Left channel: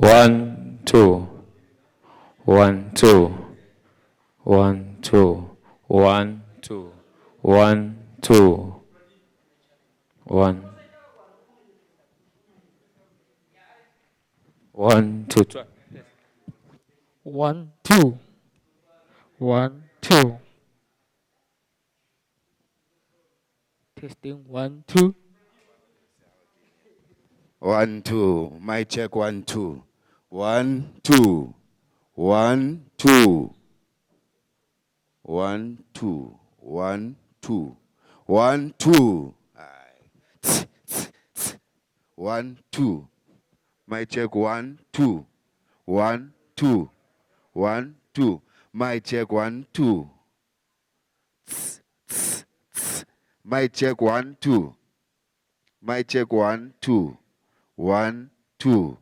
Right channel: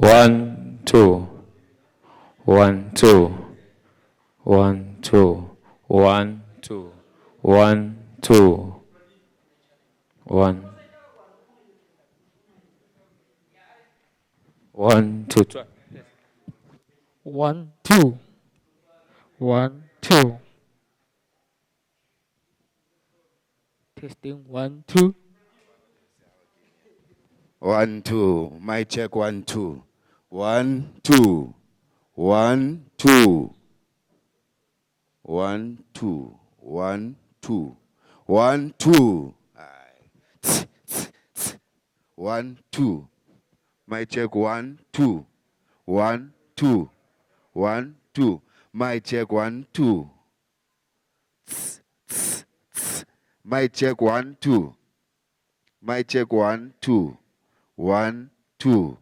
One, two, 1, 2, 1, 2, 1, 2, 1, 2, 1, 1, 2. Try. 1, 2. 1, 2. Testing 1, 2. 1, 2. My check 1, 2. 1, 2. 1, 2. 1, 2. 1, 2. 1, 2. 1, 2. My check 1, 2. 1, 2. 1, 2. My check 1, 2. My check 1, 2. My check 1, 2. 1, 2.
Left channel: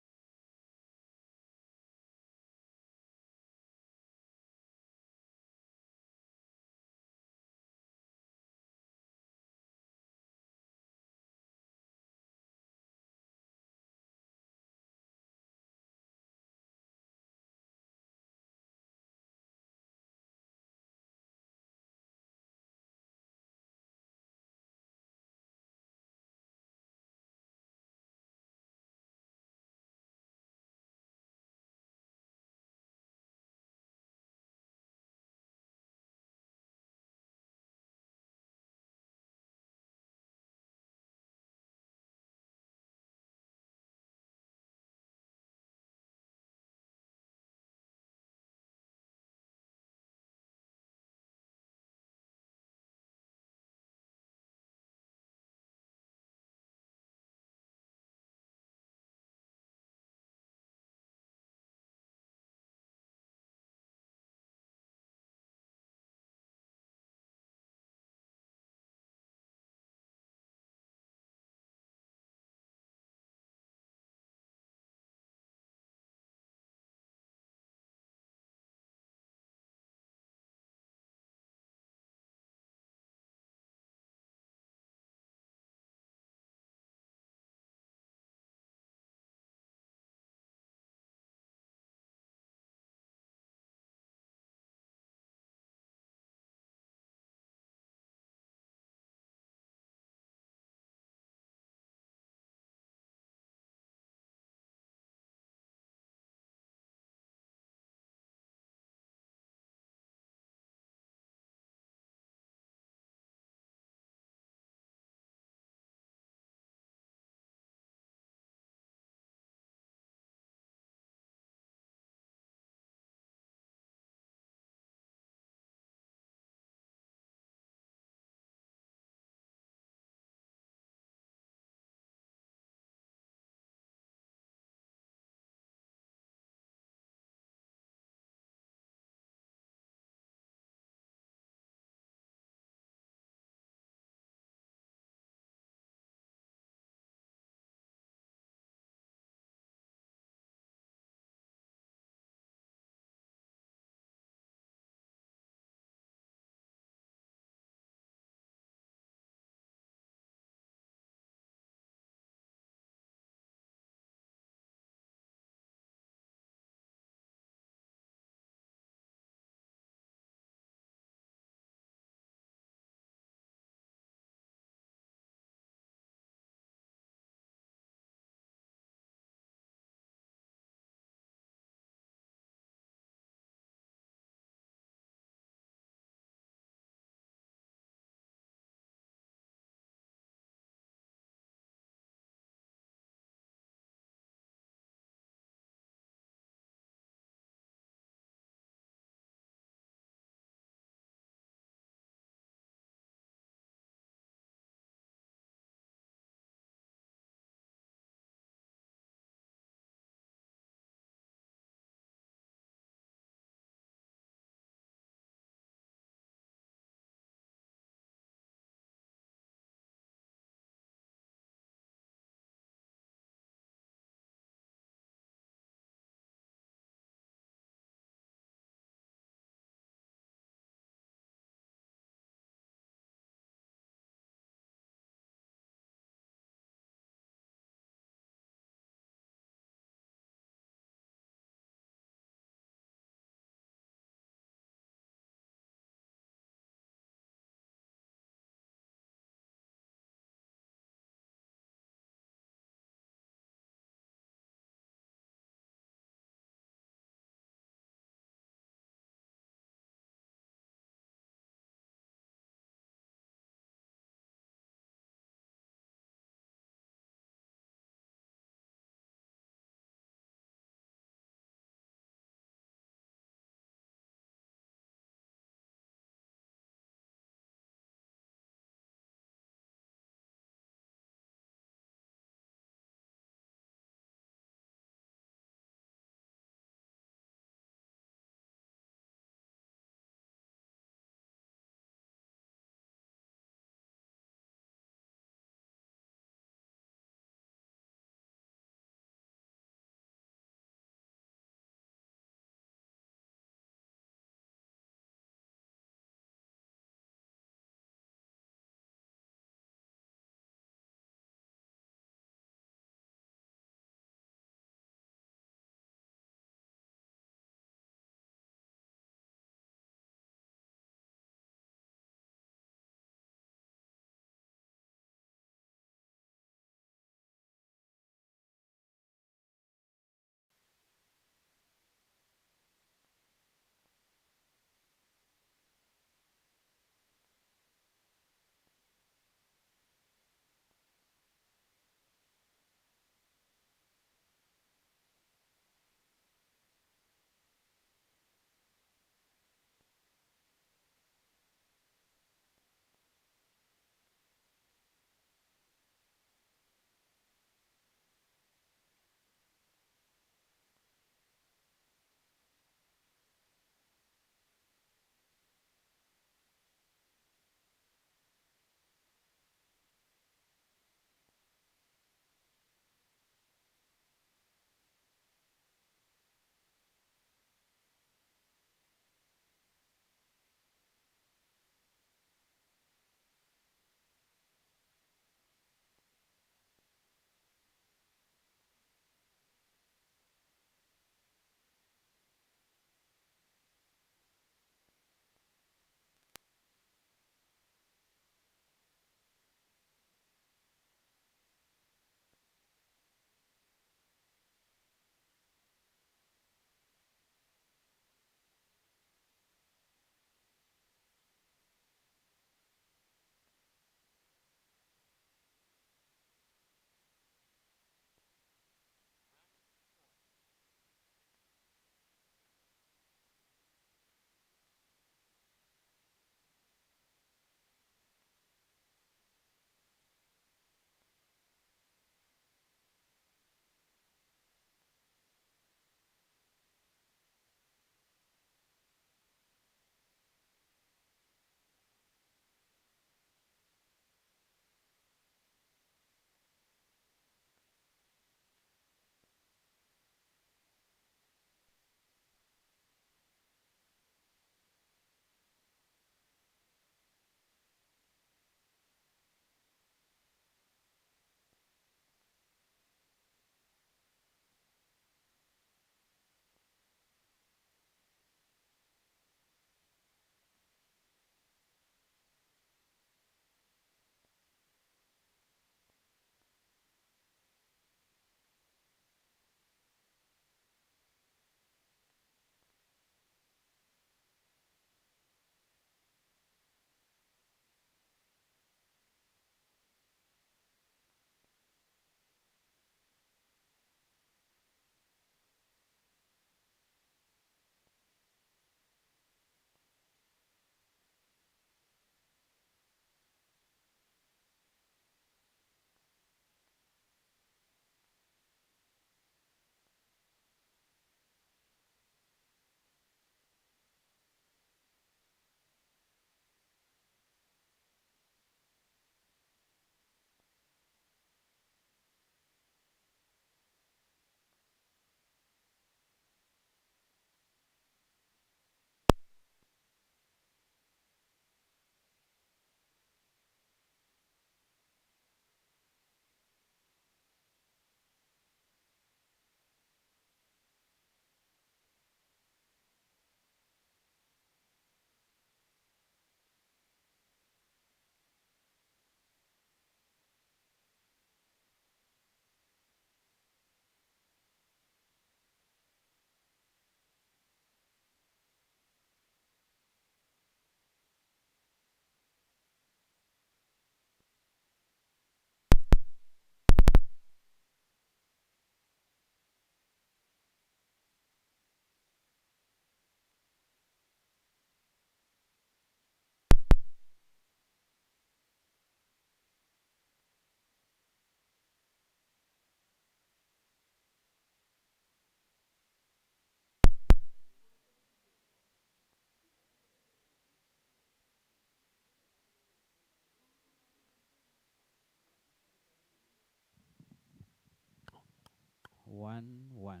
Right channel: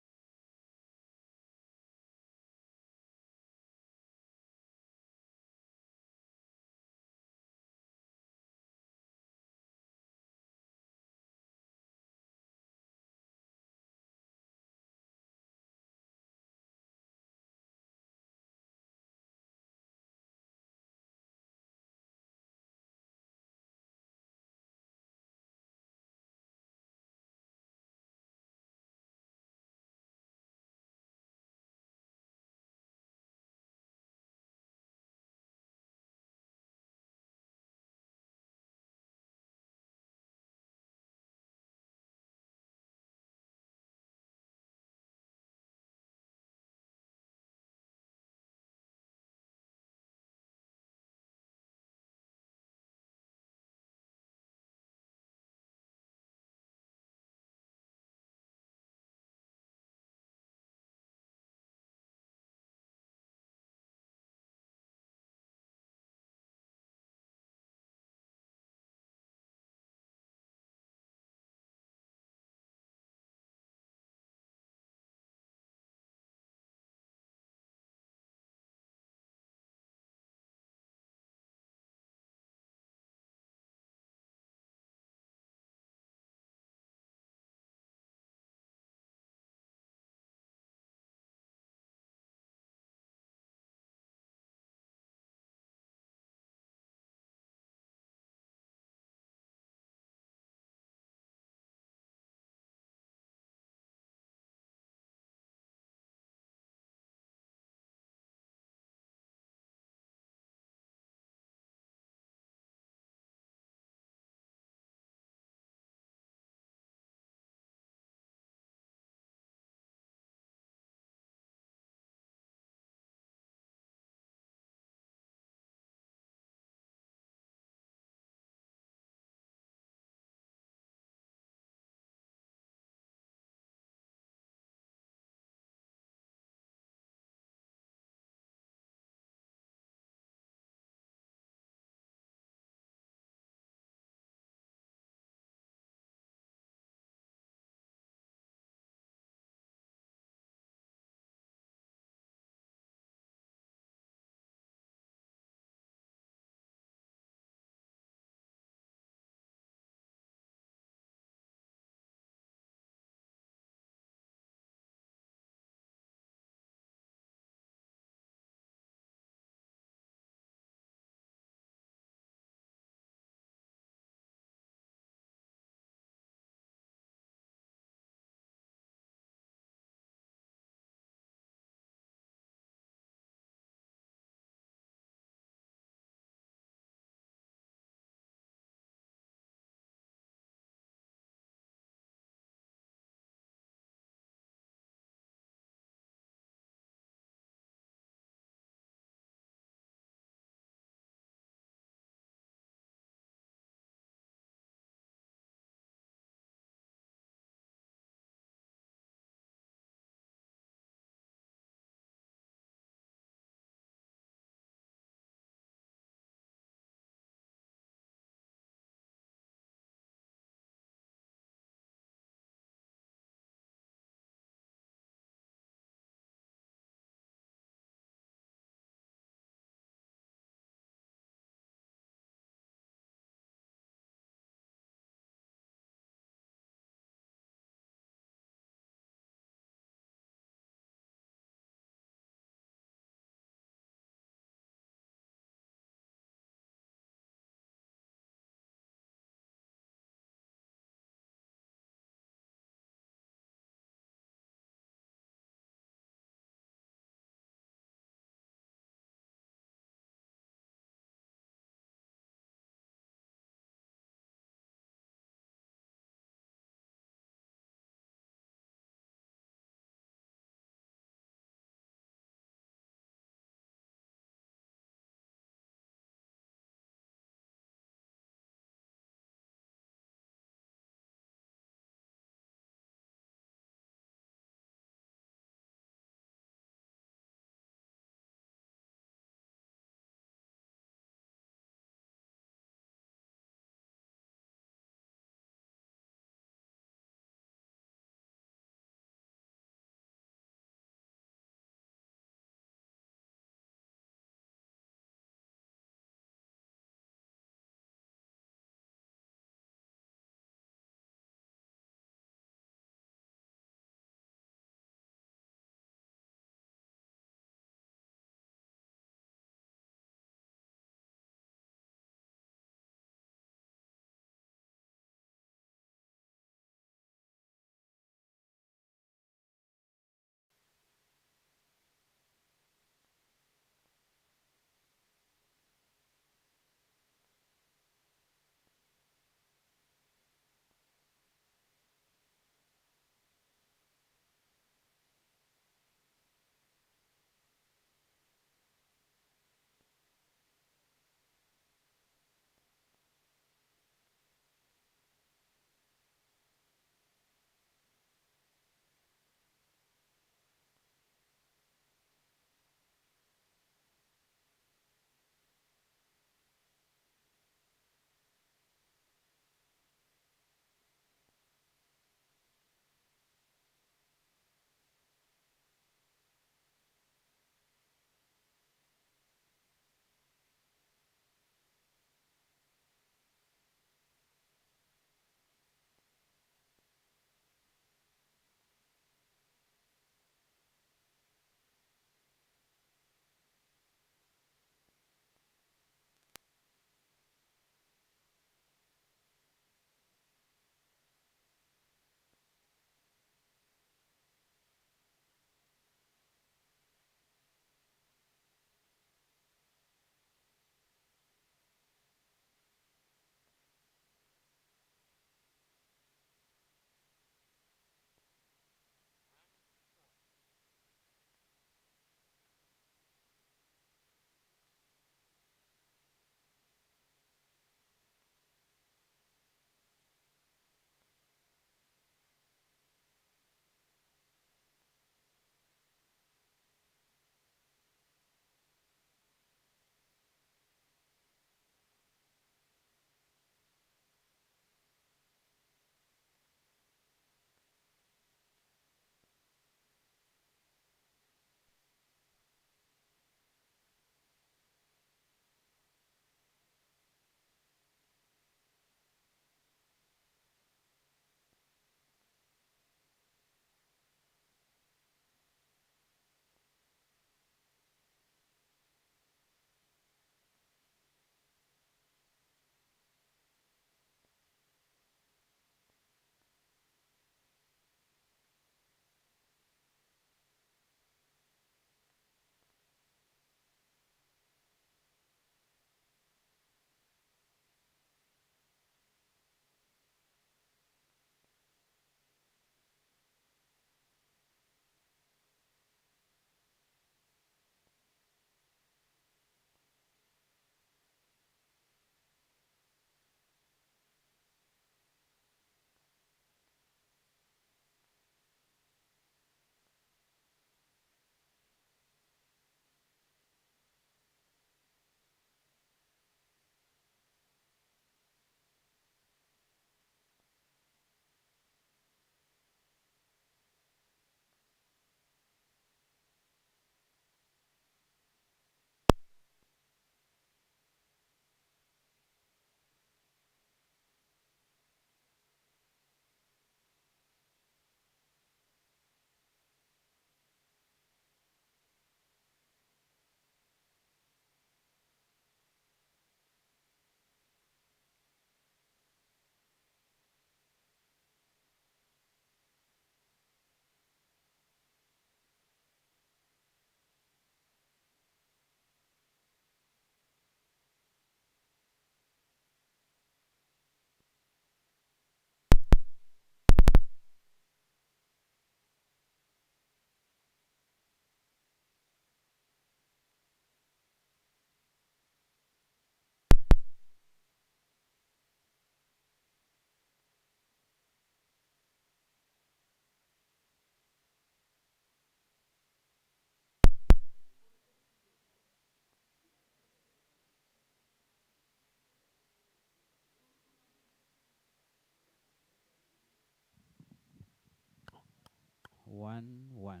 1 1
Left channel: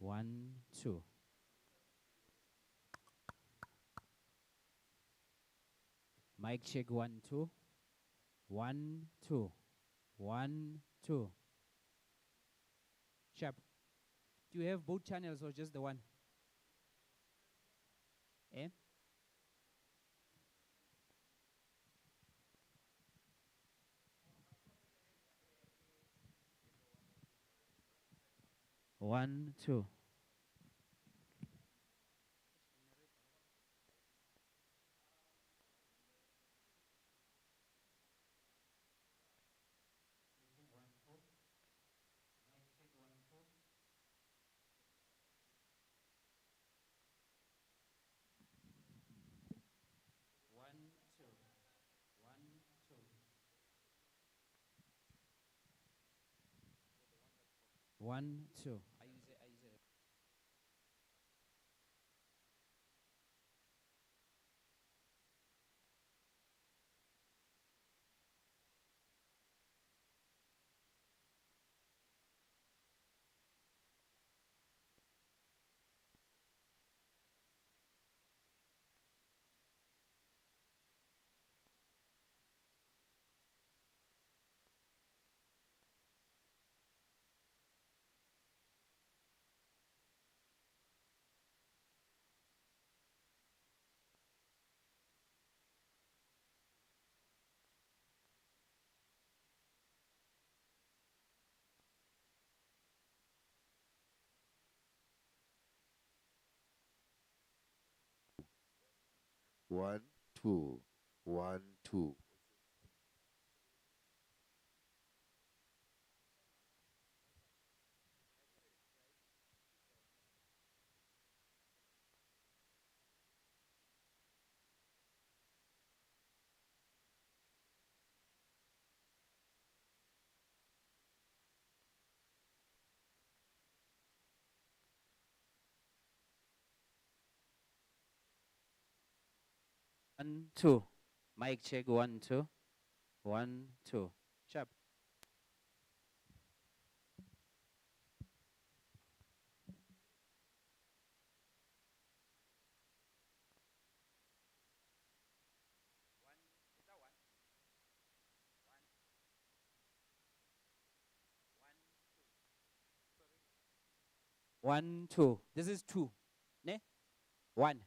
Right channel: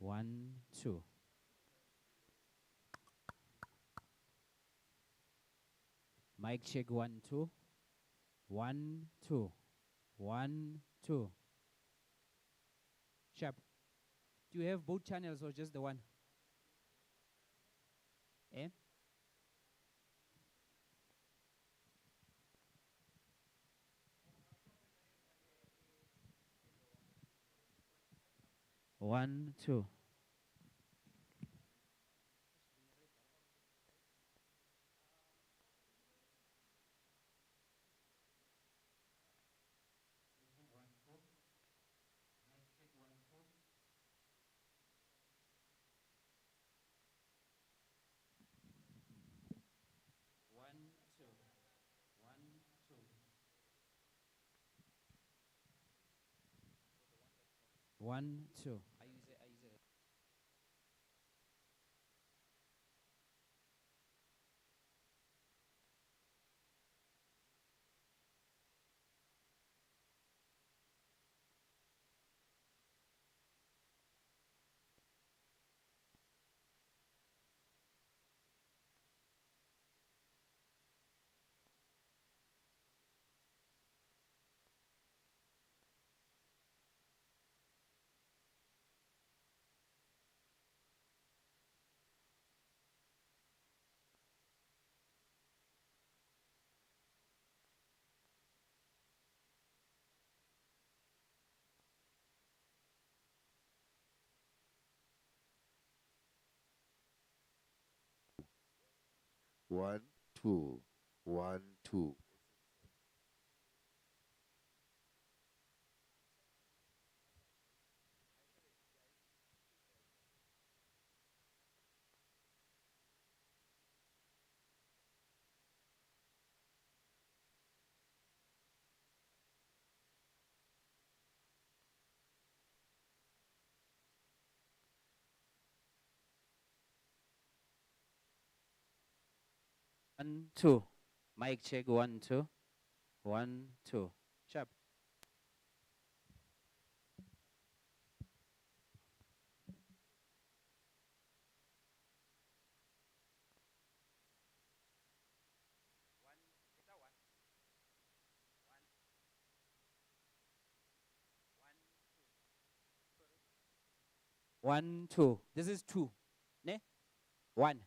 1 2. Mic check 1 2 1 2 1 2. Sharp. Do you have both channels or just the one? Eh? One, two. One, two. One, two. One, two. I use it. One, two. 1 2. One, two. Mic check 1 2. 1 2. Sharp. One, two. This is two. Ne? One.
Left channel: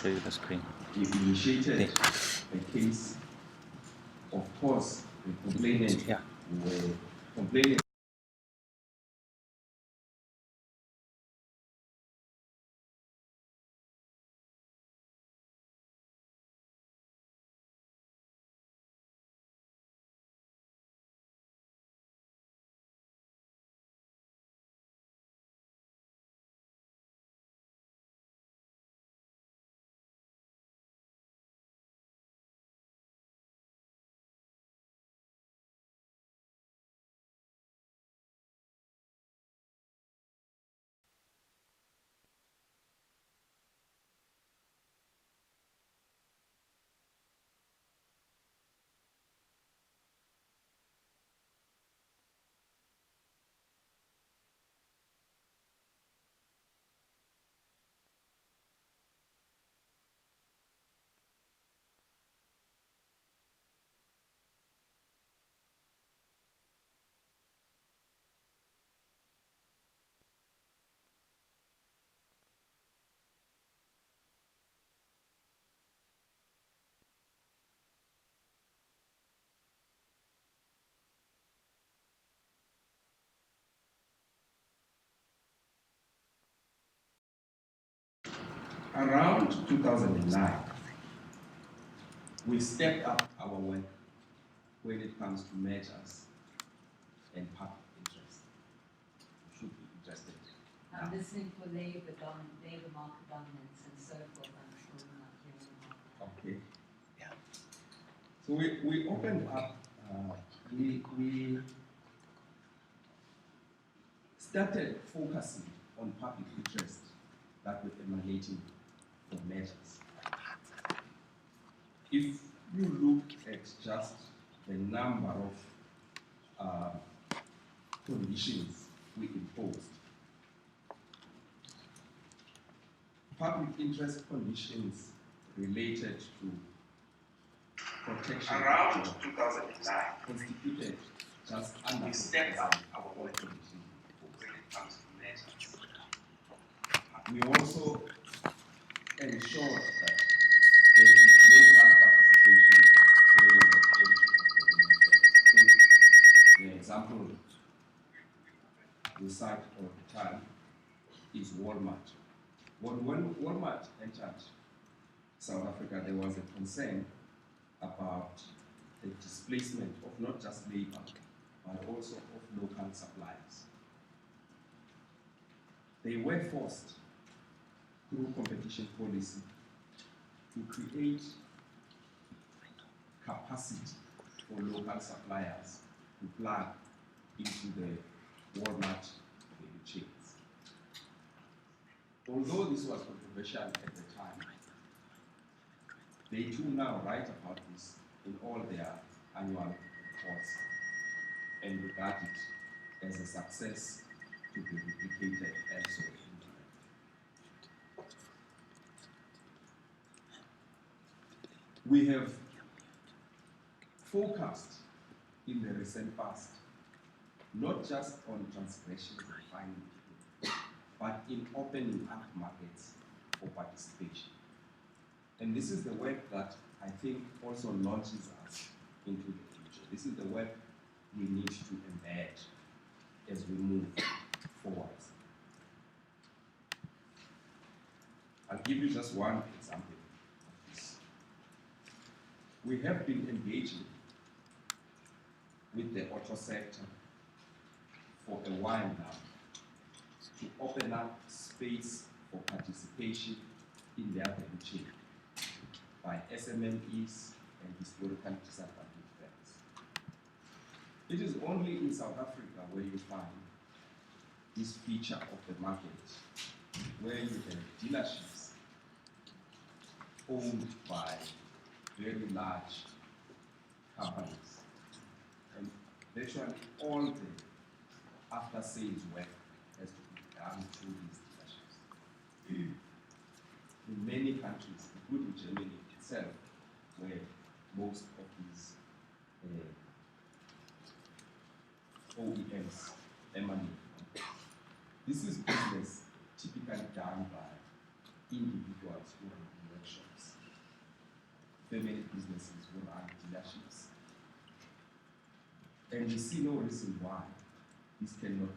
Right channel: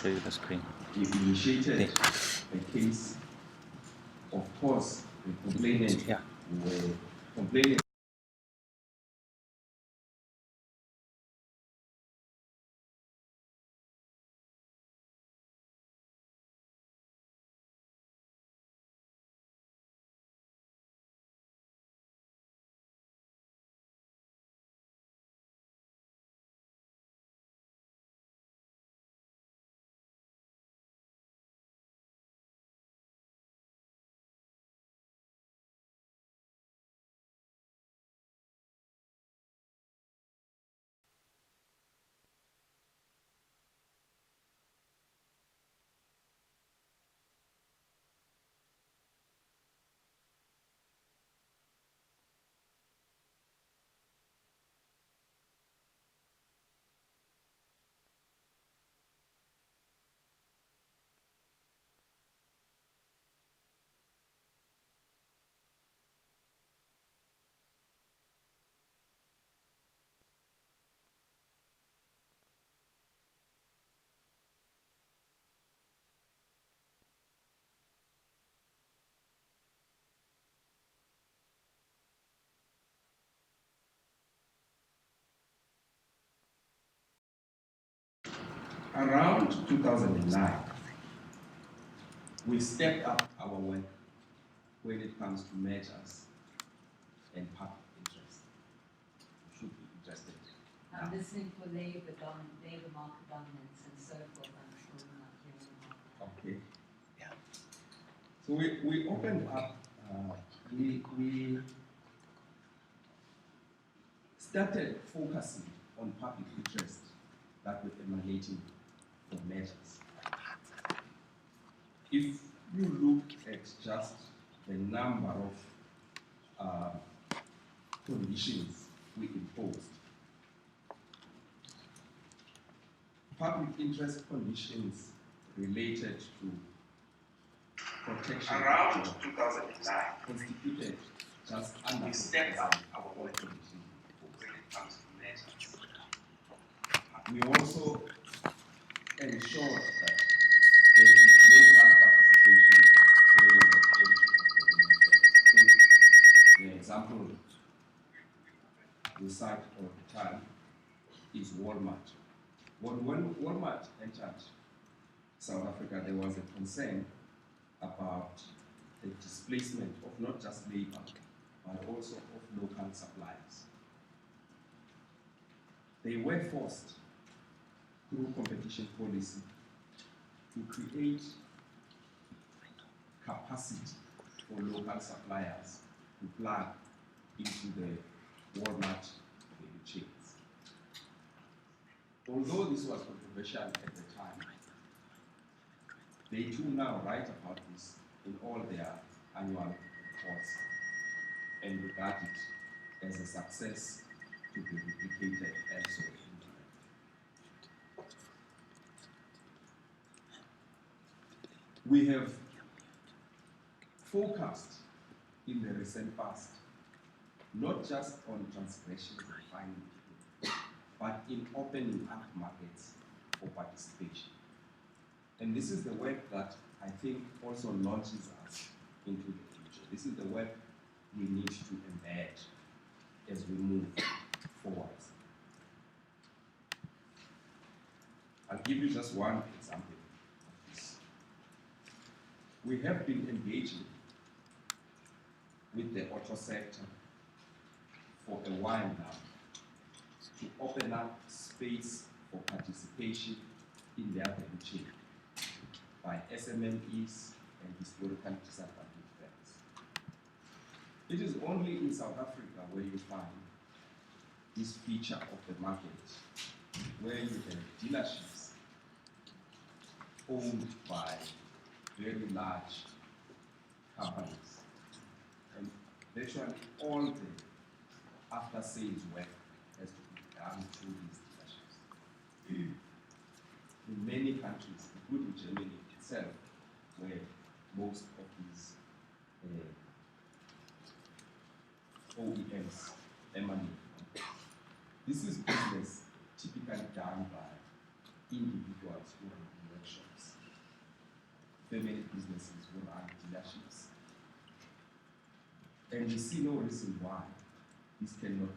show you the screen. We initiated a case. Of course, the complainant were complaining. Around 2009, we stepped up our work when it comes to measures and public interest. You should be interested. I'm listening for labor market dominance and so forth. I'm sure you're not hearing about that. Okay. Yeah. So we opened up, we started focusing on public interest that were emanating from measures. If you look at just the number of conditions we imposed, public interest conditions related to protection around 2009 constituted just under 4% of all conditions when it comes to measures. We also ensured that there is local participation where you have entry of the The example we cite all the time is Walmart. When Walmart entered South Africa, there was a concern about the displacement of not just labor, but also of local suppliers. They were forced through competition policy to create capacity for local suppliers to plug into the Walmart value chains. Although this was controversial at the time, they too now write about this in all their annual reports and regard it as a success to be replicated elsewhere. We have focused in the recent past not just on transgressions and finding, but in opening up markets for participation. And this is the work that I think also launches us into the future. This is the work we need to embed as we move forward. I'll give you just one example of this. We have been engaging with the auto sector for a while now to open up space for participation in their value chain by SMMEs and historically disadvantaged firms. It is only in South Africa where you find this feature of the market, where you have dealerships owned by very large companies, and virtually all the after-sales work has to be done through these dealerships. In many countries, including Germany itself, where most of these OEMs emanate from. This is business typically done by individuals who run workshops, family businesses who run dealerships. And we see no reason why this cannot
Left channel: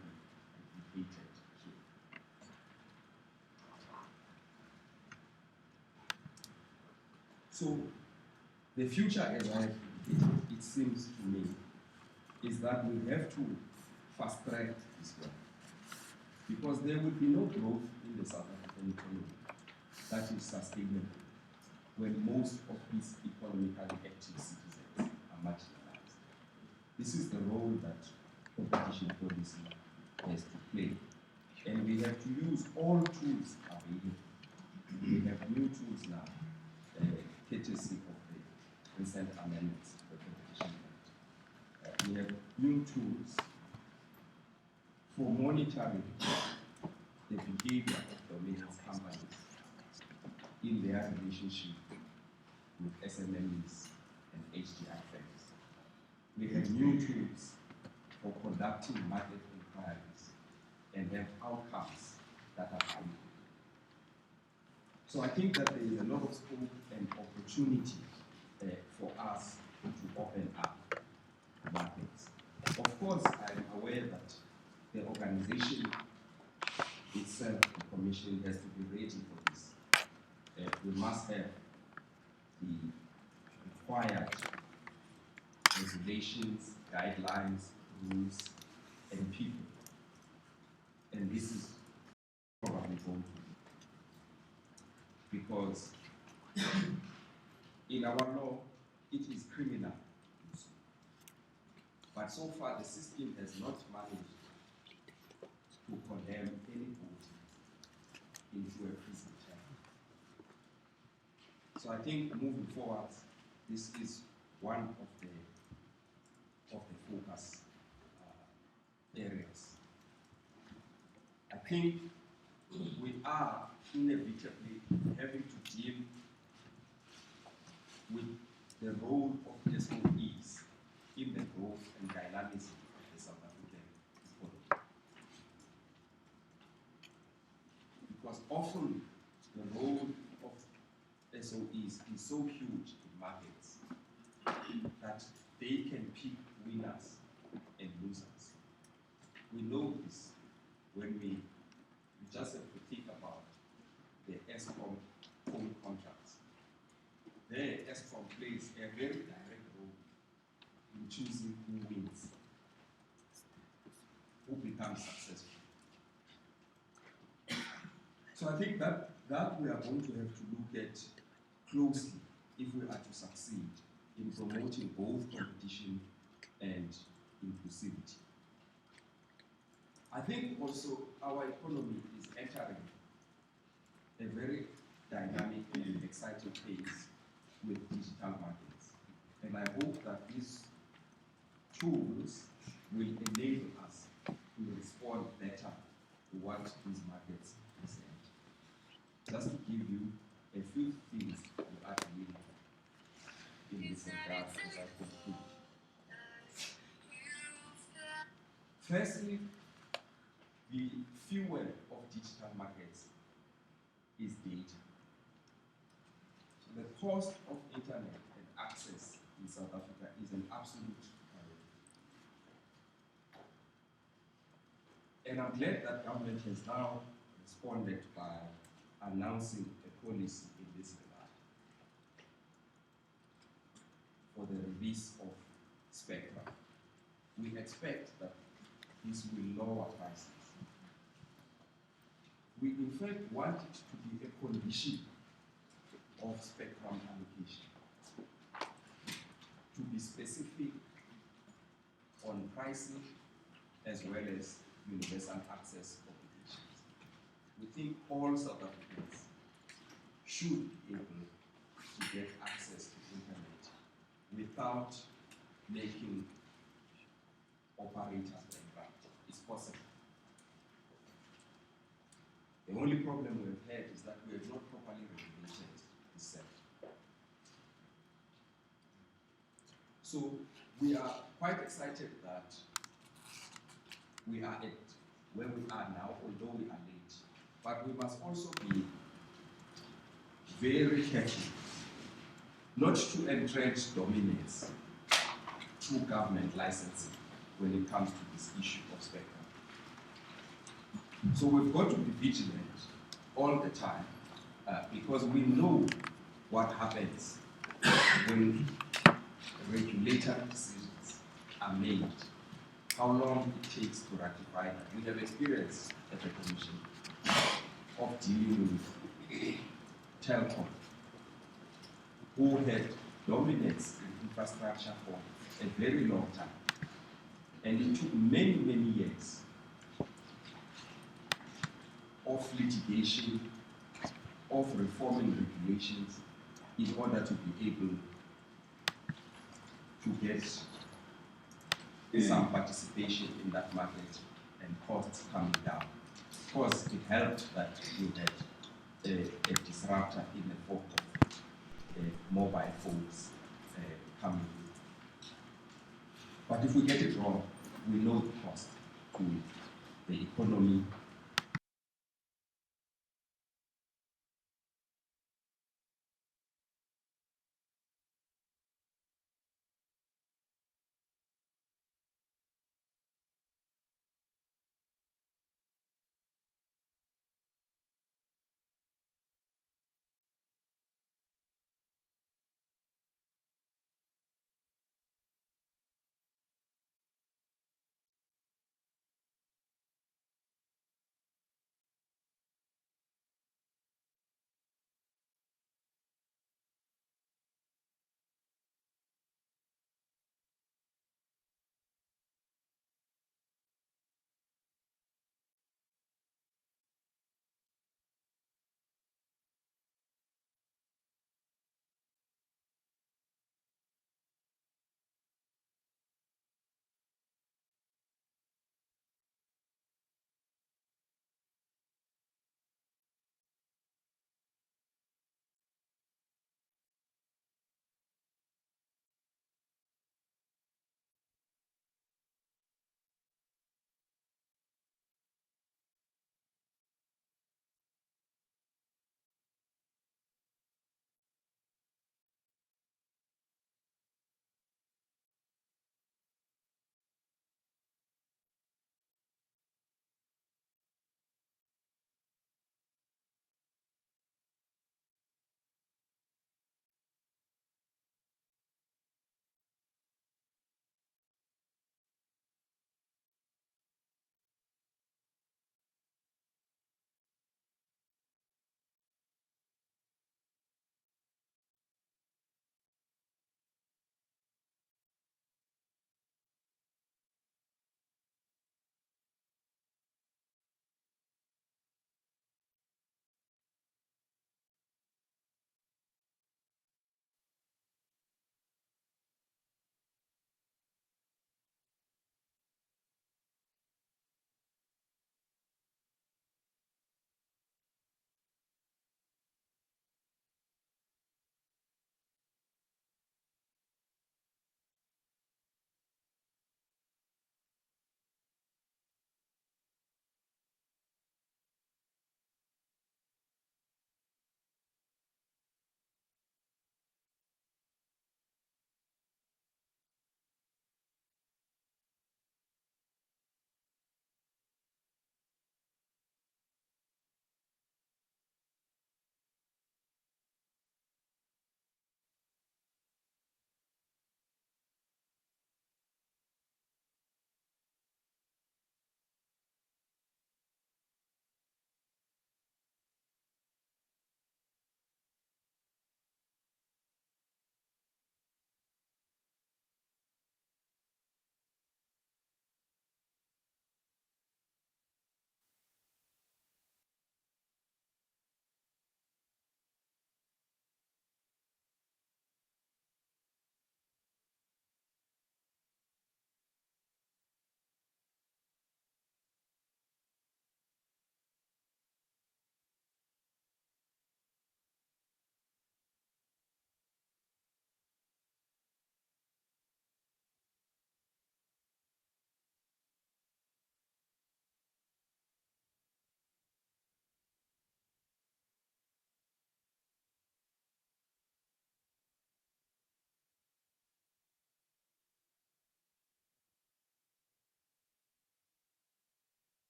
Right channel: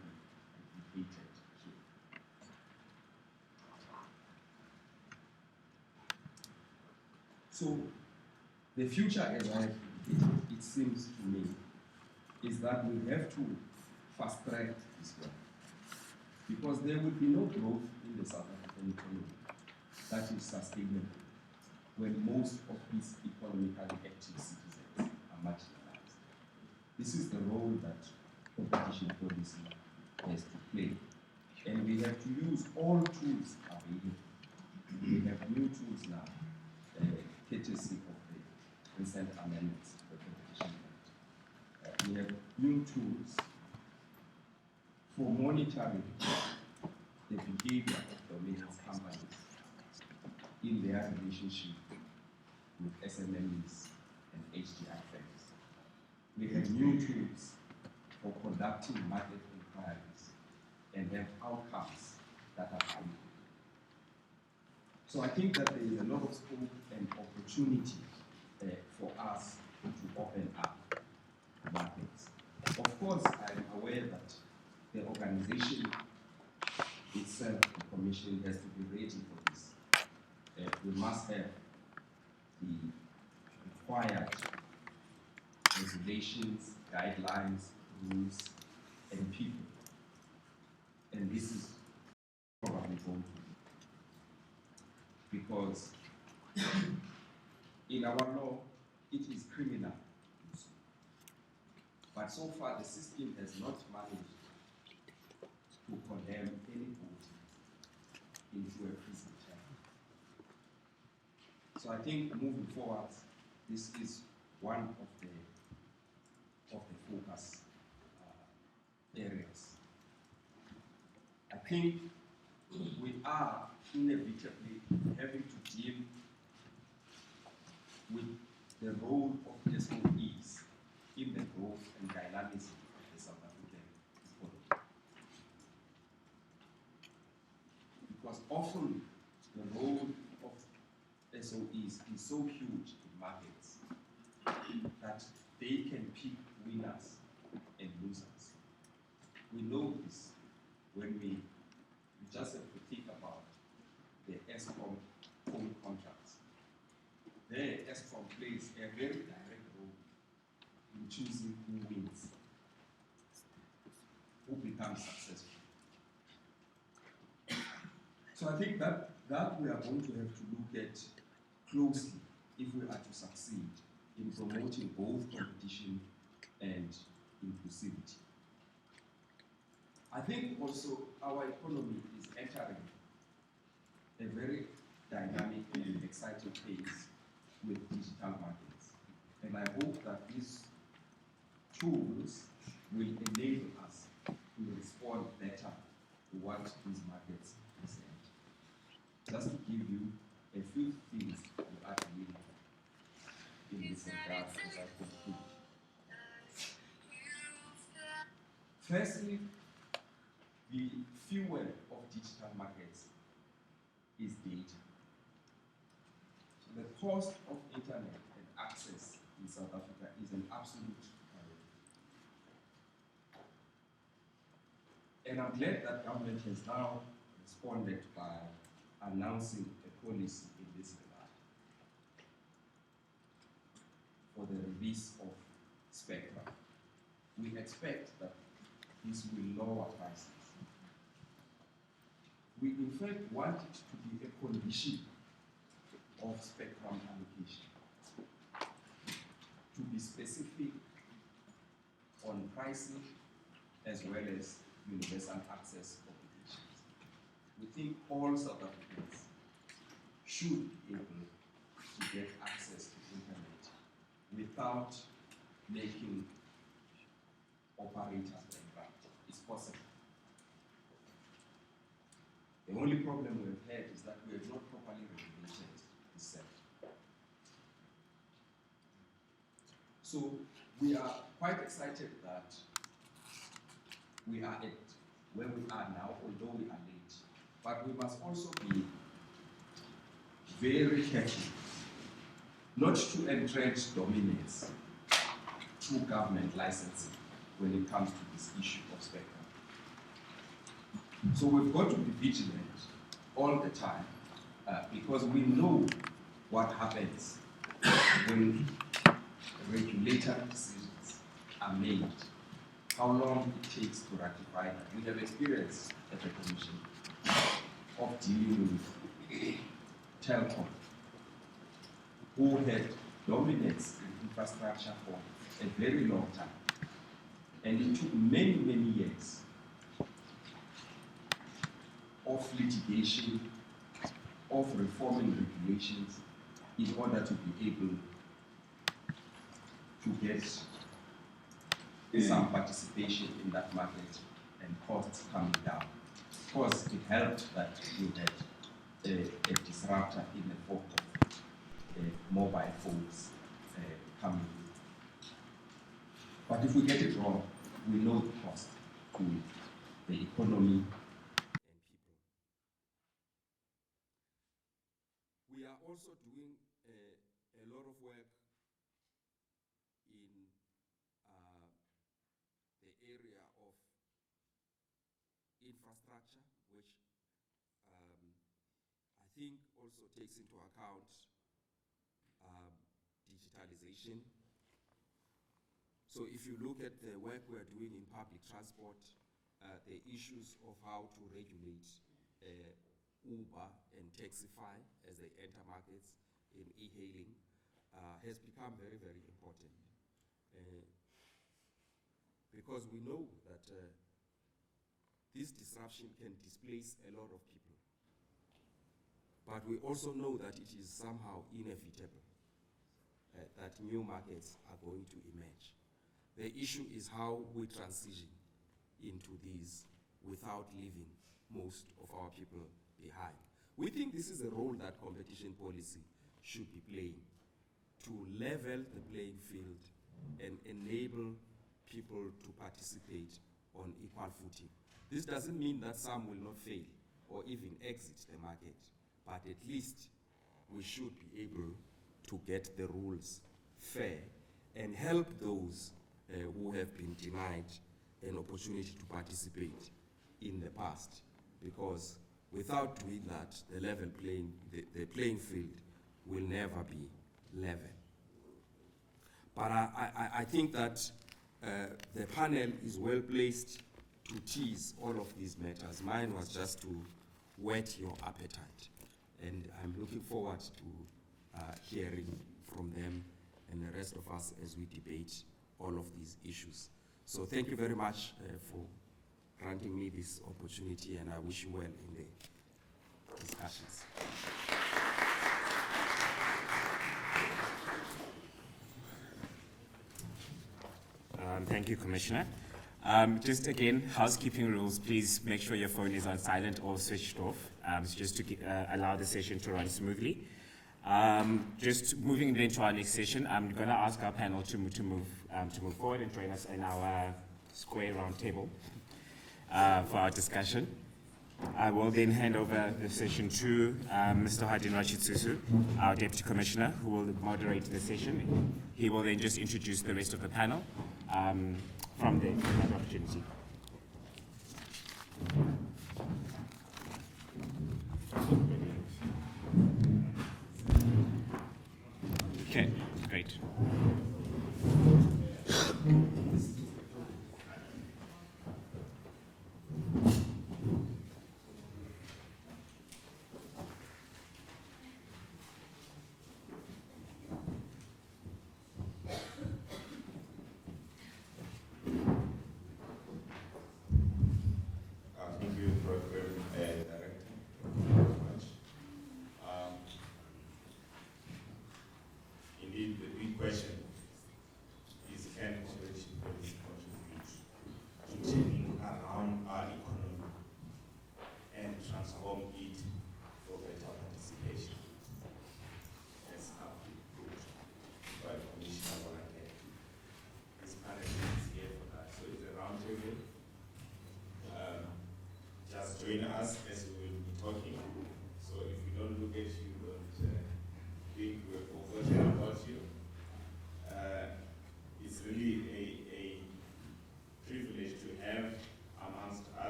be replicated here. So the future, as it seems to me, is that we have to fast track this work. Because there will be no growth in the South African economy that is sustainable when most of its economically active citizens are marginalized. This is the role that competition policy has to play. And we have to use all tools available. We have new tools now, courtesy of the recent amendments to the Competition Act. We have new tools for monitoring the behavior of dominance companies in their relationship with SMMEs and HDI firms. We have new tools for conducting market inquiries and have outcomes that are valuable. So I think that there is a lot of scope and opportunity for us to open up markets. Of course, I'm aware that the organization itself, the commission, has to be ready for this. We must have the required regulations, guidelines, rules, and people. And this is probably going to be. Because in our law, it is criminal to do so. But so far, the system has not managed to condemn any vote into a prison term. So I think moving forward, this is one of the focus areas. I think we are inevitably having to deal with the role of SOEs in the growth and dynamism of the South African economy. Because often the role of SOEs is so huge in markets that they can pick winners and losers. We know this when we just have to think about the ESCOM home contracts. There, ESCOM plays a very direct role in choosing who wins, who becomes successful. So I think that we are going to have to look at closely if we are to succeed in promoting both competition and inclusivity. I think also our economy is entering a very dynamic and exciting phase with digital markets. And I hope that these tools will enable us to respond better to what these markets present. Just to give you a few things we are doing in this regard as I conclude. Firstly, the fuel of digital markets is data. So the cost of internet and access in South Africa is an absolute priority. And I'm glad that government has now responded by announcing a policy in this regard for the release of spectrum. We expect that this will lower prices. We in fact want it to be a condition of spectrum allocation, to be specific on pricing as well as universal access obligations. We think all South Africans should be able to get access to internet without making operators bankrupt. It's possible. The only problem we've had is that we have not properly regulated this sector. So we are quite excited that we are at where we are now, although we are late. But we must also be very careful not to entrench dominance through government licensing when it comes to this issue of spectrum. So we've got to be vigilant all the time because we know what happens when regulatory decisions are made, how long it takes to ratify that. We have experience at the Commission of dealing with Telkom, who had dominance in infrastructure for a very long time. And it took many, many years of litigation, of reforming regulations in order to be able to get some participation in that market and costs coming down. Of course, it helped that you had a disruptor in the form of mobile phones coming in. But if we get it wrong, we know the cost to the economy,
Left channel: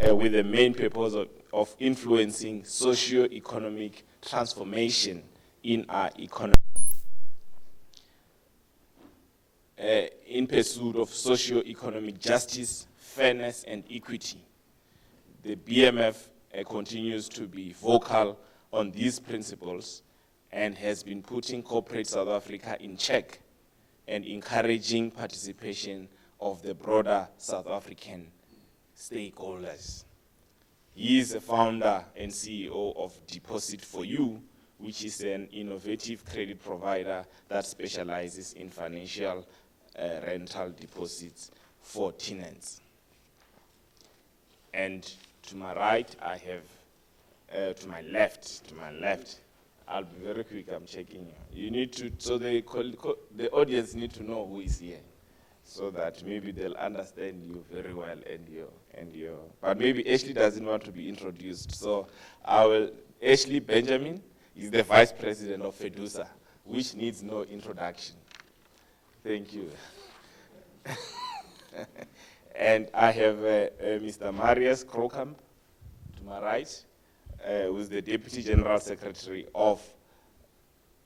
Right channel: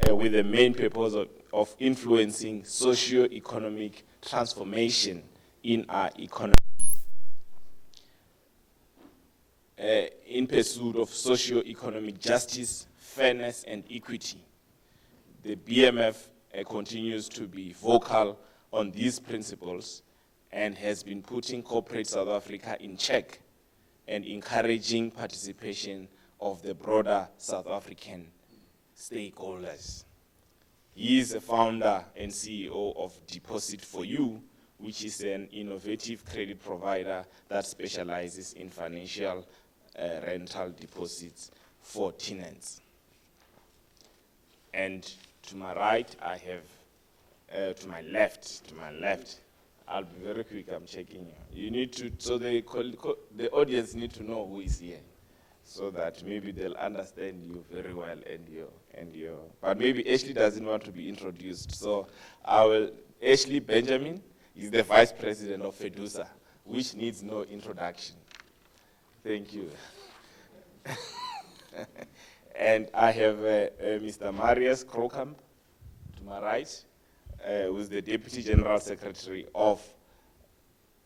with the main purpose of influencing socio-economic transformation in our economy. In pursuit of socio-economic justice, fairness, and equity, the BMF continues to be vocal on these principles and has been putting corporate South Africa in check and encouraging participation of the broader South African stakeholders. He is the founder and CEO of Deposit for You, which is an innovative credit provider that specializes in financial rental deposits for tenants. And to my right, I have, to my left, I'll be very quick, I'm checking you. You need to, so the audience need to know who is here, so that maybe they'll understand you very well and your, but maybe Ashley doesn't want to be introduced. So Ashley Benjamin is the Vice President of FEDUSA, which needs no introduction. Thank you. And I have Mr. Marius Krokamp, to my right, who is the Deputy General Secretary of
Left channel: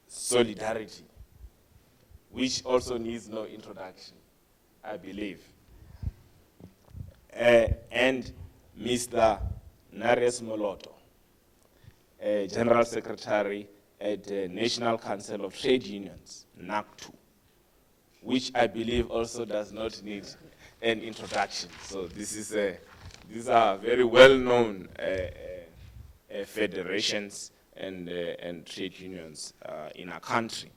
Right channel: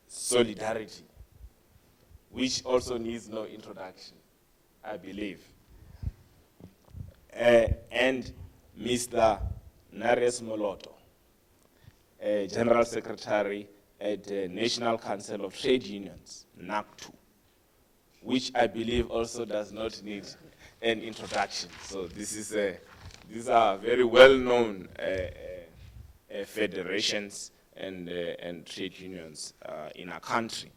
Solidarity, which also needs no introduction, I believe. And Mr. Nares Moloto, General Secretary at the National Council of Trade Unions, NACTU, which I believe also does not need an introduction. So these are very well-known federations and trade unions in our country.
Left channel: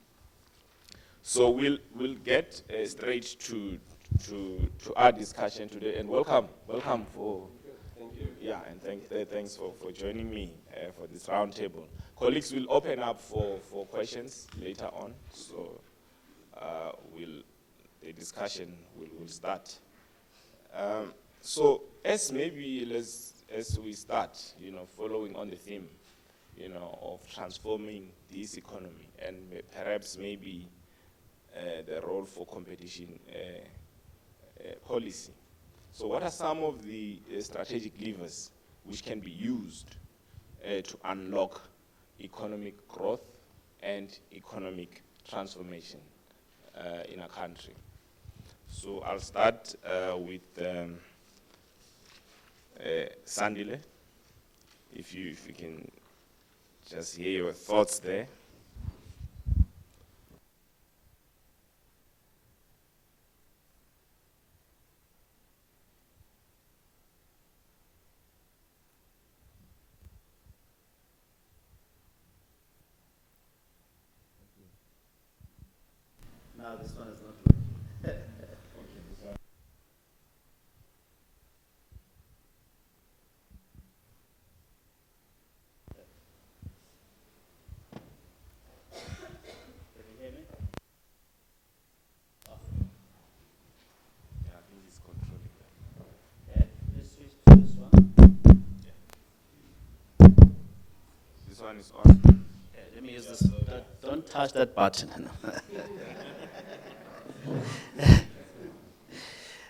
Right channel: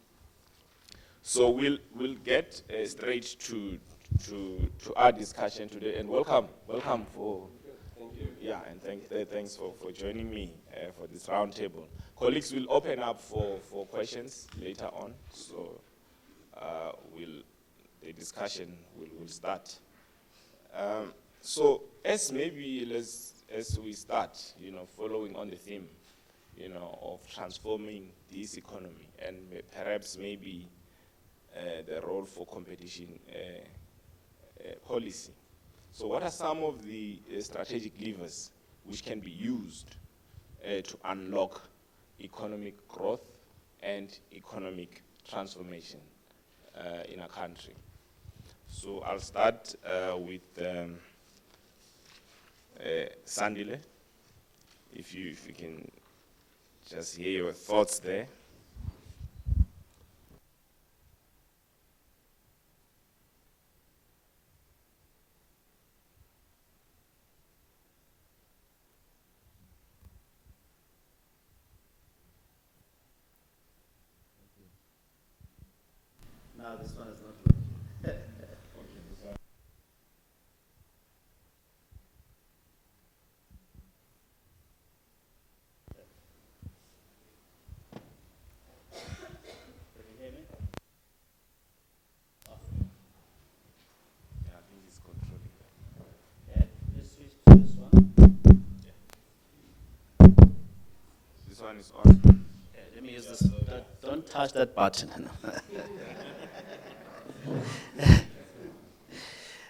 So we'll get straight to our discussion today, and welcome for. Thank you. Yeah, and thanks for joining me for this roundtable. Colleagues will open up for questions later on, so the discussion will start. So as we start, following on the theme, of transforming this economy, and perhaps maybe the role for competition policy. So what are some of the strategic levers which can be used to unlock economic growth and economic transformation in a country? So I'll start with Sandile, if you can just hear your thoughts there. No, this one is not working. This one is on. Yeah, let me use this. Don't touch that button.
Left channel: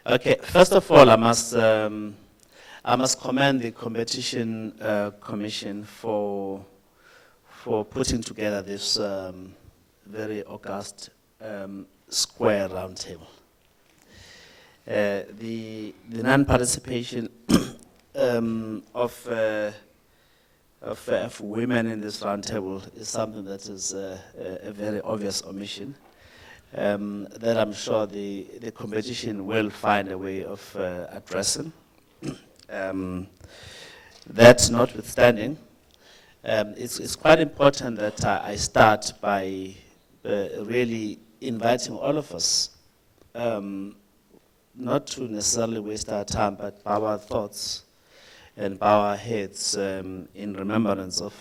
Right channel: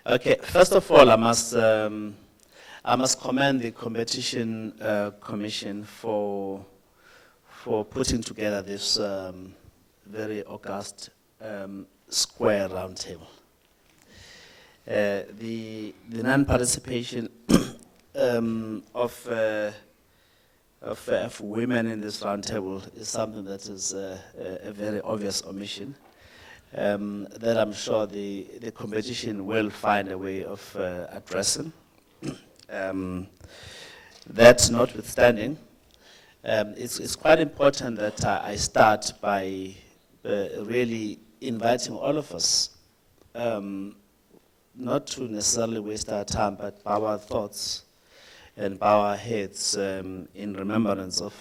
Okay, first of all, I must commend the Competition Commission for putting together this very august square roundtable. The non-participation of women in this roundtable is something that is a very obvious omission. That I'm sure the competition will find a way of addressing. That notwithstanding, it's quite important that I start by really inviting all of us, not to necessarily waste our time, but bow our thoughts and bow our heads in remembrance of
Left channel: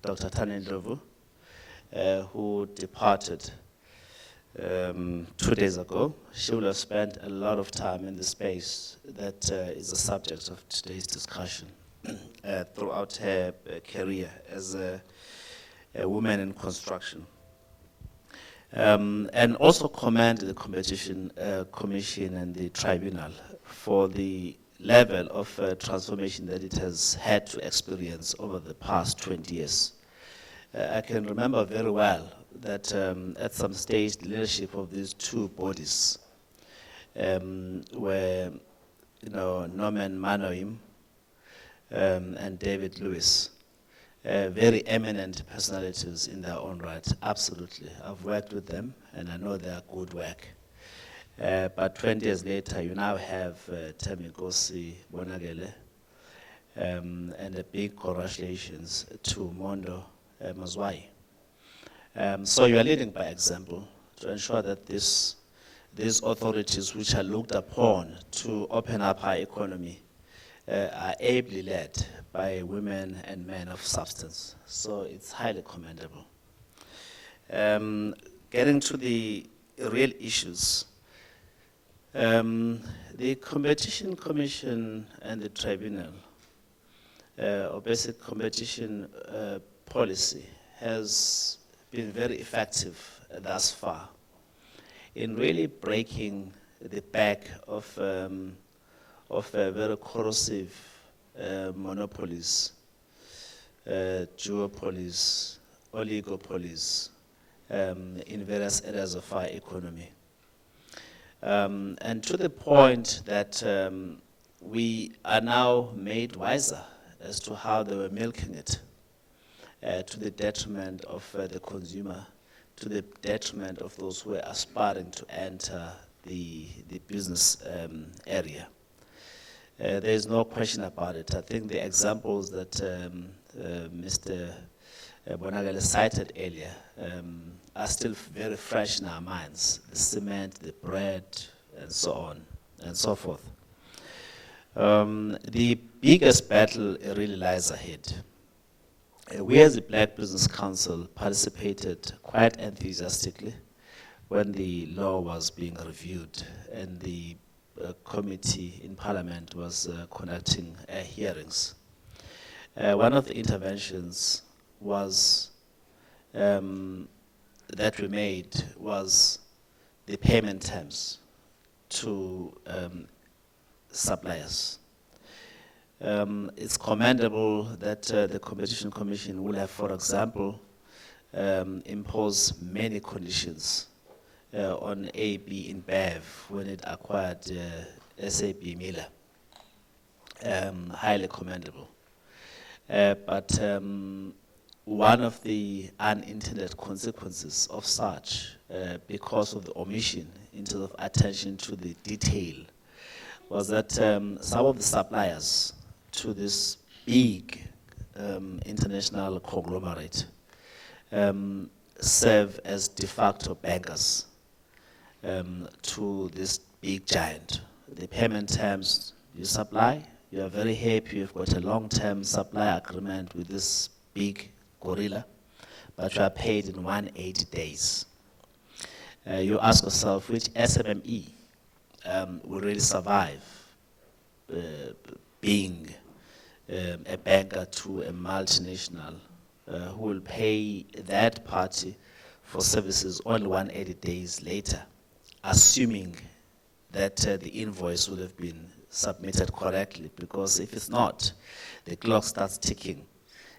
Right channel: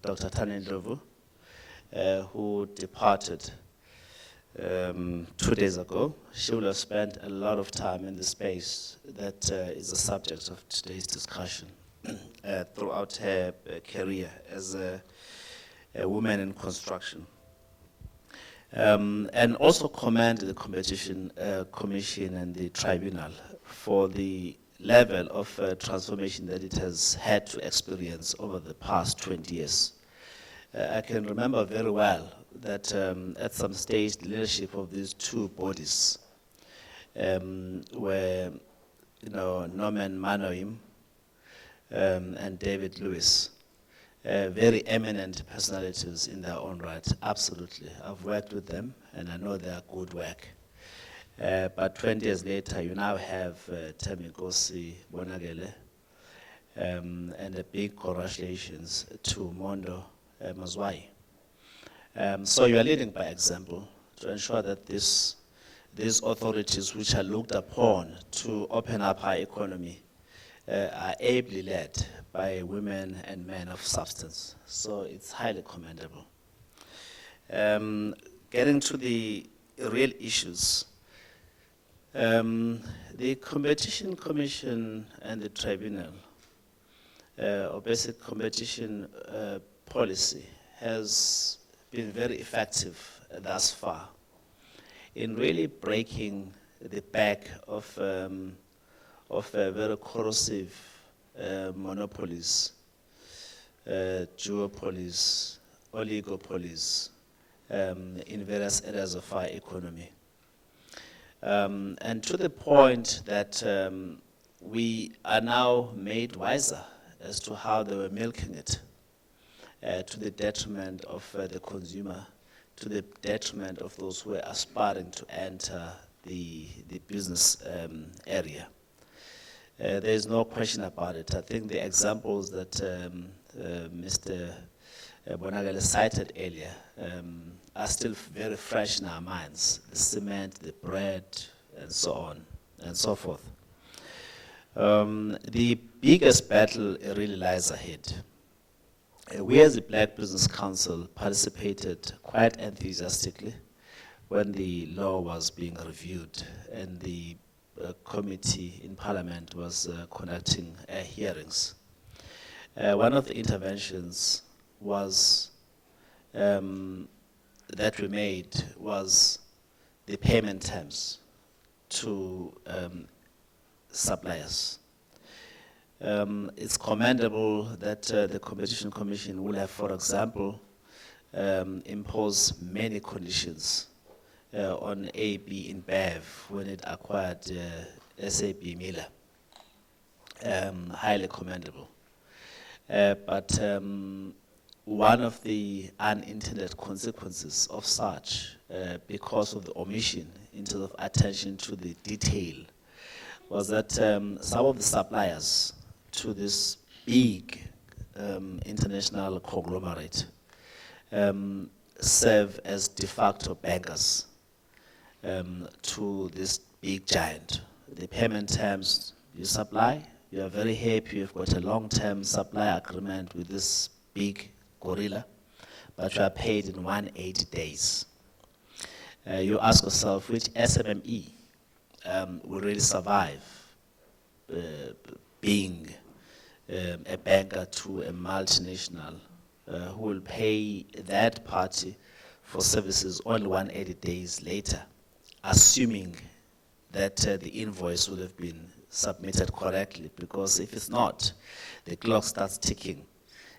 Dr. Tanya Ndlovu, who departed 2 days ago. She will have spent a lot of time in the space that is the subject of today's discussion throughout her career as a woman in construction. And also commend the Competition Commission and the Tribunal for the level of transformation that it has had to experience over the past 20 years. I can remember very well that at some stage the leadership of these two bodies were, Norman Manoim and David Lewis, very eminent personalities in their own right, absolutely. I've worked with them and I know their good work. But 20 years later, you now have Thembi Nkosi Bonakele, and a big congratulations to Mondo Mazwai. So you are leading by example to ensure that these authorities which are looked upon to open up our economy are ably led by women and men of substance. So it's highly commendable. Getting to the real issues, the Competition Commission and the Tribunal, or basic competition policy, has been very effective thus far in really breaking the back of very corrosive monopolies, duopolies, oligopolies in various areas of our economy. And to the point that we are now made wiser as to how they were milking it, to the detriment of the consumer, to the detriment of those who are aspiring to enter the business area. There is no question about it. I think the examples that Mr. Bonakele cited earlier are still very fresh in our minds. The cement, the bread, and so on and so forth. The biggest battle really lies ahead. We as the Black Business Council participated quite enthusiastically when the law was being reviewed and the committee in Parliament was conducting hearings. One of the interventions was that we made was the payment terms to suppliers. It's commendable that the Competition Commission will have, for example, imposed many conditions on AB InBev when it acquired SAB Miller. Highly commendable. But one of the unintended consequences of such, because of the omission in terms of attention to the detail, was that some of the suppliers to this big international conglomerate serve as de facto bankers to this big giant. The payment terms you supply, you are very happy, you've got a long-term supply agreement with this big gorilla, but you are paid in 180 days. You ask yourself, which SMME will really survive being a banker to a multinational who will pay that party for services only 180 days later, assuming that the invoice would have been submitted correctly, because if it's not, the clock starts ticking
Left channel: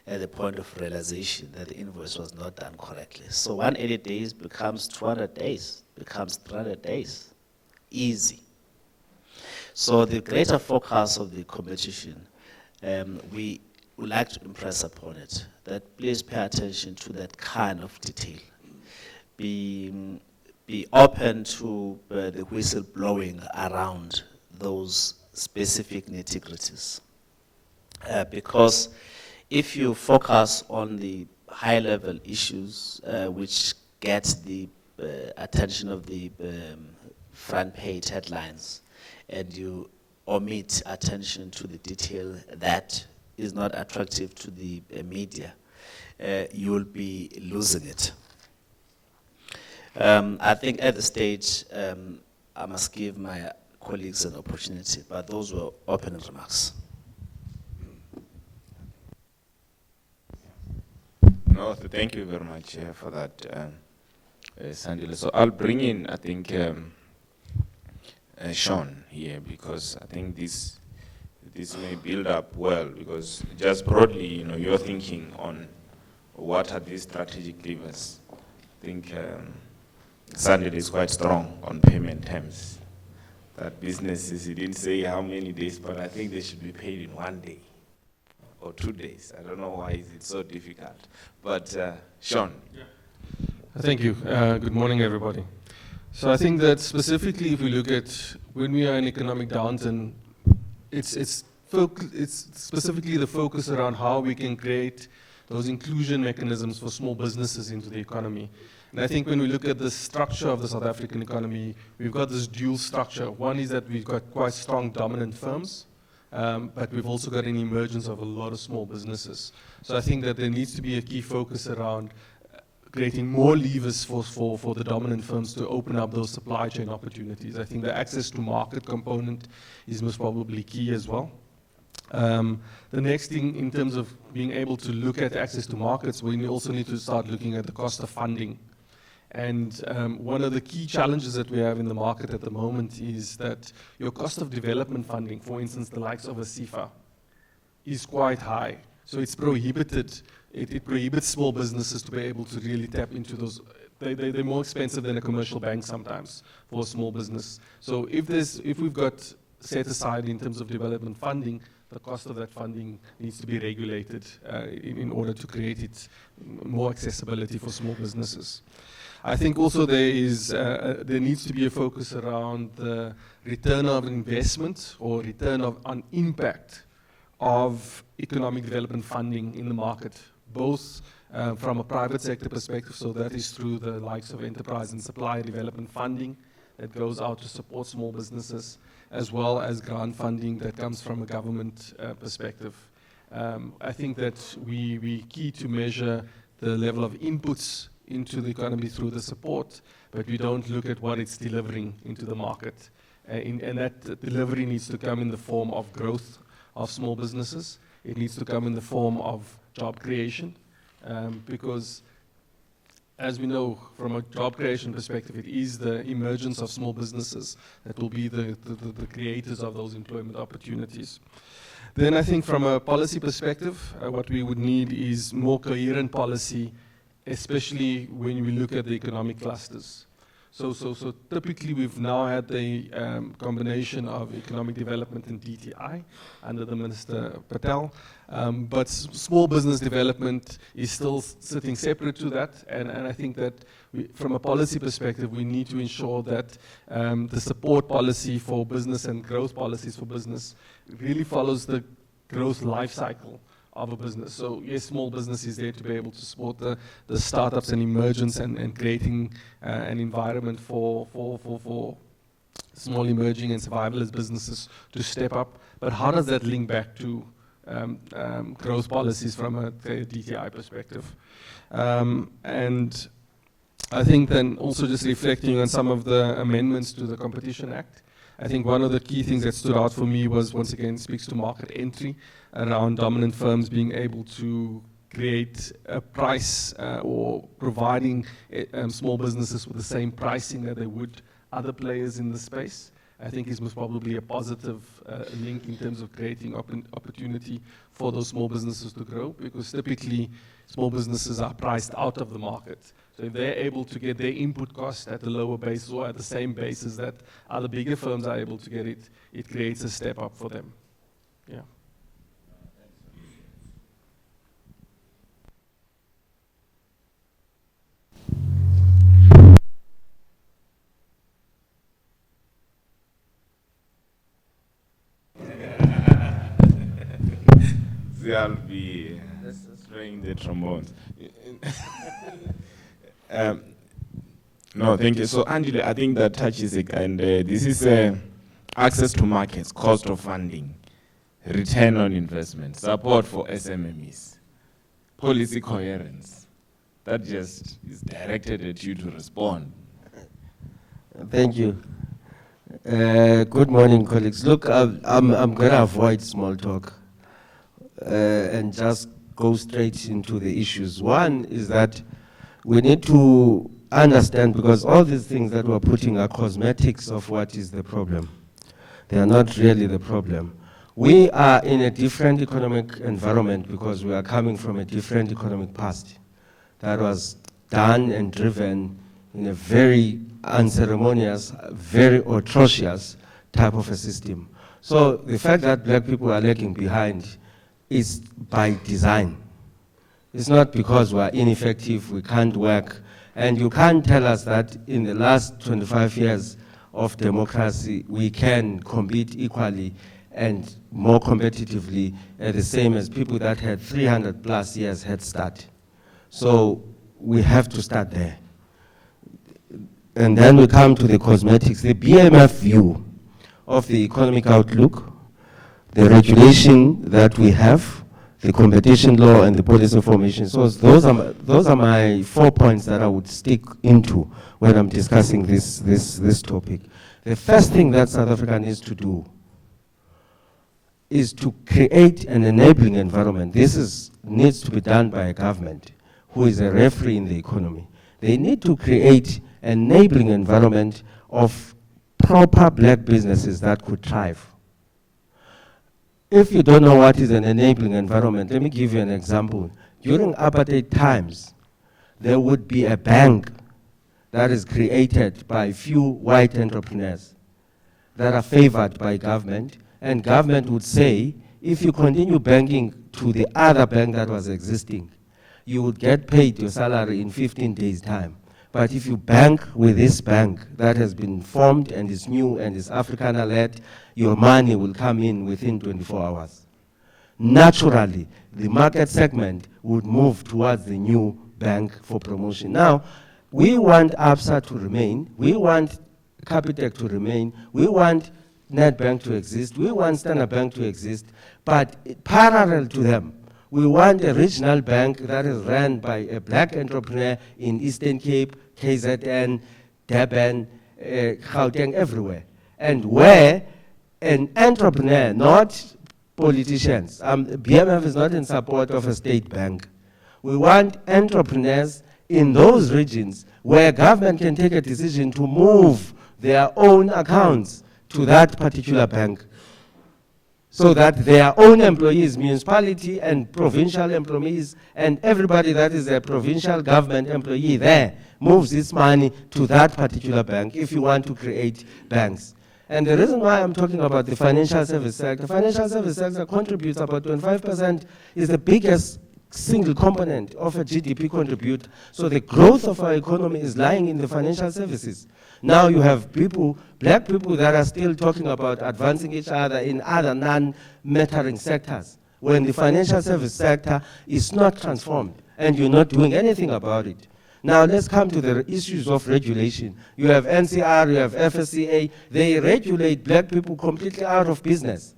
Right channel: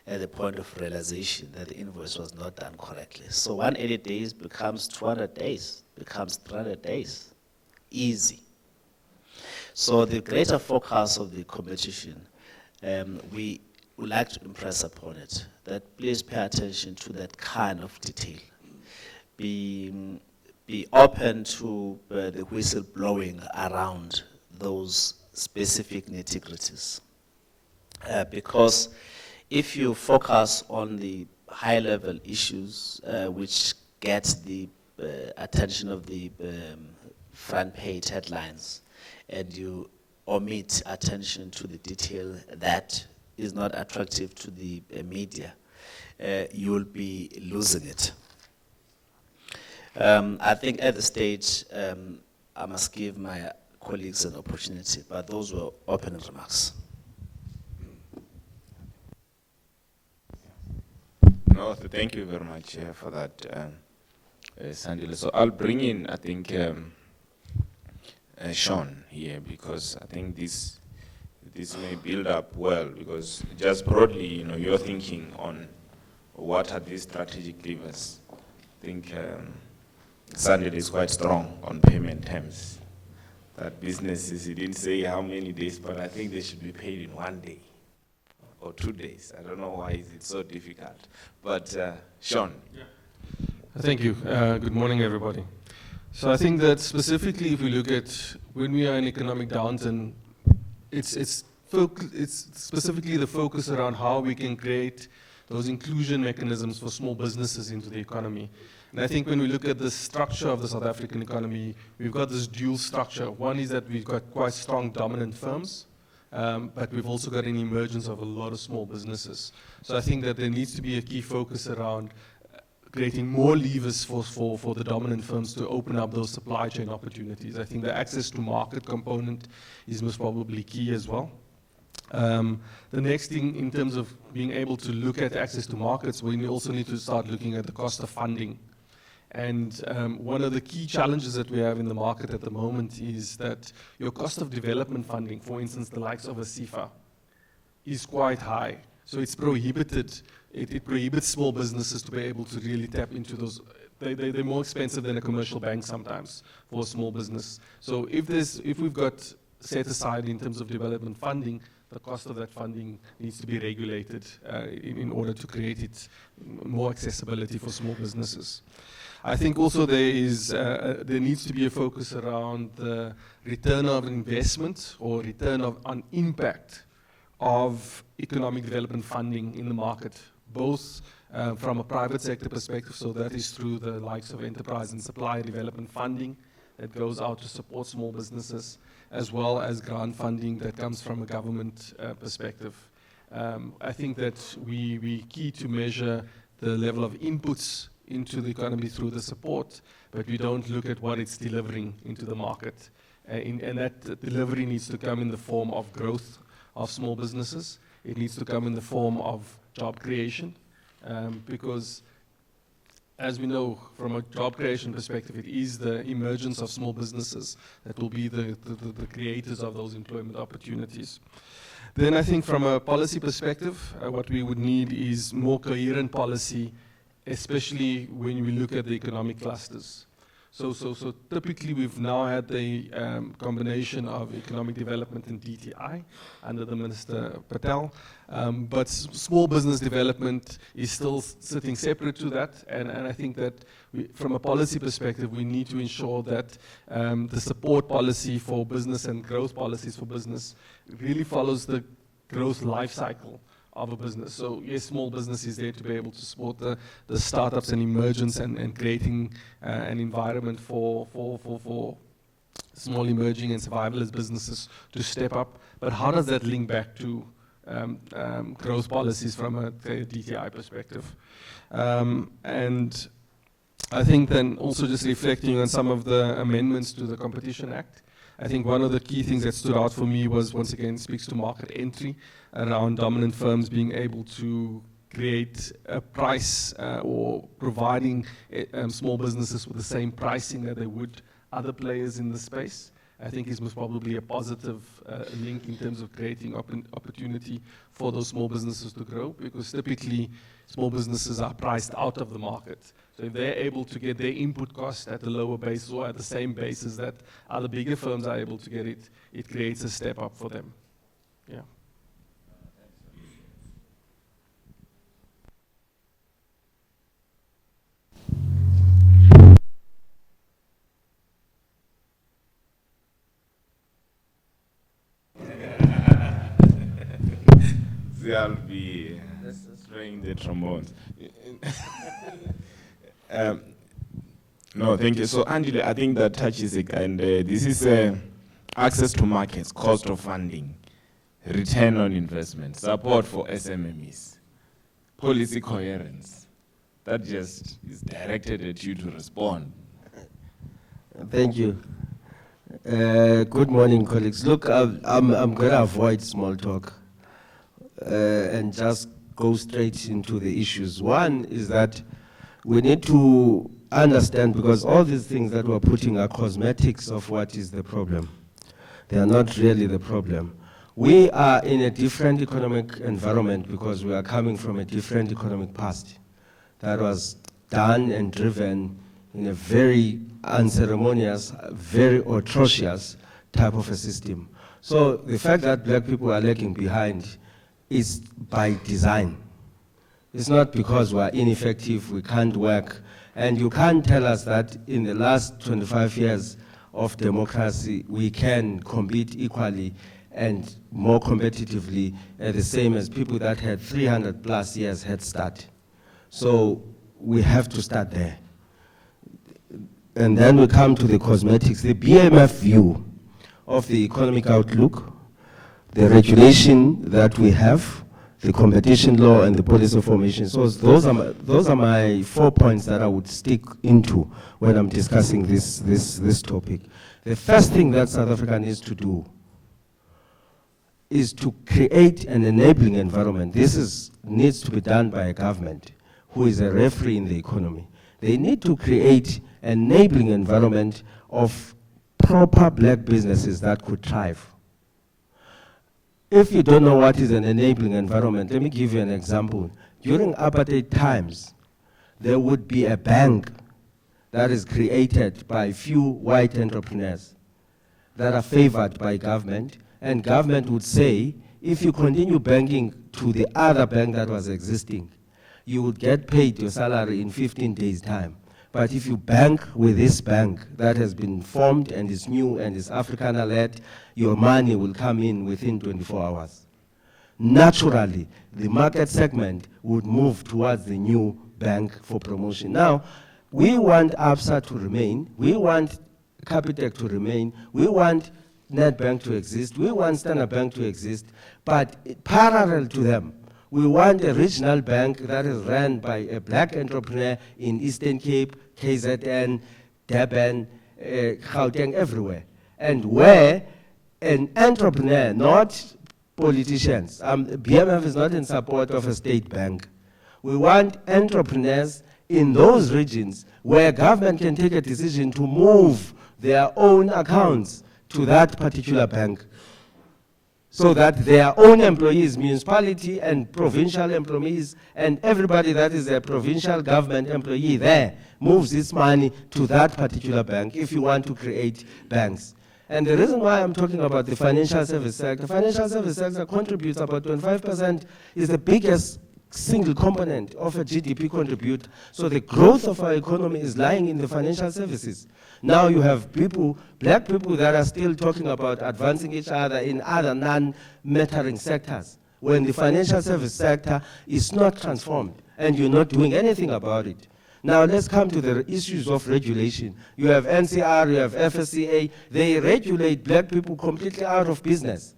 at the point of realization that the invoice was not done correctly. So 180 days becomes 200 days, becomes 300 days. Easy. So the greater focus of the competition, we would like to impress upon it that please pay attention to that kind of detail. Be open to the whistle blowing around those specific nitty-gritties. Because if you focus on the high-level issues which get the attention of the front-page headlines, and you omit attention to the detail that is not attractive to the media, you will be losing it. I think at the stage, I must give my colleagues an opportunity, but those were opening remarks. No, thank you very much for that, Sandile. So I'll bring in, I think, Sean here, because I think this this may build up well, because just broadly, you're thinking on what are these strategic levers. I think Sandile is quite strong on payment terms. That businesses, he didn't say how many days, but I think they should be paid in 1 day or 2 days. I don't know why is it so difficult. But Sean. Thank you. Good morning, everybody. So I think that specifically if we look at when we are in economic downturn, it's specifically the focus around how we can create those inclusion mechanisms for small businesses into the economy. And I think when we look at the structure of the South African economy, we've got this dual structure. One is that we've got quite strong dominant firms, but we've also got an emergence of a lot of small businesses. So I think that there needs to be a key focus around creating more levers for the dominant firms to open up those supply chain opportunities. I think the access to market component is most probably key as well. The next thing in terms of being able to look at access to markets, we also need to start looking at the cost of funding. And one of the key challenges that we have in the market at the moment is that your cost of development funding, for instance, the likes of a CIFA, is quite high. So it's prohibited. It prohibits small businesses to be able to really tap into those. They're more expensive than a commercial bank sometimes for a small business. So if we've got set aside in terms of development funding, the cost of that funding needs to be regulated in order to create it more accessibility for small businesses. I think also there needs to be a focus around the return of investment or return on impact of economic development funding in the market, both from a private sector perspective, so that is through the likes of enterprise and supplier development funding that goes out to support small businesses, as well as grant funding that comes from a government perspective. I think that we key to measure the level of inputs into the economy through the support, but we don't look at what it's delivering into the market. And that delivery needs to come in the form of growth of small businesses. It needs to come in the form of job creation, because as we know from a job creation perspective, it is the emergence of small businesses that will be the creators of those employment opportunities. Then I think from a policy perspective, what we would need is more coherent policy, especially when we look at the economic clusters. So typically we've now had the combination of economic development and DTI under the Minister Patel, but small business development is still sitting separate to that, and I think that from a policy perspective we need to ensure that the support policy for business and growth policies for business really follows the growth life cycle of a business. So yes, small business is there to be able to support the startups and emergence and creating an environment for small emerging and survivalist businesses to step up. But how does that link back to growth policies from a DTI perspective? And I think then also just reflecting on some of the amendments to the Competition Act, I think one of the key things that stood out for me was, once again, speaks to market entry around dominant firms being able to create a price or providing small businesses with the same pricing that they would other players in the space. I think is most probably a positive link in terms of creating opportunity for those small businesses to grow, because typically small businesses are priced out of the market. So if they're able to get their input cost at a lower basis or at the same basis that other bigger firms are able to get it, it creates a step up for them. Yeah. I'll be playing the trombones. No, thank you. So, Andile, I think that touches it, and this is access to markets, cost of funding, return on investment, support for SMMEs, policy coherence. That just is directed at you to respond. Thank you. Good morning, colleagues. Look, I'm going to avoid small talk and just go straight into the issues. One is that we need to understand, because all these things that we're putting are cosmetics of what is the problem. They are not really the problem. We are in a different economic environment because we are coming from a different economic past that was done and driven in a very unceremonious, very atrocious type of a system. So the fact that black people are lagging behind is by design. It's not because we are ineffective, we can't work, and you can't tell us that in the last 25 years of democracy, we can compete equally and more competitively the same as people that had 300 plus years head start. So we have to start there. And then we come to the cosmetics, the BMF view of the economic outlook, the regulation that we have, the competition law and the policy formation. So those are my 4 points that I would stick into when I'm discussing this topic. The first thing that South Africa needs to do is to create an enabling environment. This needs to be done by a government who is a referee in the economy. They need to create an enabling environment of proper black businesses that could thrive. If you don't know what is an enabling environment, let me give you an example. During apartheid times, there would be a bank that is created by few white entrepreneurs that are favored by government, and government would say, if you continue banking to the other bank that was existing, you would get paid your salary in 15 days' time. But if you bank with this bank that has been formed and is new and is Africana-led, your money will come in within 24 hours. Naturally, the market segment would move towards the new bank for promotion. Now, we want ABSA to remain, we want Capitec to remain, we want Nedbank to exist, we want Standard Bank to exist, but parallel to them, we want a regional bank that is run by a black entrepreneur in Eastern Cape, KZN, Durban, Gauteng, everywhere. And where an entrepreneur, not politicians, BMF is not in support of a state bank. We want entrepreneurs in those regions where government can take a decision to move their own accounts to that particular bank, so that their own employees, municipality and provincial employees, and everybody that is a provincial government employee there, moves its money to that particular bank if you want to create banks. And the reason why I'm talking about the financial service sector contributes about 25%, is the biggest single component of a GDP contribute. So the growth of our economy is lying in the financial services. Now you have people, black people that are still talking about advancing each other in other non-mattering sectors, when the financial service sector is not transformed and you're not doing anything about it. Now let's come to the issues of regulation. You have NCR, you have FSCA, they regulate black people completely out of business.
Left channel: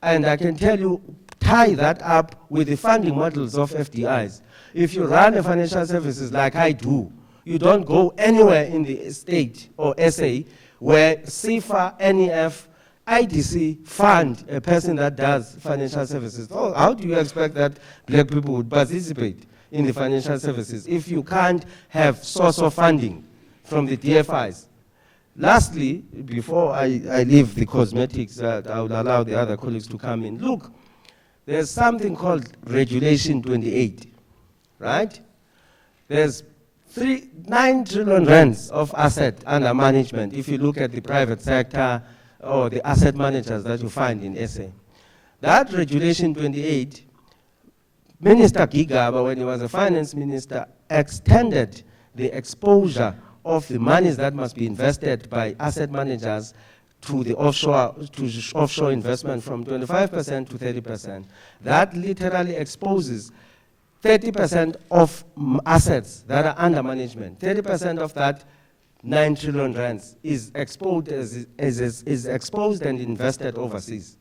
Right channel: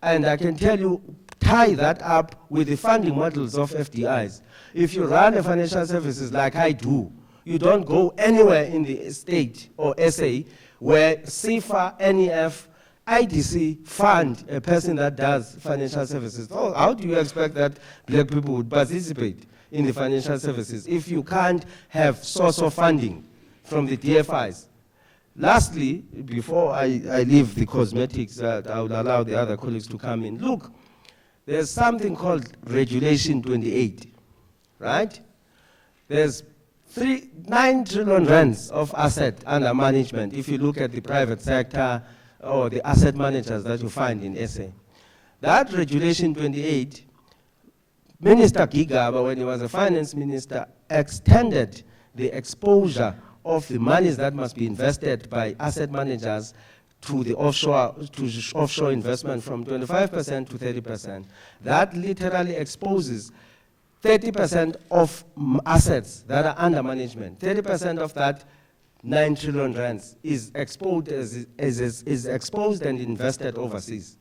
And I can tell you, tie that up with the funding models of FDIs. If you run a financial services like I do, you don't go anywhere in the state or SA where CIFA, NEF, IDC fund a person that does financial services. Oh, how do you expect that black people would participate in the financial services if you can't have source of funding from the DFIs? Lastly, before I leave the cosmetics, I will allow the other colleagues to come in. Look, there's something called Regulation 28, right? There's 9 trillion rands of asset under management if you look at the private sector or the asset managers that you find in SA. That Regulation 28, Minister Gigaba, when he was a finance minister, extended the exposure of the monies that must be invested by asset managers to the offshore investment from 25% to 30%. That literally exposes 30% of assets that are under management. 30% of that 9 trillion rands is exposed and invested overseas.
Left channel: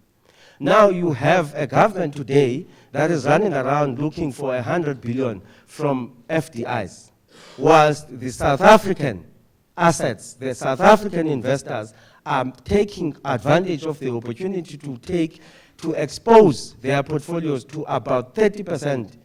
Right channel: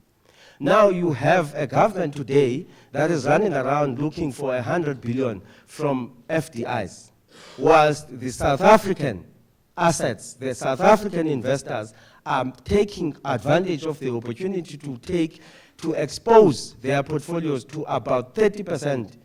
Now you have a government today that is running around looking for 100 billion from FDIs, whilst the South African assets, the South African investors are taking advantage of the opportunity to expose their portfolios to about 30%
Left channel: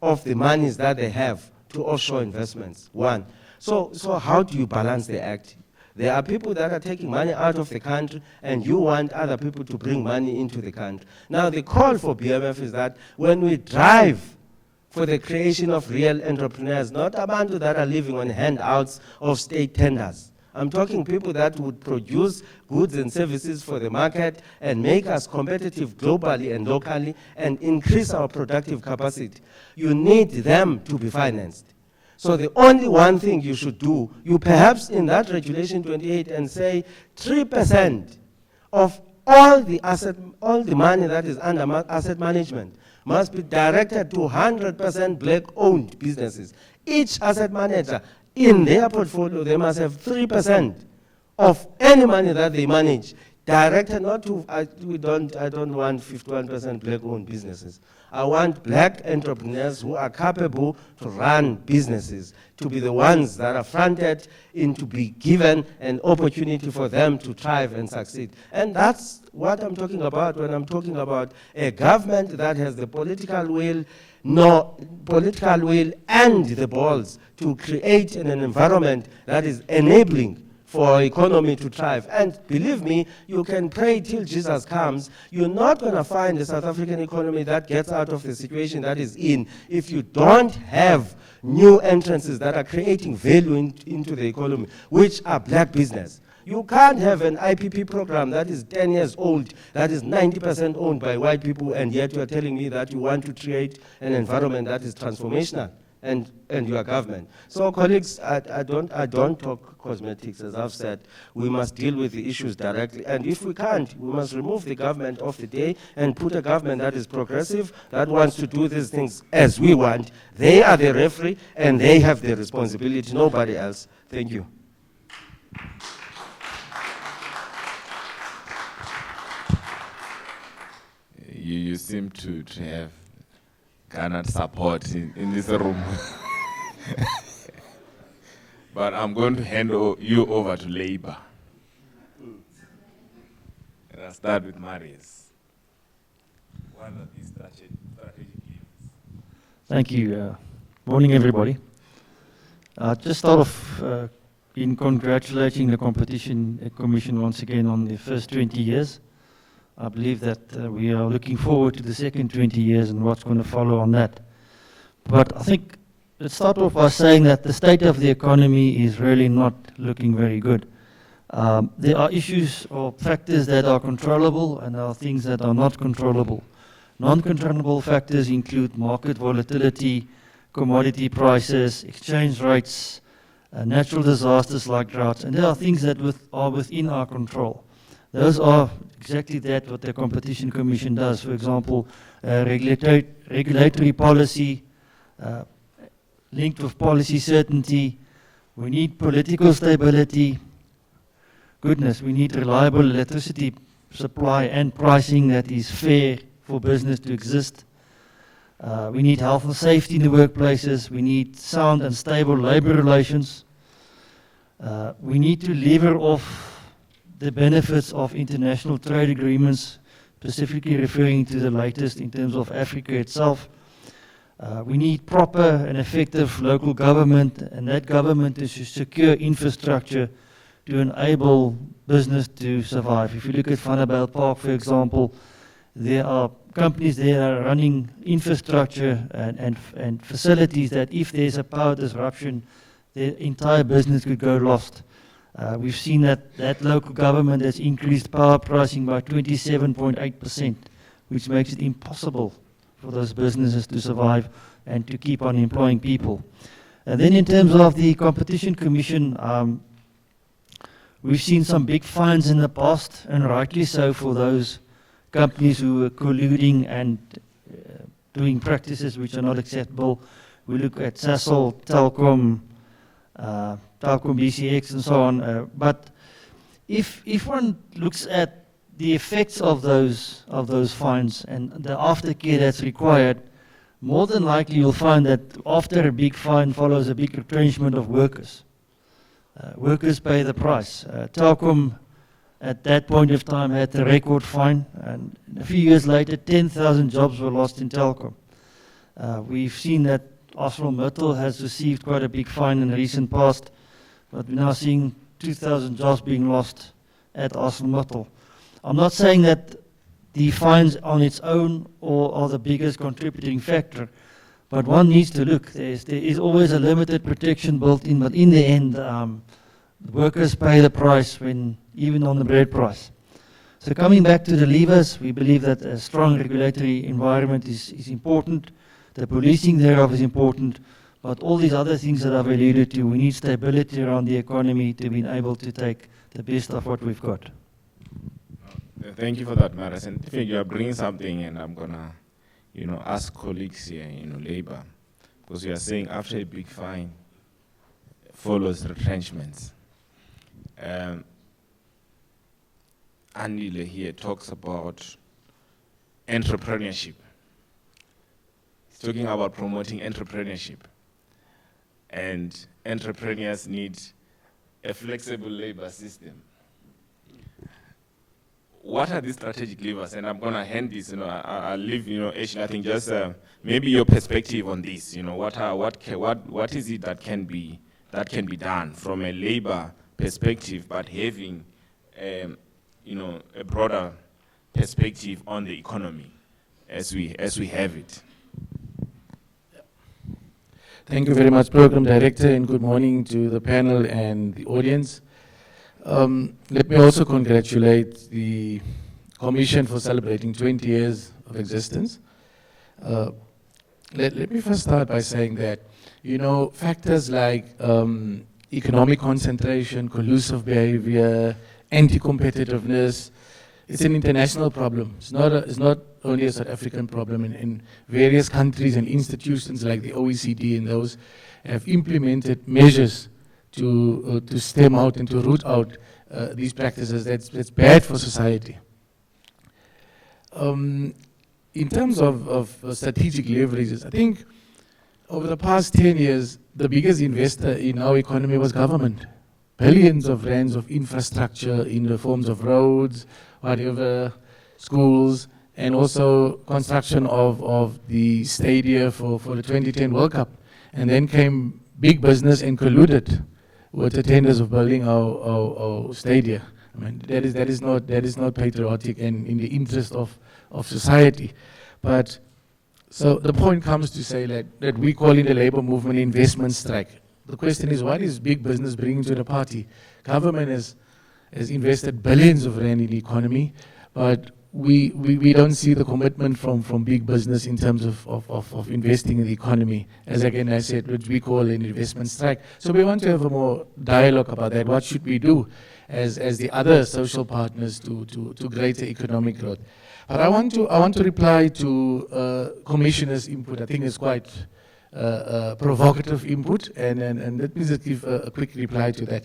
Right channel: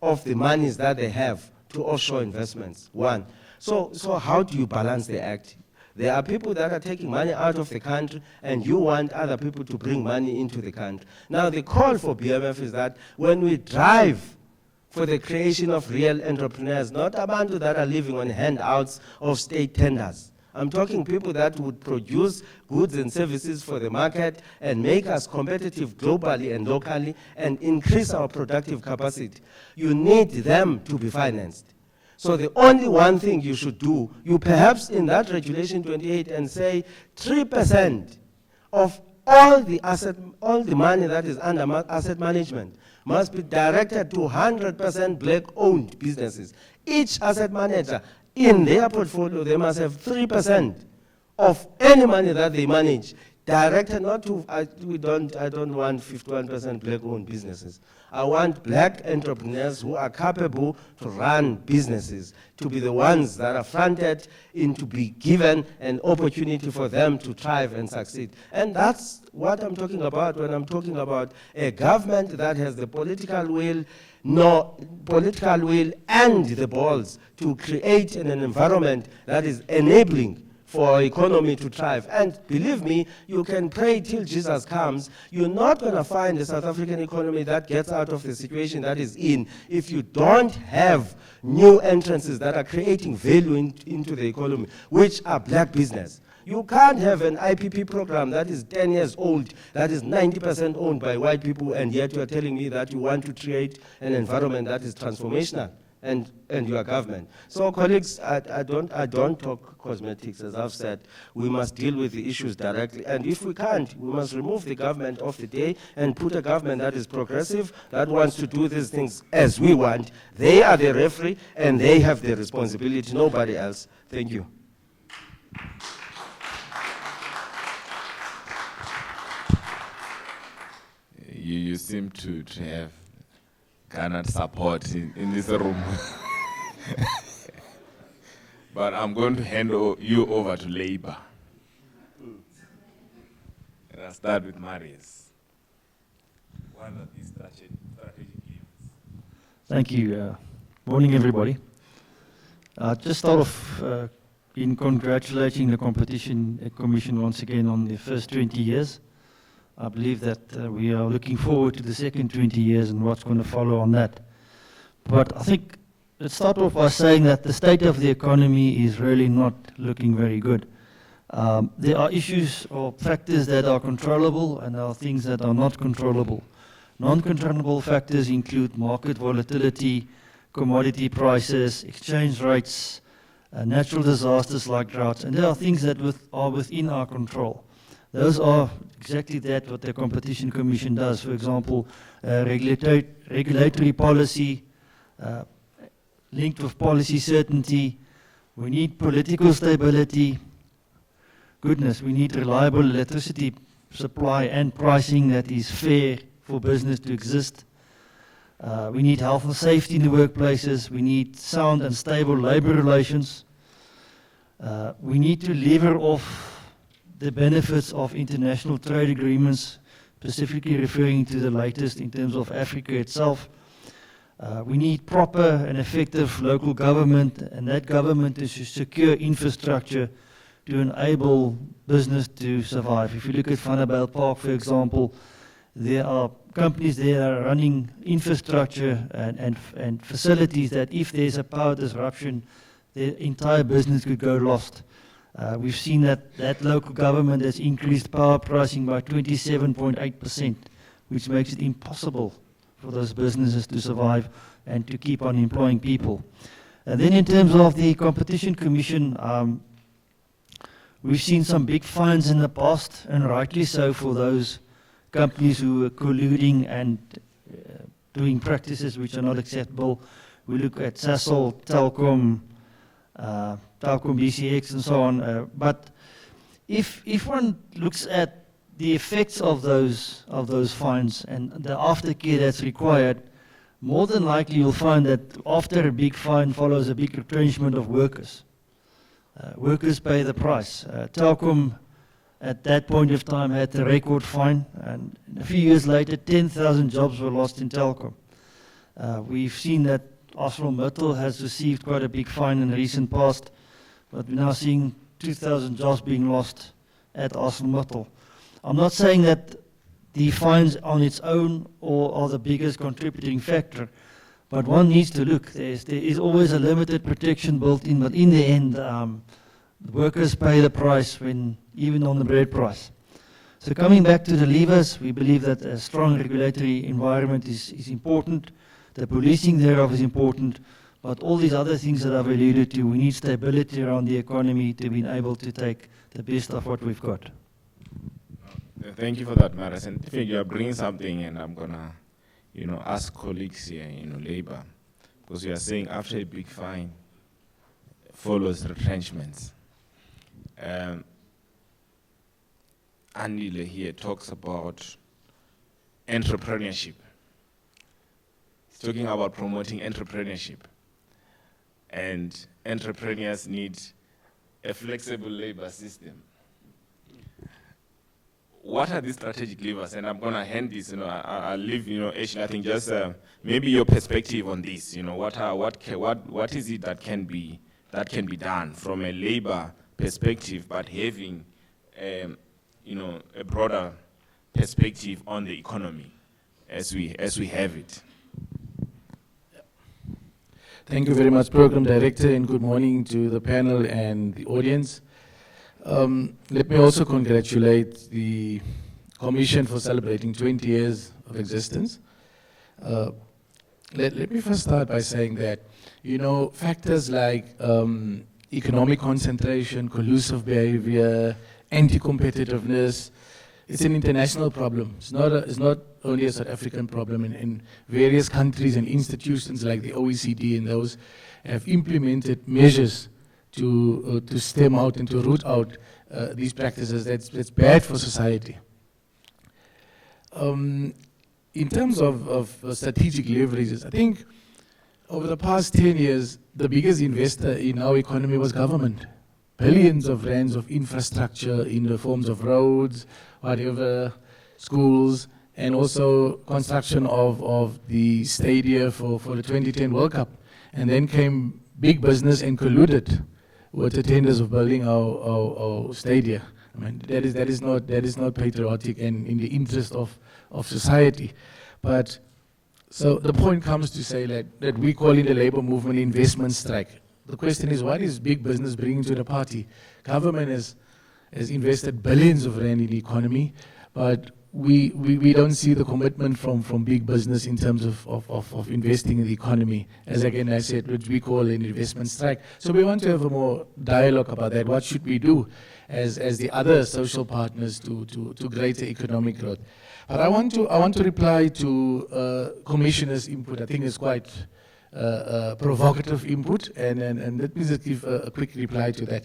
of the monies that they have to offshore investments, one. So how do you balance the act? There are people that are taking money out of the country, and you want other people to bring money into the country. Now, the call for BMF is that when we drive for the creation of real entrepreneurs, not abantu that are living on handouts of state tenders. I'm talking people that would produce goods and services for the market and make us competitive globally and locally and increase our productive capacity. You need them to be financed. So the only one thing you should do, you perhaps in that Regulation 28 and say 3% of all the money that is under asset management must be directed to 100% black-owned businesses. Each asset manager in their portfolio, they must have 3% of any money that they manage directed not to, I don't want 51% black-owned businesses. I want black entrepreneurs who are capable to run businesses, to be the ones that are fronted in to be given an opportunity for them to thrive and succeed. And that's what I'm talking about when I'm talking about a government that has the political will and the balls to create an environment that is enabling for our economy to thrive. And believe me, you can pray till Jesus comes. You're not going to find a South African economy that gets out of the situation that is in if you don't have new entrances that are creating value into the economy, which are black business. You can't have an IPP program that is 10 years old, that is 90% owned by white people, and yet you are telling me that you want to create an environment that is transformational, and your government. So colleagues, I don't talk cosmetics, as I've said. We must deal with the issues directly, and if we can't, we must remove the government of the day and put a government that is progressive, that wants to do these things as we want. They are the referee, and they have the responsibility, nobody else. Thank you. You seem to have garnered support in this room. But I'm going to hand you over to Labour. And I'll start with Marius. What are these strategic levers? Thank you. Morning, everybody. Just start off in congratulating the Competition Commission once again on the first 20 years. I believe that we are looking forward to the second 20 years and what's going to follow on that. But I think let's start off by saying that the state of the economy is really not looking very good. There are issues or factors that are controllable, and there are things that are not controllable. Non-controllable factors include market volatility, commodity prices, exchange rates, natural disasters like droughts, and there are things that are within our control. Those are exactly that what the Competition Commission does. For example, regulatory policy linked with policy certainty. We need political stability. Goodness, we need reliable electricity supply and pricing that is fair for business to exist. We need health and safety in the workplaces. We need sound and stable labor relations. We need to lever off the benefits of international trade agreements, specifically referring to the latest in terms of Africa itself. We need proper and effective local government, and that government is to secure infrastructure to enable business to survive. If you look at Vanderbijl Park, for example, there are companies there that are running infrastructure and facilities that if there's a power disruption, their entire business could go lost. We've seen that local government has increased power pricing by 27.8%, which makes it impossible for those businesses to survive and to keep on employing people. And then in terms of the Competition Commission, we've seen some big fines in the past, and rightly so, for those companies who are colluding and doing practices which are not acceptable. We look at Sasol, Telkom, Telkom BCX and so on. But if one looks at the effects of those fines and the aftercare that's required, more than likely you'll find that after a big fine follows a big retrenchment of workers. Workers pay the price. Telkom at that point of time had a record fine, and a few years later 10,000 jobs were lost in Telkom. We've seen that ArcelorMittal has received quite a big fine in the recent past, but we're now seeing 2,000 jobs being lost at ArcelorMittal. I'm not saying that the fines on its own are the biggest contributing factor, but one needs to look. There is always a limited protection built in, but in the end, the workers pay the price even on the bread price. So coming back to the levers, we believe that a strong regulatory environment is important. The policing thereof is important, but all these other things that I've alluded to, we need stability around the economy to be able to take the best of what we've got. Thank you for that, Maris. And I think you are bringing something, and I'm gonna, ask colleagues here, Labour, because you are saying after a big fine follows retrenchments. Anile here talks about entrepreneurship. He's talking about promoting entrepreneurship. And entrepreneurs need a flexible labor system. What are these strategic levers? And I'm going to hand this, I'll leave, Asian, I think just maybe your perspective on this, what is it that can be done from a labor perspective, but having, a broader perspective on the economy as we have it. Thank you very much, Program Director, and good morning to the panel and the audience. Let me also congratulate the Commission for celebrating 20 years of existence. Let me first start by saying that, factors like economic concentration, collusive behavior, anti-competitiveness, it's an international problem. It's not only a South African problem. In various countries and institutions like the OECD and those have implemented measures to stem out and to root out these practices. That's bad for society. In terms of strategic leverages, I think over the past 10 years, the biggest investor in our economy was government. Billions of rands of infrastructure in the forms of roads, whatever, schools, and also construction of the stadia for the 2010 World Cup. And then came big business and colluded with the tenders of building our stadia. I mean, that is not patriotic and in the interest of society. But so the point comes to say that we call in the labor movement investment strike. The question is, what is big business bringing to the party? Government has invested billions of rand in the economy, but we don't see the commitment from big business in terms of investing in the economy, as again I said, which we call an investment strike. So we want to have a more dialogue about that. What should we do as the other social partners to greater economic growth? But I want to reply to Commissioner's input. I think it's quite provocative input, and let me just give a quick reply to that.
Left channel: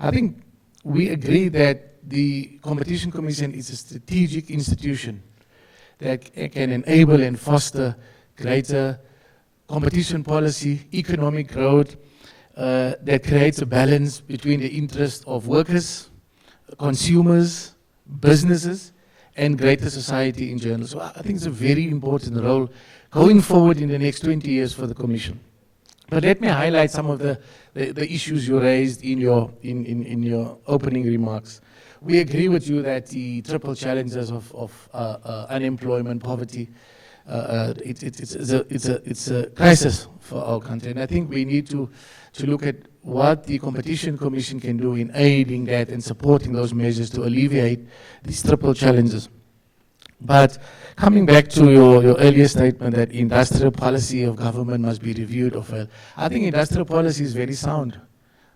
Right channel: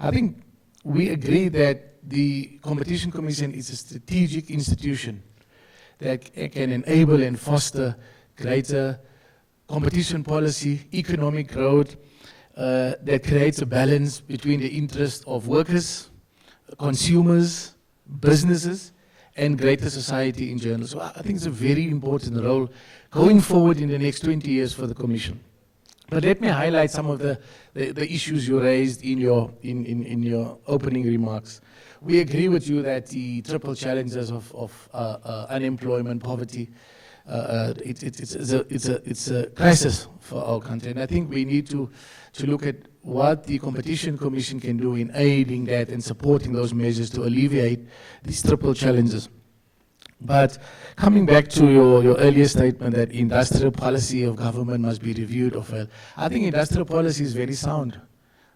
I think we agree that the Competition Commission is a strategic institution that can enable and foster greater competition policy, economic growth, that creates a balance between the interests of workers, consumers, businesses, and greater society in general. So I think it's a very important role going forward in the next 20 years for the Commission. But let me highlight some of the issues you raised in your opening remarks. We agree with you that the triple challenges of unemployment, poverty, it's a crisis for our country. And I think we need to look at what the Competition Commission can do in aiding that and supporting those measures to alleviate these triple challenges. But coming back to your earlier statement that industrial policy of government must be reviewed, I think industrial policy is very sound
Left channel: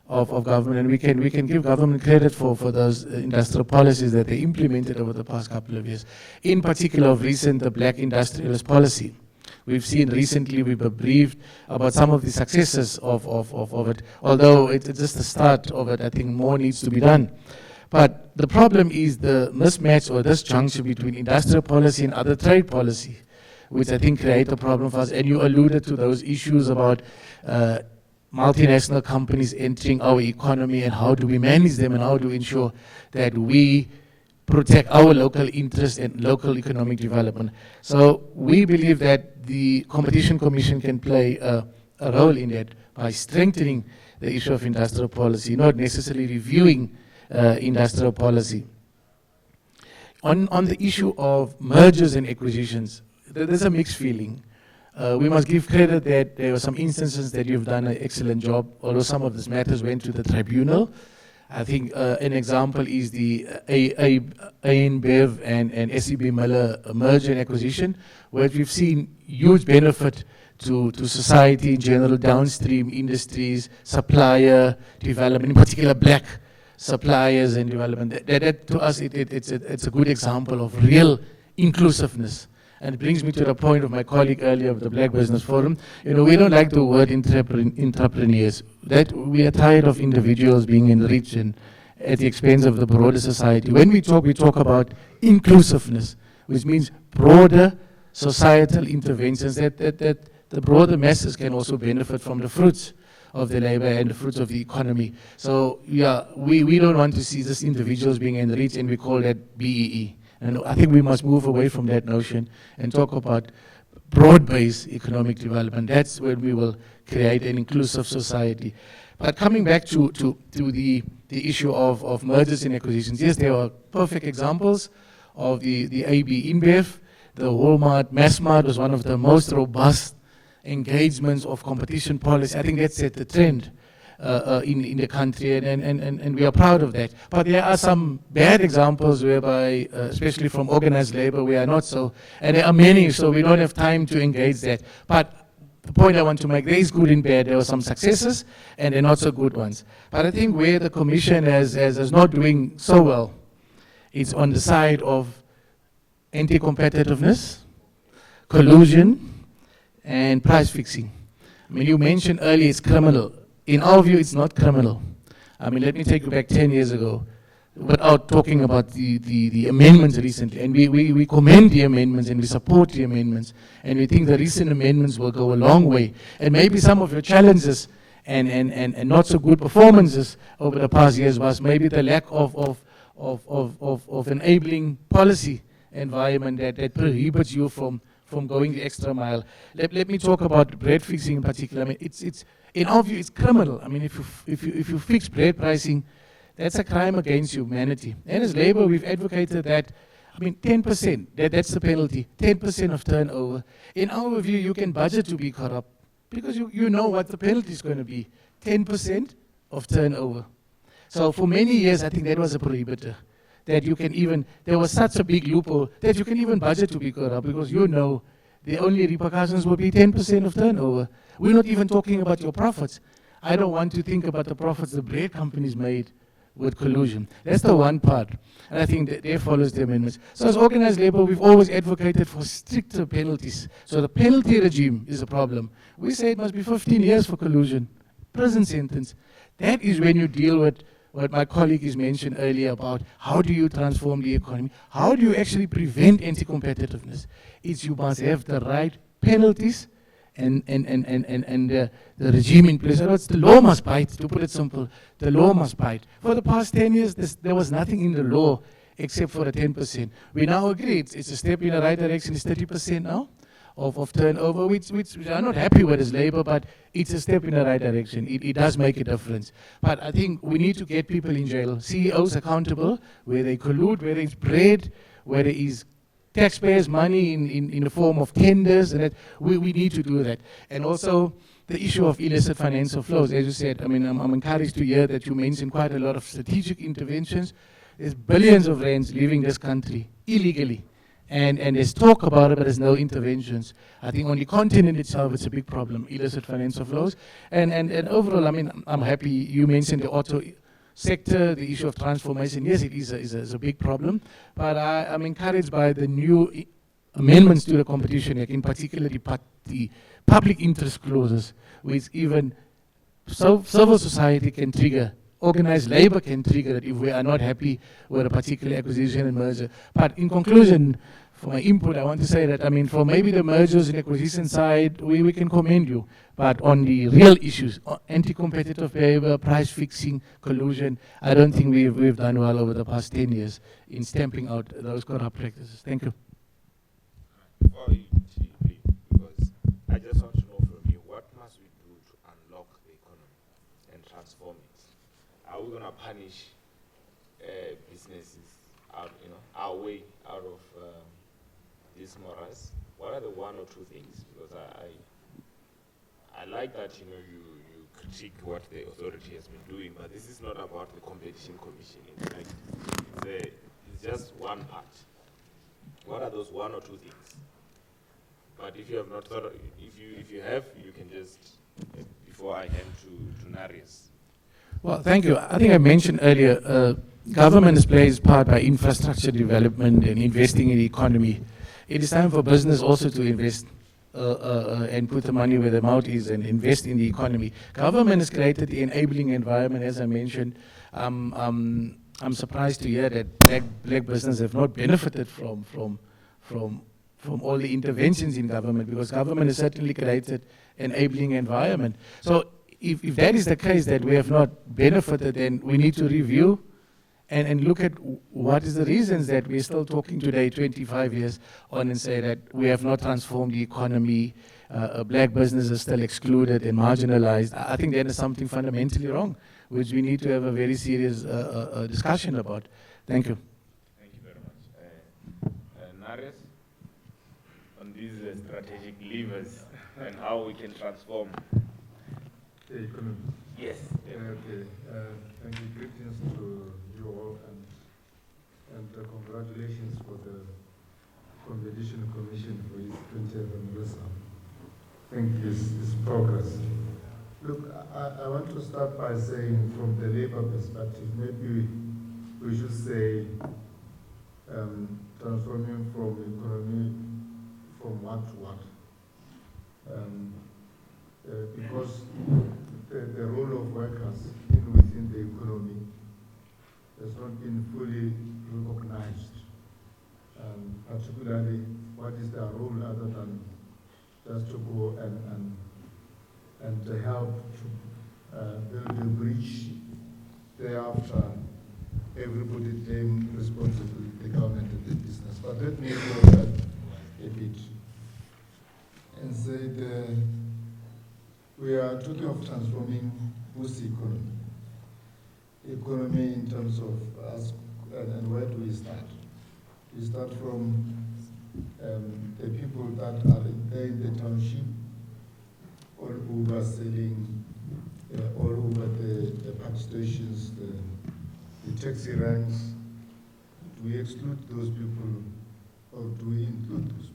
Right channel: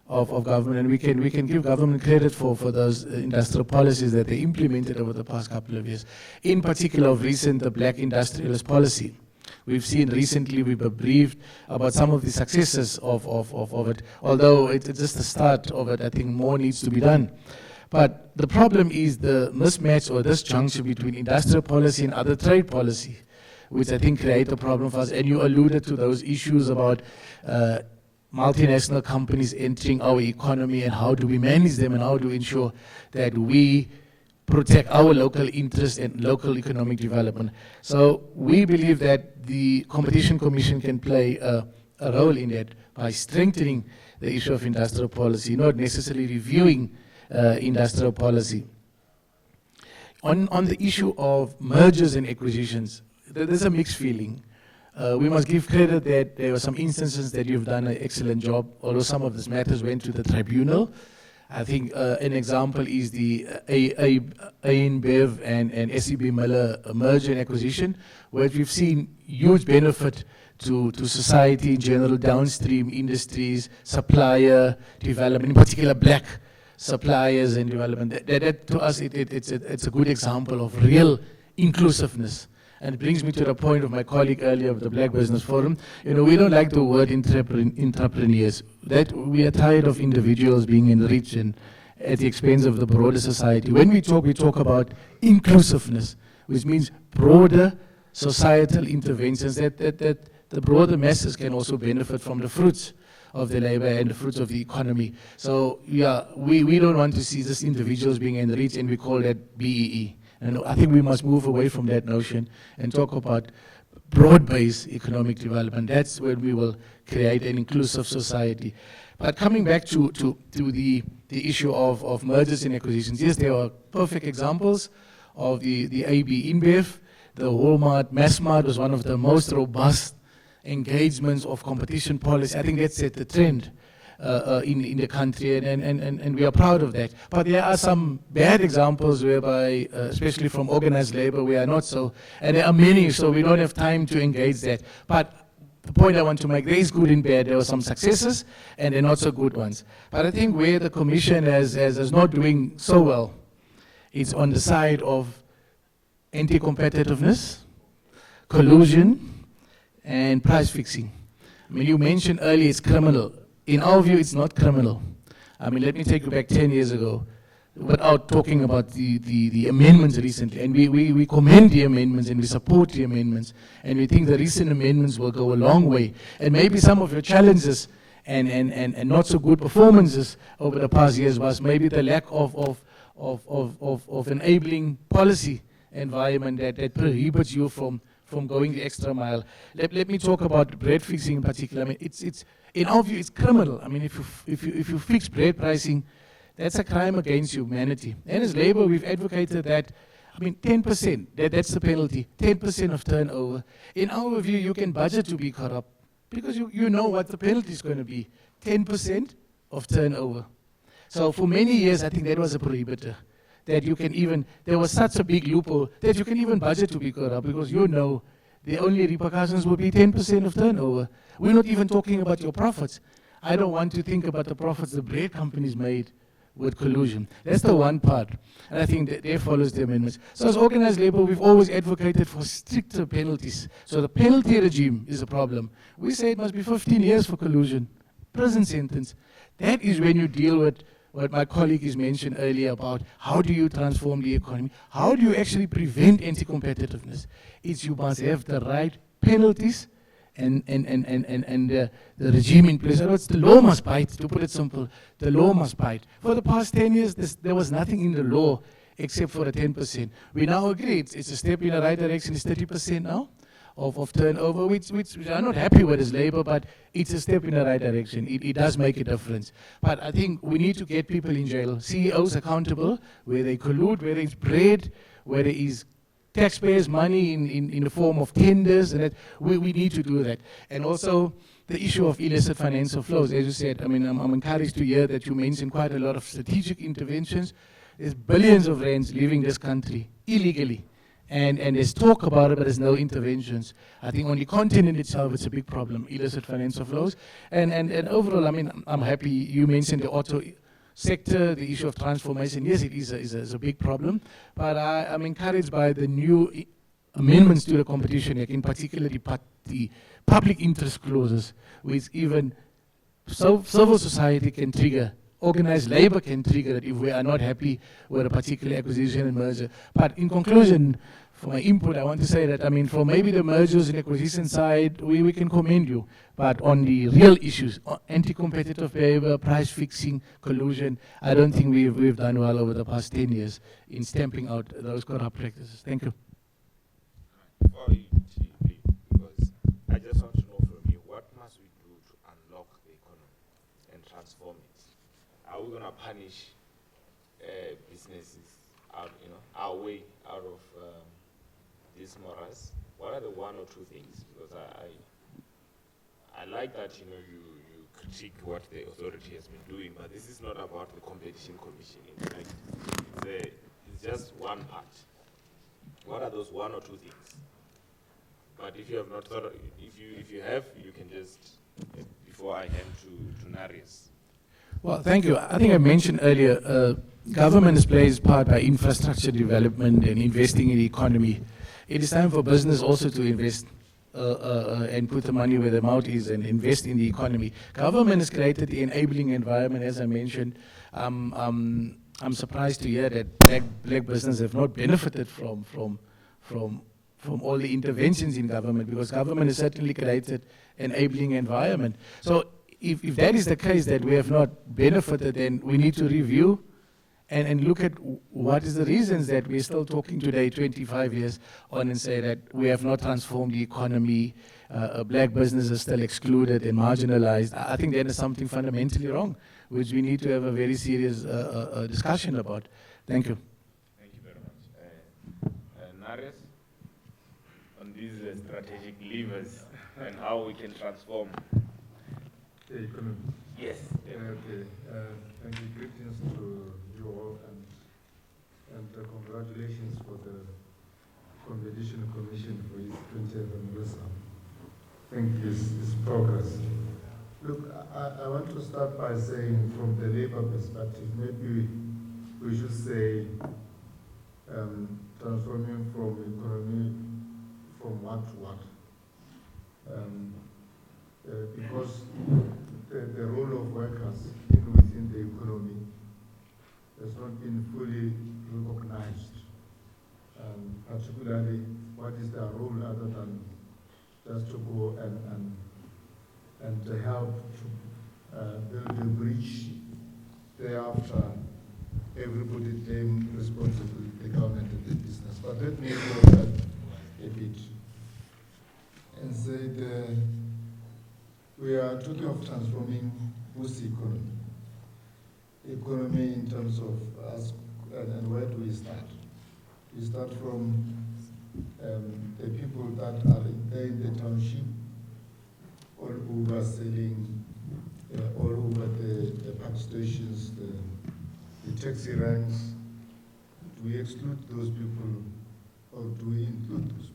of government, and we can give government credit for those industrial policies that they implemented over the past couple of years. In particular, of recent, the Black Industrialist Policy. We've seen recently, we've been briefed about some of the successes of it. Although it's just the start of it, I think more needs to be done. But the problem is the mismatch or disjunction between industrial policy and other trade policy, which I think create a problem for us. And you alluded to those issues about multinational companies entering our economy and how do we manage them and how do we ensure that we protect our local interests and local economic development. So we believe that the Competition Commission can play a role in that by strengthening the issue of industrial policy, not necessarily reviewing industrial policy. On the issue of mergers and acquisitions, there's a mixed feeling. We must give credit that there were some instances that you've done an excellent job, although some of these matters went to the tribunal. I think an example is the ANBev and SEB Miller merger and acquisition, where we've seen huge benefit to society in general, downstream industries, supplier development, in particular black suppliers and development. That to us, it's a good example of real inclusiveness. And it brings me to the point of my colleague earlier of the Black Business Forum. You know, we don't like the word entrepreneurs. That we are tired of individuals being enriched and at the expense of the broader society. When we talk about inclusiveness, which means broader societal interventions that the broader masses can also benefit from the fruits of the labor and the fruits of the economy. So yeah, we don't want to see just individuals being enriched, and we call that BEE. And I think we must move away from that notion and talk about broad-based economic development. That's when we will create an inclusive society. But coming back to the issue of mergers and acquisitions, yes, there are perfect examples of the AB InBev. The Walmart Massmart was one of the most robust engagements of competition policy. I think that set the trend in the country, and we are proud of that. But there are some bad examples whereby, especially from organized labor, we are not so, and there are many, so we don't have time to engage that. But the point I want to make, there is good and bad. There are some successes, and there are not so good ones. But I think where the Commission is not doing so well, it's on the side of anti-competitiveness, collusion, and price fixing. I mean, you mentioned earlier it's criminal. In our view, it's not criminal. I mean, let me take you back 10 years ago, without talking about the amendments recently. And we commend the amendments and we support the amendments. And we think the recent amendments will go a long way. And maybe some of your challenges and not so good performances over the past years was maybe the lack of enabling policy environment that prohibits you from going the extra mile. Let me talk about bread fixing in particular. I mean, it's in our view, it's criminal. I mean, if you fix bread pricing, that's a crime against humanity. And as Labour, we've advocated that. I mean, 10%, that's the penalty. 10% of turnover. In our view, you can budget to be corrupt because you know what the penalty is going to be. 10% of turnover. So for many years, I think that was a prohibitor. That you can even, there was such a big loophole that you can even budget to be corrupt because you know the only repercussions will be 10% of turnover. We're not even talking about your profits. I don't want to think about the profits the bread companies made with collusion. That's the one part. And I think that there follows the amendments. So as organized labor, we've always advocated for stricter penalties. So the penalty regime is a problem. We say it must be 15 years for collusion, prison sentence. That is when you deal with what my colleague has mentioned earlier about how do you transform the economy? How do you actually prevent anti-competitiveness? It's you must have the right penalties and the regime in place. The law must bite, to put it simple. The law must bite. For the past 10 years, there was nothing in the law except for the 10%. We now agree it's a step in the right direction. It's 30% now of turnover, which we are not happy with as Labour, but it's a step in the right direction. It does make a difference. But I think we need to get people in jail, CEOs accountable, where they collude, where it's bread, where there is taxpayers' money in the form of tenders, and that we need to do that. And also the issue of illicit financial flows. As you said, I mean, I'm encouraged to hear that you mentioned quite a lot of strategic interventions. There's billions of rands leaving this country illegally. And there's talk about it, but there's no interventions. I think on the continent itself, it's a big problem, illicit financial flows. And overall, I mean, I'm happy you mentioned the auto sector, the issue of transformation. Yes, it is a big problem, but I'm encouraged by the new amendments to the Competition Act, in particular the public interest clauses, which even civil society can trigger. Organized labor can trigger it if we are not happy with a particular acquisition and merger. But in conclusion, for my input, I want to say that, I mean, for maybe the mergers and acquisition side, we can commend you. But on the real issues, anti-competitive behavior, price fixing, collusion, I don't think we've done well over the past 10 years in stamping out those corrupt practices. Thank you. Before you TP, because I just want to know from you, what must we do to unlock the economy and transform it? Are we going to punish businesses out, our way out of this morass? What are the one or two things? Because I like that you critique what the authority has been doing, but this is not about the competition commission. In fact, it's just one part. What are those one or two things? But if you have not thought, if you have, you can just before I hand to Narius. Well, thank you. I think I mentioned earlier, government plays part by infrastructure development and investing in the economy. It is time for business also to invest and put the money where the mouth is and invest in the economy. Government has created the enabling environment, as I mentioned. I'm surprised to hear that black business have not benefited from all the interventions in government, because government has certainly created enabling environment. So if that is the case, that we have not benefited, then we need to review and look at what is the reasons that we're still talking today, 25 years on, and say that we have not transformed the economy, black business is still excluded and marginalized. I think there is something fundamentally wrong, which we need to have a very serious discussion about. Thank you. Thank you very much. Narius, on these strategic levers and how we can transform the economy. Yes. Okay. Thank you. Greetings to you all, and congratulations for the Competition Commission for its 20th anniversary. I think it's progress. Look, I want to start by saying, from the labor perspective, maybe we should say transforming from economy from what to what. Because the role of workers within the economy has not been fully recognized. Particularly, what is their role other than just to go and to help to build a bridge. Thereafter, everybody claim responsibility, the government and the business. But let me go back a bit and say we are talking of transforming whose economy? Economy in terms of us, and where do we start? We start from the people that are there in the township, all who are selling, all over the park stations, the taxi ranks. Do we exclude those people, or do we include those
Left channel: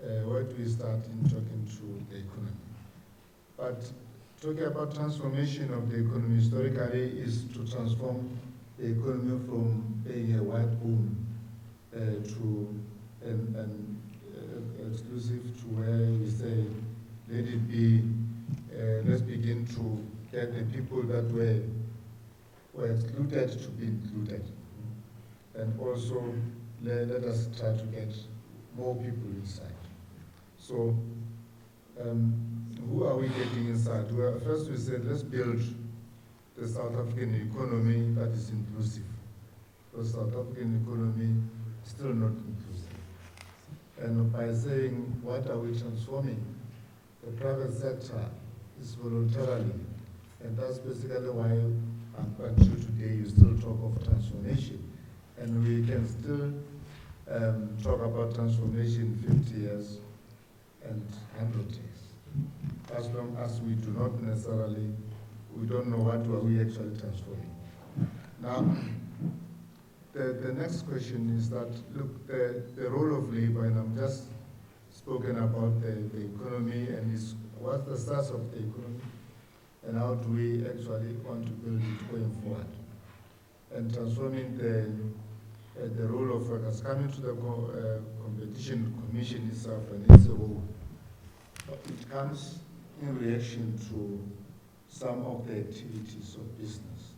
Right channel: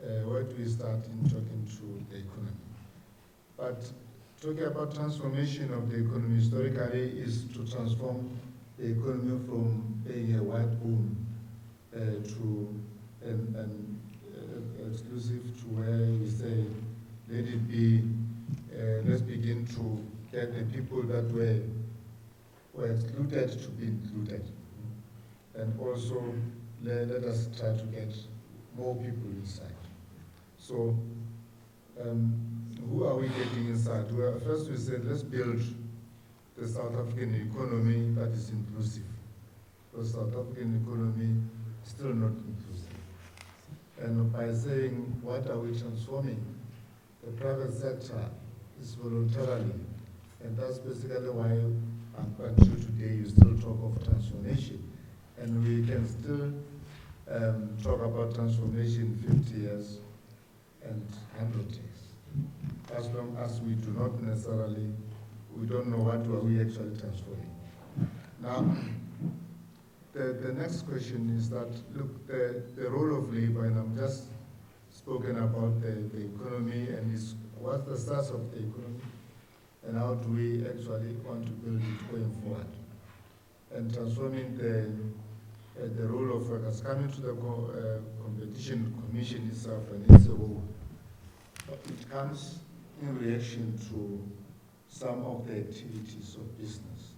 people? Where do we start in talking to the economy? But talking about transformation of the economy historically is to transform the economy from being a white boom to an exclusive, to where we say, let it be, let's begin to get the people that were excluded to be included. And also let us try to get more people inside. So who are we getting inside? Well, first we said, let's build the South African economy that is inclusive. The South African economy is still not inclusive. And by saying, what are we transforming? The private sector is voluntarily, and that's basically why until today you still talk of transformation. And we can still talk about transformation 50 years and 100 years. As long as we do not necessarily, we don't know what are we actually transforming. Now, the next question is that, look, the role of labor, and I'm just spoken about the economy and what's the size of the economy, and how do we actually want to build it going forward. And transforming the role of workers, coming to the competition commission itself and its role. It comes in reaction to some of the activities of business.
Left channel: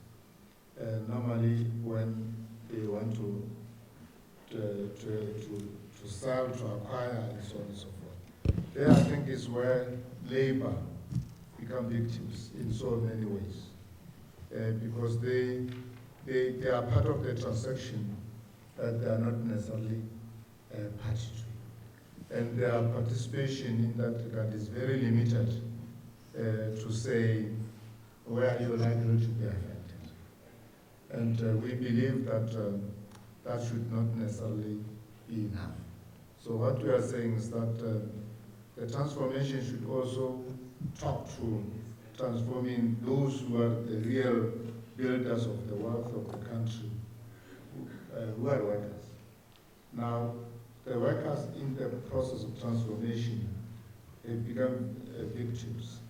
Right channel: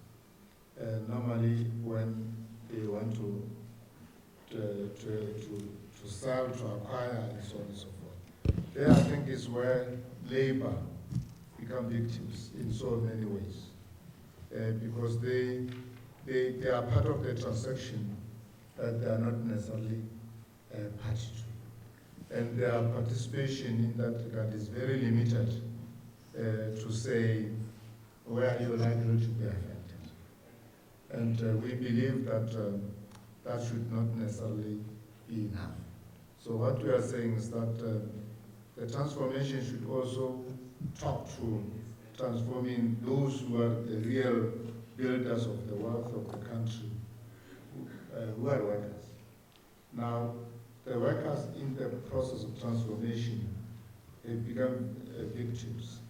Normally, when they want to sell, to acquire, and so on and so forth. There, I think, is where labor become victims in so many ways, because they are part of the transaction that they are not necessarily party to. And their participation in that regard is very limited to say, where you're likely to be affected. And we believe that that should not necessarily be enough. So what we are saying is that the transformation should also talk to transforming those who are the real builders of the wealth of the country, who are workers. Now, the workers in the process of transformation have become victims,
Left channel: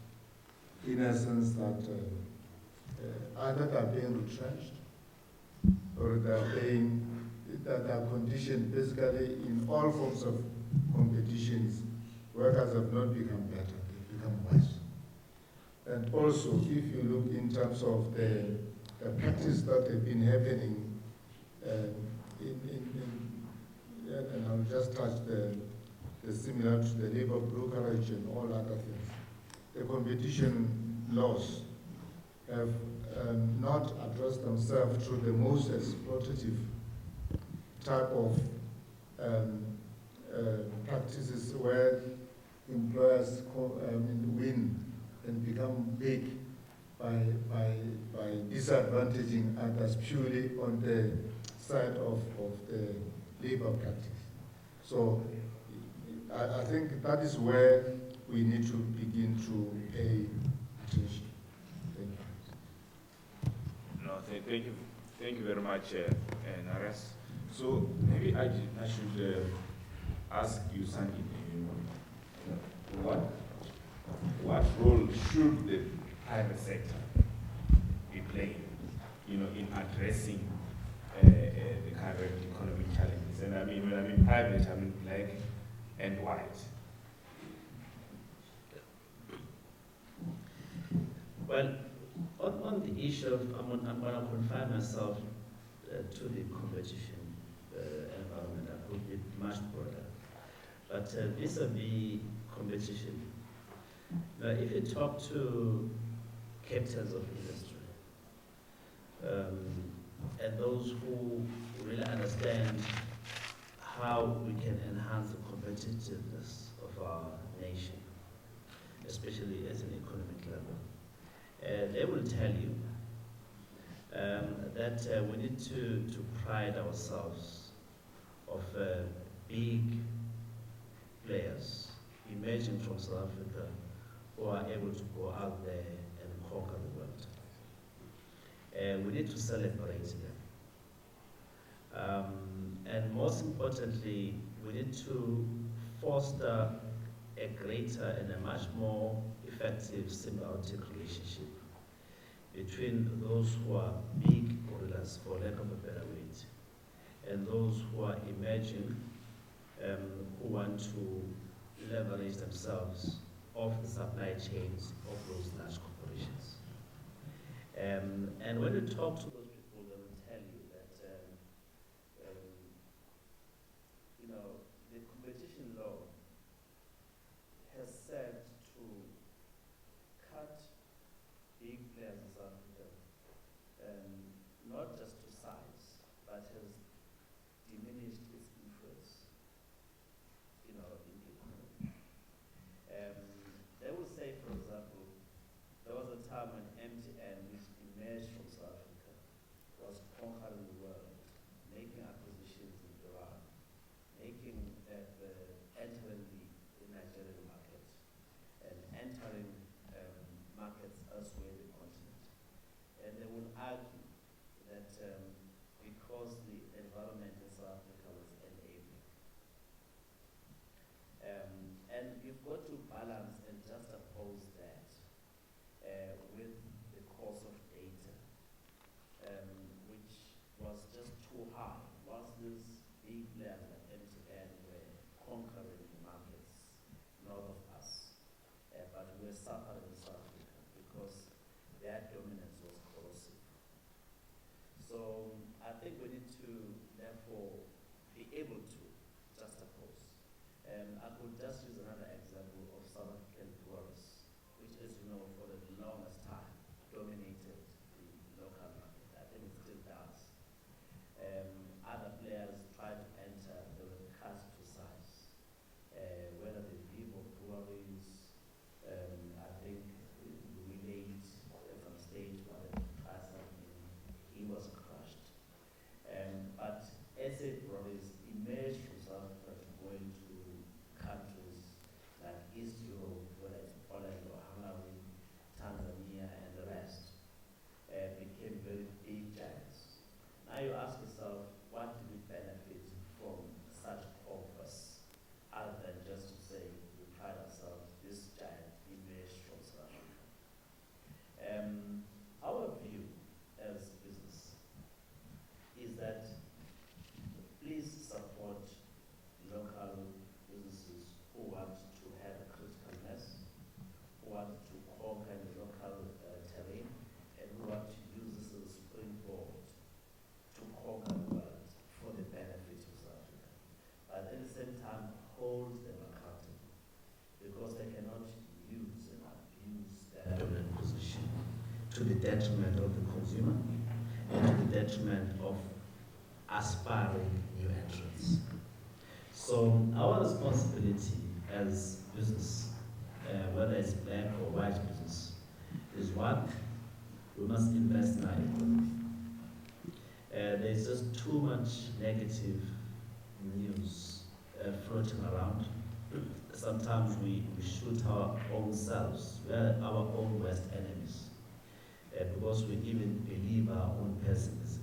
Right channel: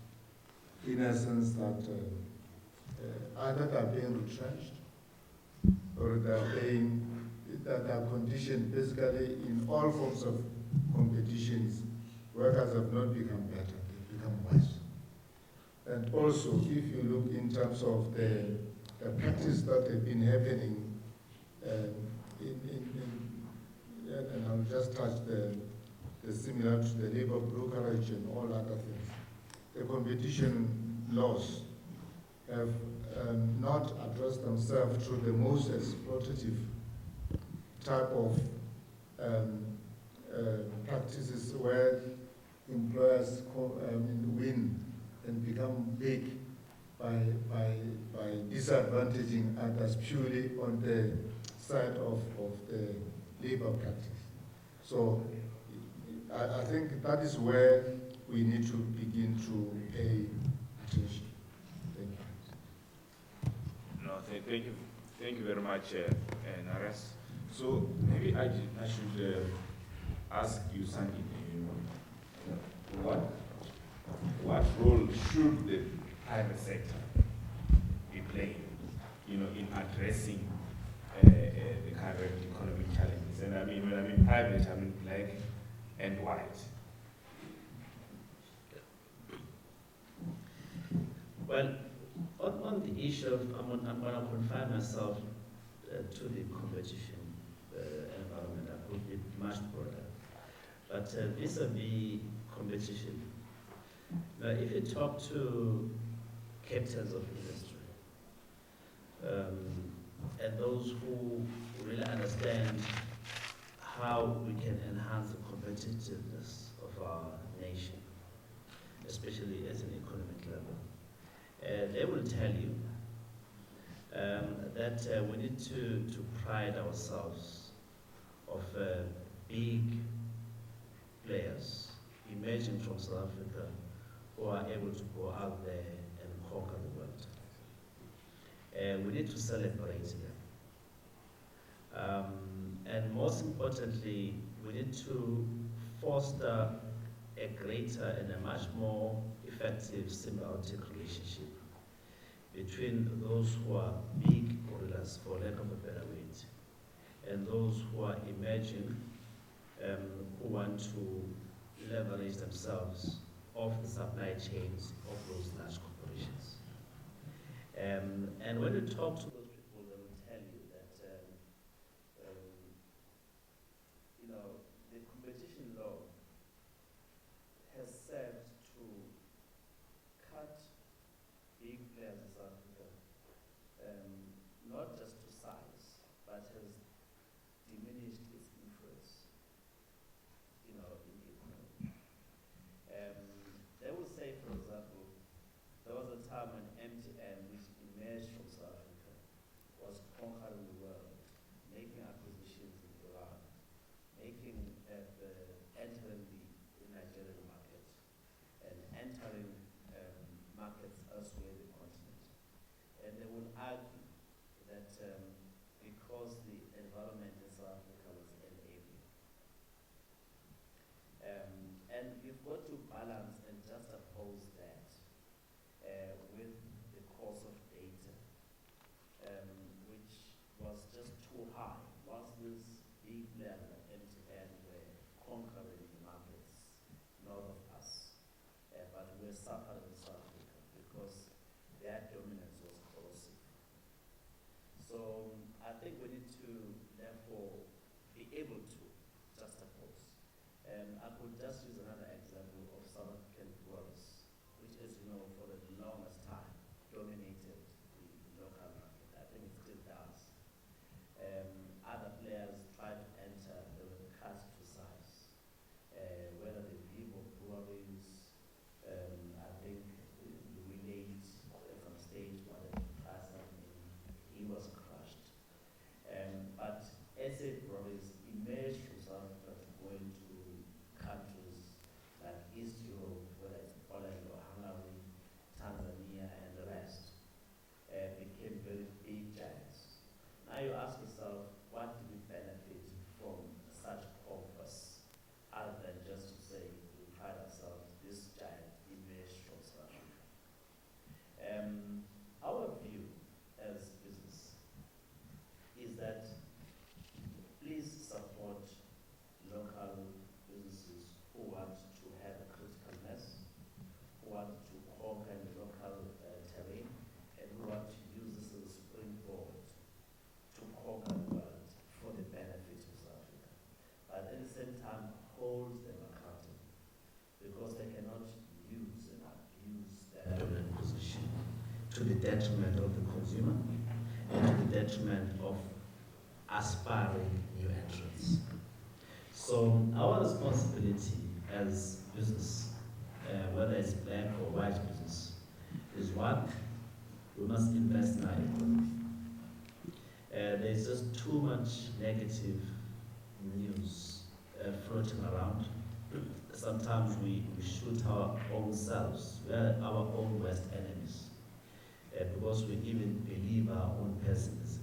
in a sense that either they are being retrenched or they are conditioned basically in all forms of competitions. Workers have not become better, they've become worse. And also, if you look in terms of the practice that have been happening, and I'll just touch the similar to the labor brokerage and all other things. The competition laws have not addressed themselves to the most exploitative type of practices where employers win and become big by disadvantaging others purely on the side of the labor practice. So I think that is where we need to begin to pay attention. Thank you. No, thank you very much, Nares. So maybe I should ask you, Sandy, what role should the private sector be playing, in addressing the current economic challenges? And I mean, when I mean private, I mean black and white. Well, on the issue of, I'm going to confine myself to the competition environment. I could be much broader. But vis-a-vis competition, now if you talk to captains of industry, and those who really understand how we can enhance the competitiveness of our nation, especially at an economic level, they will tell you that we need to pride ourselves of big players emerging from South Africa who are able to go out there and conquer the world. We need to celebrate them. And most importantly, we need to foster a greater and a much more effective symbiotic relationship between those who are big gorillas, for lack of a better word, and those who are emerging, who want to leverage themselves off the supply chains of those large corporations. And when you talk to those people, they will tell you that the competition law has said to cut big players in South Africa, not just to size, but has diminished its influence, in the economy. They will say, for example, there was a time when MTN, which emerged from South Africa, was conquering the world, making acquisitions in Iran, entering the Nigerian market, and entering markets elsewhere in the continent. And they will argue that because the environment in South Africa was enabling. And you've got to balance and juxtapose that with the cost of data, which was just too high. Whilst these big players like MTN were conquering the markets north of us, but we were suffering in South Africa because their dominance was corrosive. So I think we need to, therefore, be able to juxtapose. I could just use another example of South African breweries, which, as you know, for the longest time dominated the local market. I think it still does. Other players tried to enter, they were cut to size. Whether the Vivo breweries, I think we made, if I'm emerged from South Africa to go into countries like East Europe, whether it's Poland or Hungary, Tanzania, and the rest, became very big giants. Now you ask yourself, what do we benefit from such progress, other than just to say we pride ourselves, this giant emerged from South Africa? Our view as business is that please support local businesses who want to have a critical mass, who want to conquer the local terrain, and who want to use this as a springboard to conquer the world for the benefit of South Africa. But at the same time, hold them accountable, because they cannot use and abuse their dominant position to the detriment of the consumer and to the detriment of aspiring new entrants. So our responsibility as business, whether it's black or white business, is one, we must invest in our economy. There's just too much negative news floating around. Sometimes we shoot our own selves. We are our own worst enemies, because we even believe our own pessimism.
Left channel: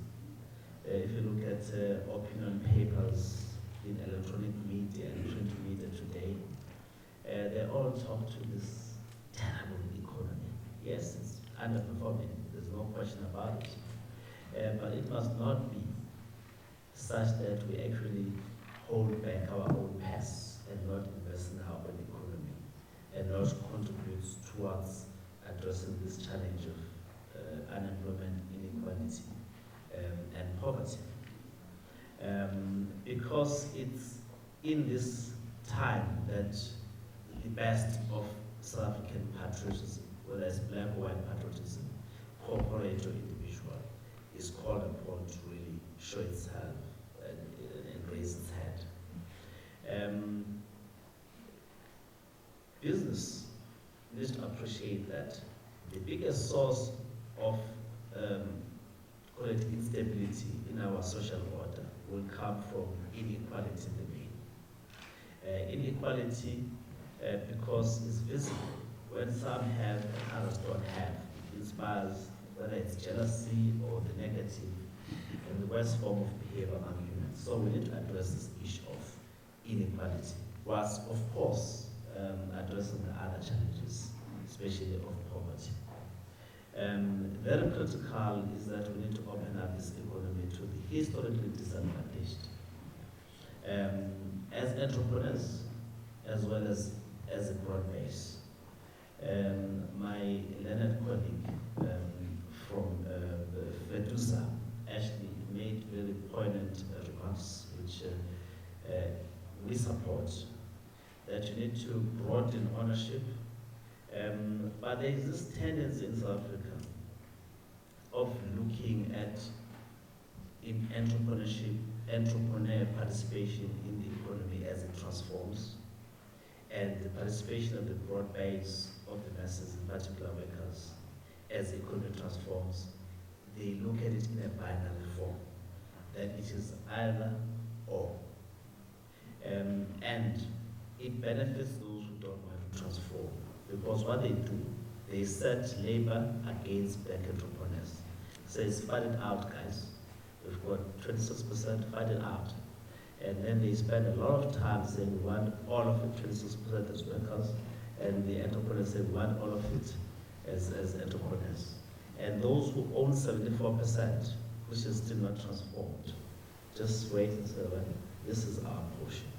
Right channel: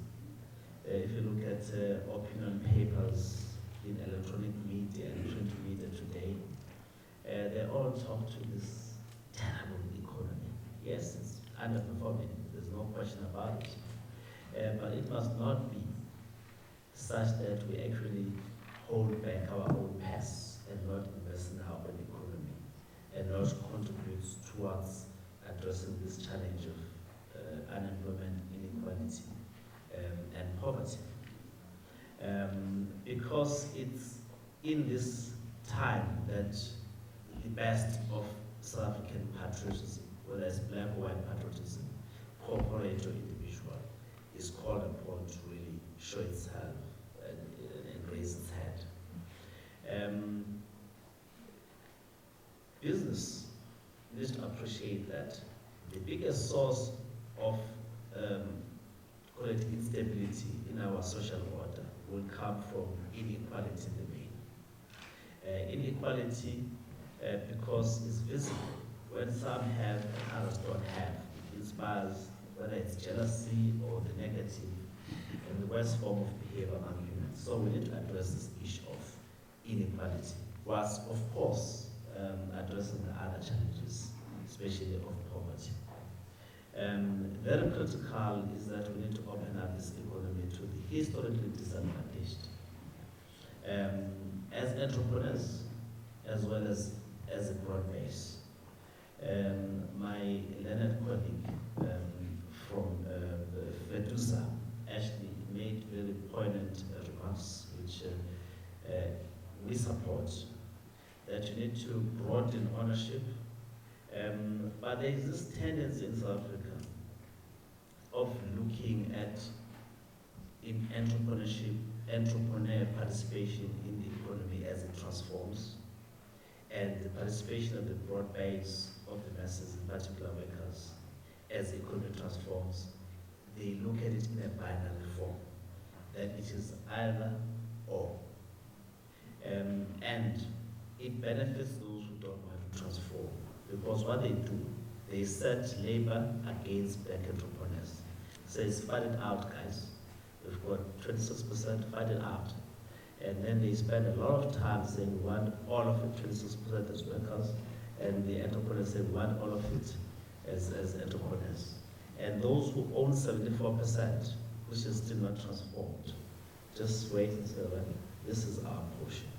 If you look at opinion papers in electronic media and print media today, they all talk to this terrible economy. Yes, it's underperforming, there's no question about it. But it must not be such that we actually hold back our own past and not invest in our own economy and not contribute towards addressing this challenge of unemployment, inequality, and poverty. Because it's in this time that the best of South African patriotism, whether it's black or white patriotism, corporate or individual, is called upon to really show itself and raise its head. Business needs to appreciate that the biggest source of instability in our social order will come from inequality in the main. Inequality because it's visible. When some have and others don't have, it inspires whether it's jealousy or the negative and the worst form of behavior among humans. So we need to address this issue of inequality, whilst of course addressing the other challenges, especially of poverty. Very critical is that we need to open up this economy to the historically disadvantaged. As entrepreneurs, as well as a broad base. My learned colleague from FEDUSA actually made very poignant remarks, which we support, that you need to broaden ownership. But there is this tendency in South Africa of looking at entrepreneur participation in the economy as it transforms, and the participation of the broad base of the masses, in particular workers, as the economy transforms. They look at it in a binary form, that it is either or. And it benefits those who don't want to transform, because what they do, they set labor against black entrepreneurs. Says, fight it out, guys. We've got 26%, fight it out. And then they spend a lot of time saying we want all of it, 26% as workers, and the entrepreneurs say we want all of it as entrepreneurs. And those who own 74%, which is still not transformed, just wait and say, well, this is our portion.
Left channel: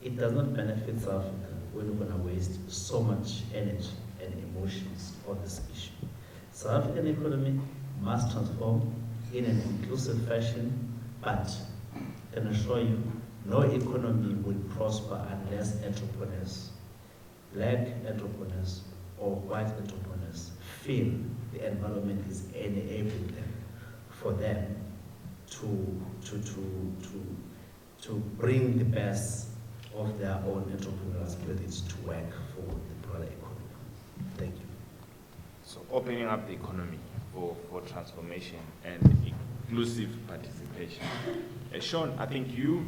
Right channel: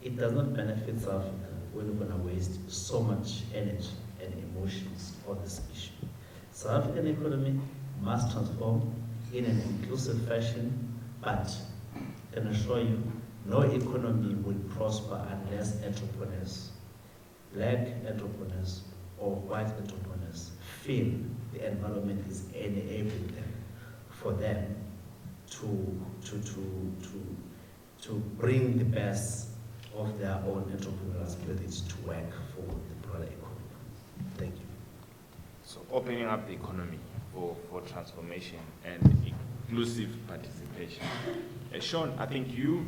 It does not benefit South Africa when we're going to waste so much energy and emotions on this issue. South African economy must transform in an inclusive fashion, but I can assure you, no economy will prosper unless entrepreneurs, black entrepreneurs or white entrepreneurs, feel the environment is enabling them for them to bring the best of their own entrepreneurial spirit to work for the broader economy. Thank you. So opening up the economy for transformation and inclusive participation. Sean, I think you,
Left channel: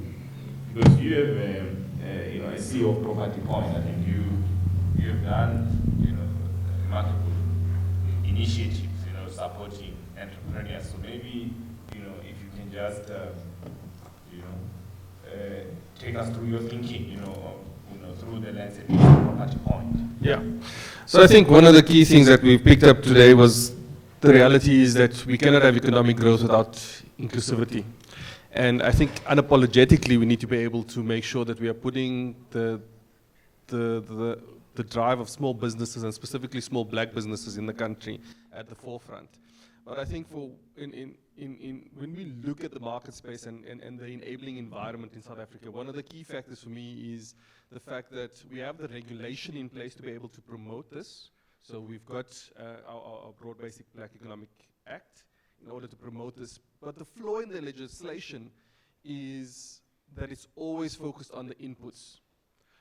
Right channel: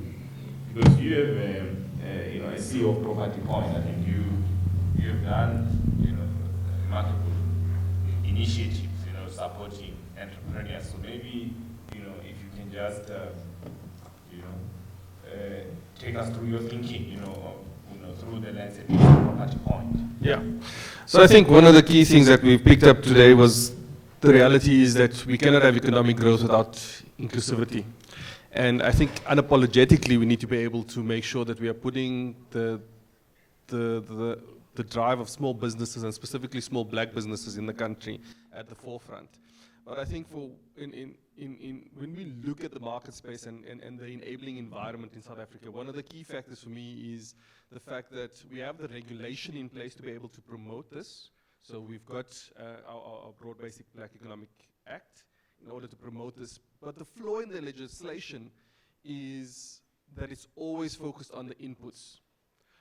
because you have a CEO of Property Point, I think you have done remarkable initiatives, supporting entrepreneurs. So maybe if you can just take us through your thinking, through the lens of Property Point. Yeah. So I think one of the key things that we picked up today was the reality is that we cannot have economic growth without inclusivity. And I think unapologetically we need to be able to make sure that we are putting the drive of small businesses and specifically small black businesses in the country at the forefront. But I think when we look at the market space and the enabling environment in South Africa, one of the key factors for me is the fact that we have the regulation in place to be able to promote this. So we've got our Broad Basic Black Economic Act in order to promote this. But the flaw in the legislation is that it's always focused on the inputs.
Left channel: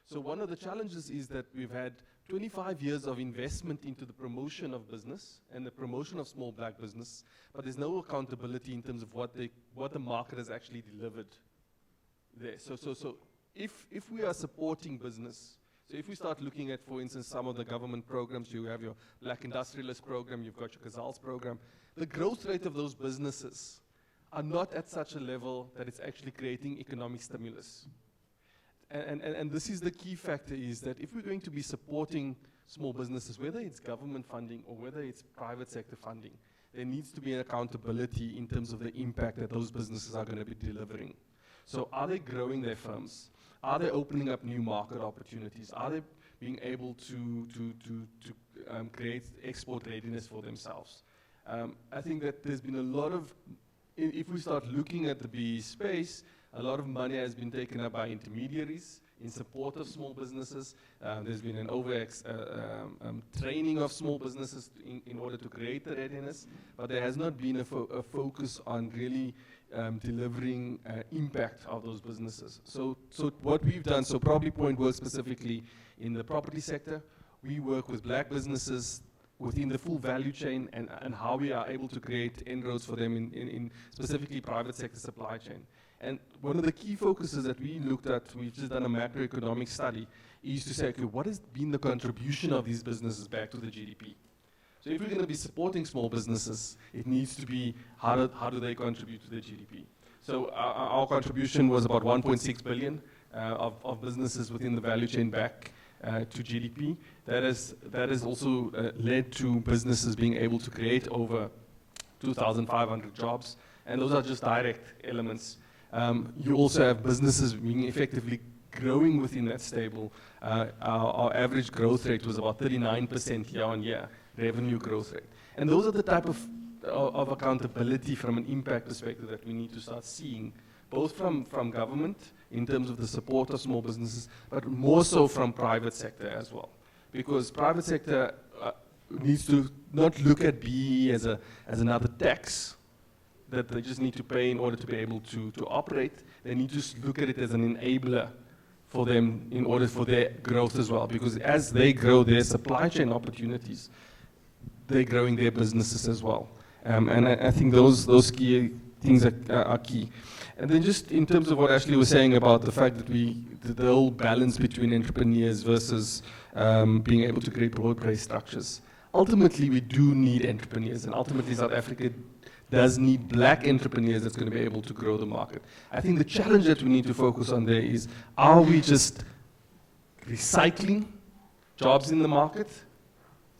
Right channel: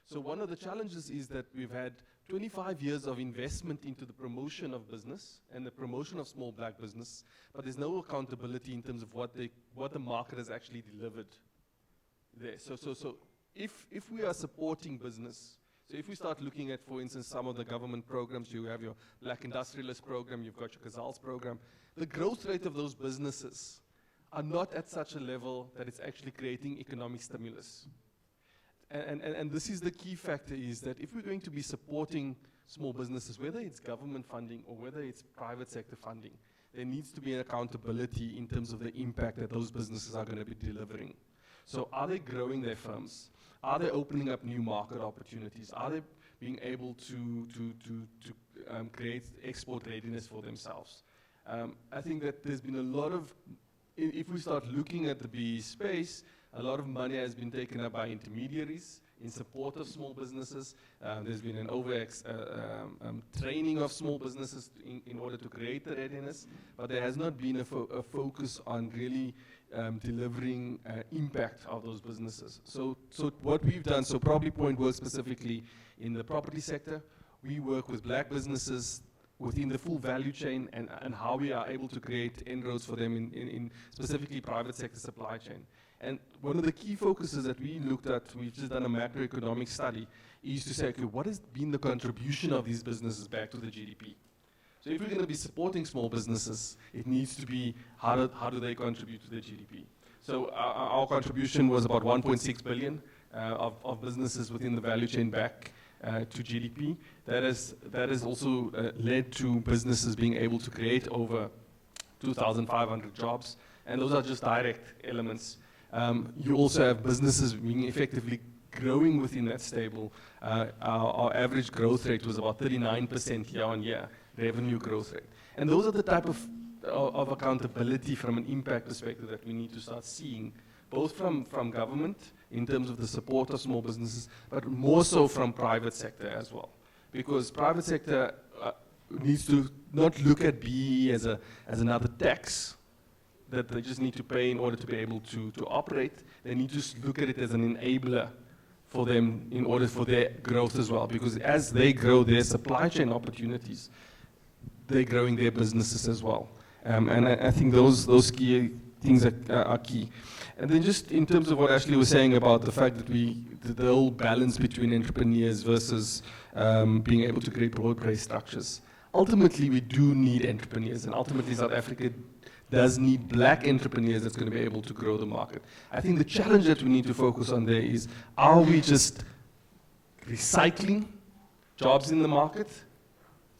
So one of the challenges is that we've had 25 years of investment into the promotion of business and the promotion of small black business, but there's no accountability in terms of what the market has actually delivered there. So if we are supporting business, so if we start looking at, for instance, some of the government programs, you have your Black Industrialist program, you've got your Casals program, the growth rate of those businesses are not at such a level that it's actually creating economic stimulus. And this is the key factor, is that if we're going to be supporting small businesses, whether it's government funding or whether it's private sector funding, there needs to be an accountability in terms of the impact that those businesses are going to be delivering. So are they growing their firms? Are they opening up new market opportunities? Are they being able to create export readiness for themselves? I think that there's been a lot of, if we start looking at the BE space, a lot of money has been taken up by intermediaries in support of small businesses. There's been an training of small businesses in order to create the readiness, but there has not been a focus on really delivering impact of those businesses. So what we've done, so Property Point works specifically in the property sector. We work with black businesses within the full value chain and how we are able to create inroads for them in specifically private sector supply chain. And one of the key focuses that we looked at, we've just done a macroeconomic study, is to say, okay, what has been the contribution of these businesses back to the GDP? So if we're going to be supporting small businesses, it needs to be how do they contribute to the GDP? So our contribution was about 1.6 billion of businesses within the value chain back to GDP. That has also led to businesses being able to create over 2,500 jobs, and those are just direct elements. You also have businesses being effectively growing within that stable. Our average growth rate was about 39% year on year, revenue growth rate. And those are the type of accountability from an impact perspective that we need to start seeing, both from government in terms of the support of small businesses, but more so from private sector as well. Because private sector needs to not look at BE as another tax that they just need to pay in order to be able to operate. They need to look at it as an enabler for them in order for their growth as well. Because as they grow their supply chain opportunities, they're growing their businesses as well. And I think those key things are key. And then just in terms of what Ashley was saying about the fact that the whole balance between entrepreneurs versus being able to create broad-based structures. Ultimately, we do need entrepreneurs, and ultimately South Africa does need black entrepreneurs that's going to be able to grow the market. I think the challenge that we need to focus on there is, are we just recycling jobs in the market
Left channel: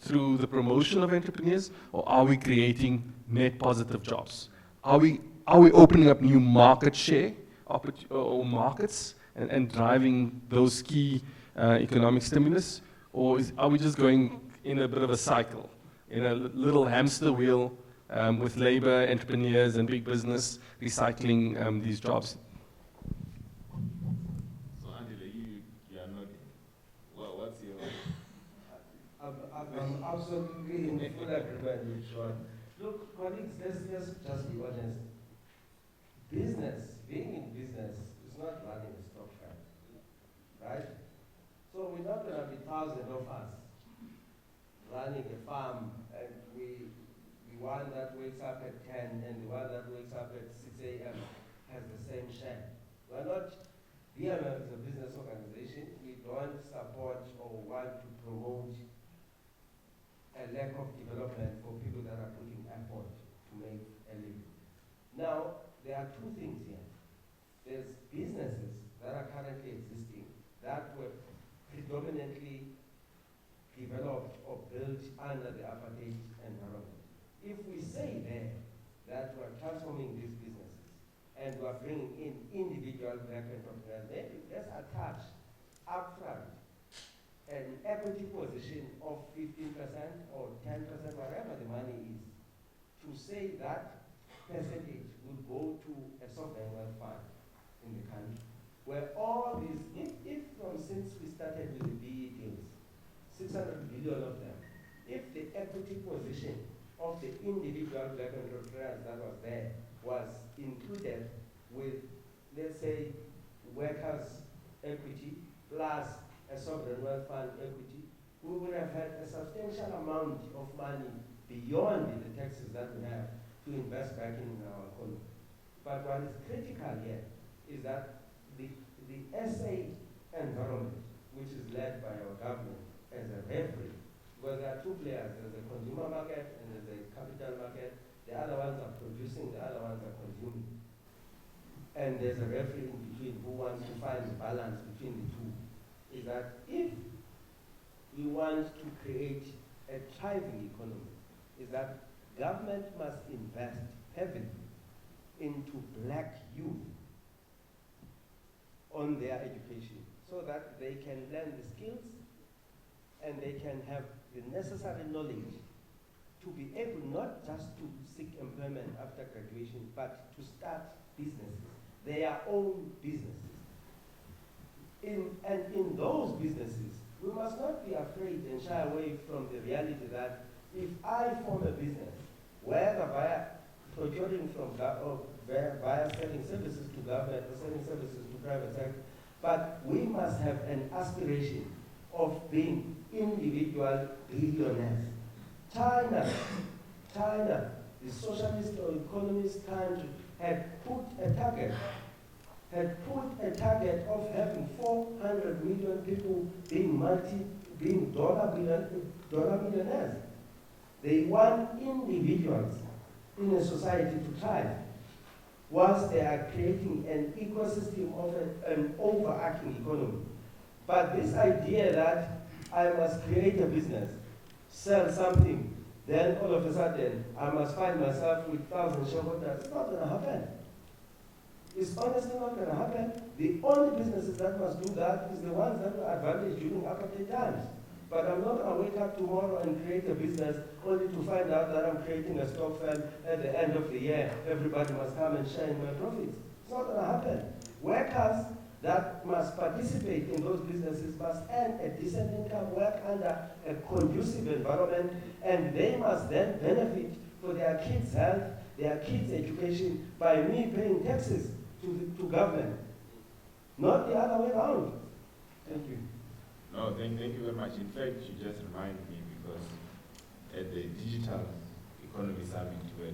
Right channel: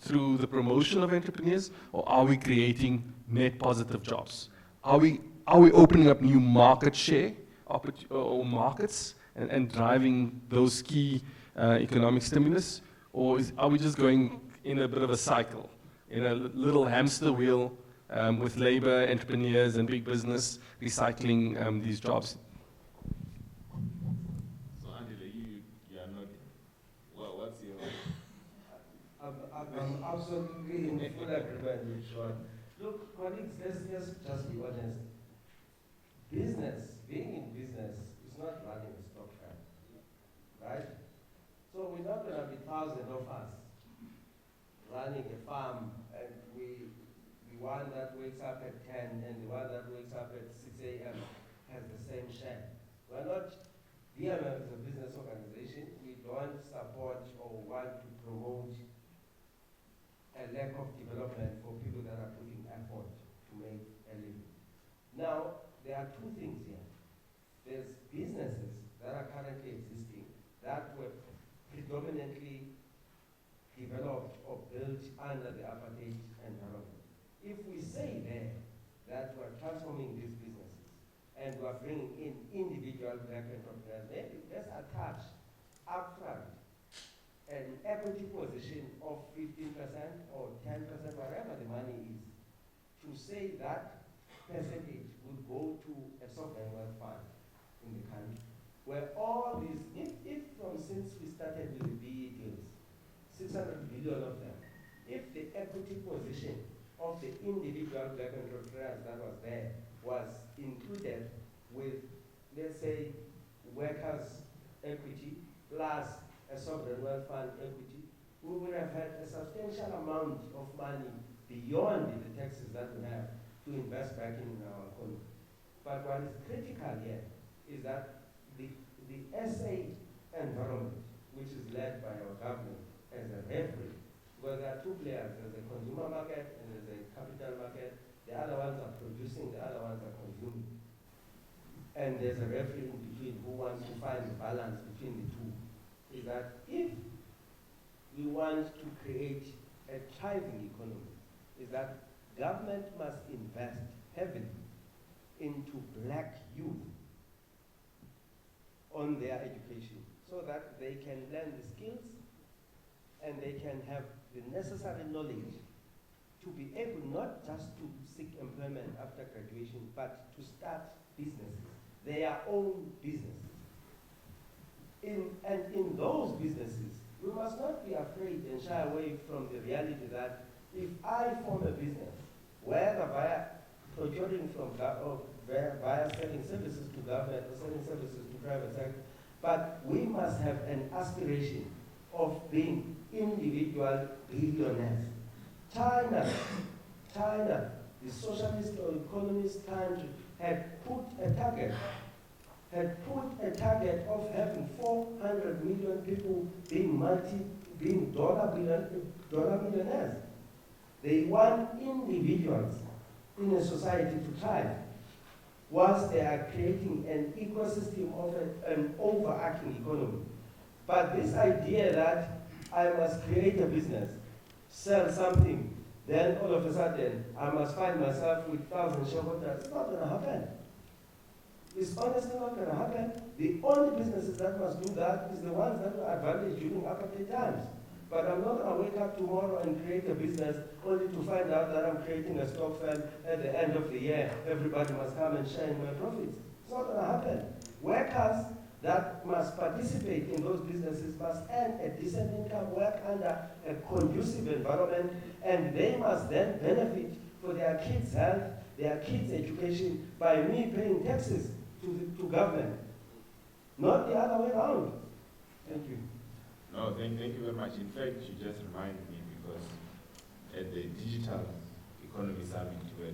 through the promotion of entrepreneurs, or are we creating net positive jobs? Are we opening up new market share or markets and driving those key economic stimulus, or are we just going in a bit of a cycle, in a little hamster wheel, with labor, entrepreneurs, and big business recycling these jobs? So, Angela, you are nodding. Well, what's your... I'm absolutely in full agreement with Sean. Look, colleagues, let's just be honest. Being in business is not running a stock farm, right? So we're not going to be thousands of us running a farm, and we want that way wakes up at 10 and the one that wakes up at 6 a.m. has the same share. We're not, BMF is a business organization. We don't support or want to promote a lack of development for people that are putting effort to make a living. Now, there are two things here. There's businesses that are currently existing that were predominantly developed or built under the apartheid environment. If we say there that we're transforming these businesses and we're bringing in individual black entrepreneurs, maybe let's attach upfront an equity position of 15% or 10%, whatever the money is, to say that percentage will go to a sovereign wealth fund in the country, where all these, if since we started with the BE deals, 600 billion of them, if the equity position of the individual black entrepreneurs that was there was included with, let's say, workers' equity plus a sovereign wealth fund equity, we would have had a substantial amount of money beyond the taxes that we have to invest back in our economy. But what is critical here is that the SA environment, which is led by our government as a referee, because there are two players, there's a consumer market and there's a capital market. The other ones are producing, the other ones are consuming. And there's a referee in between who wants to find the balance between the two. Is that if we want to create a thriving economy, is that government must invest heavily into black youth on their education so that they can learn the skills and they can have the necessary knowledge to be able not just to seek employment after graduation, but to start businesses, their own businesses. And in those businesses, we must not be afraid and shy away from the reality that if I form a business, whether via procuring from via selling services to government or selling services to private sector, but we must have an aspiration of being individual billionaires. China, the socialist or economist country, had put a target of having 400 million people being dollar millionaires. They want individuals in a society to thrive, whilst they are creating an ecosystem of an overarching economy. But this idea that I must create a business, sell something, then all of a sudden I must find myself with 1,000 shareholders, it's not going to happen. It's honestly not going to happen. The only businesses that must do that is the ones that were advantaged during apartheid times. But I'm not going to wake up tomorrow and create a business only to find out that I'm creating a stock fund at the end of the year. Everybody must come and share in my profits. It's not going to happen. Workers that must participate in those businesses must earn a decent income, work under a conducive environment, and they must then benefit for their kids' health, their kids' education by me paying taxes to government, not the other way around. Thank you. No, thank you very much. In fact, you just reminded me because at the Digital Economy Summit, where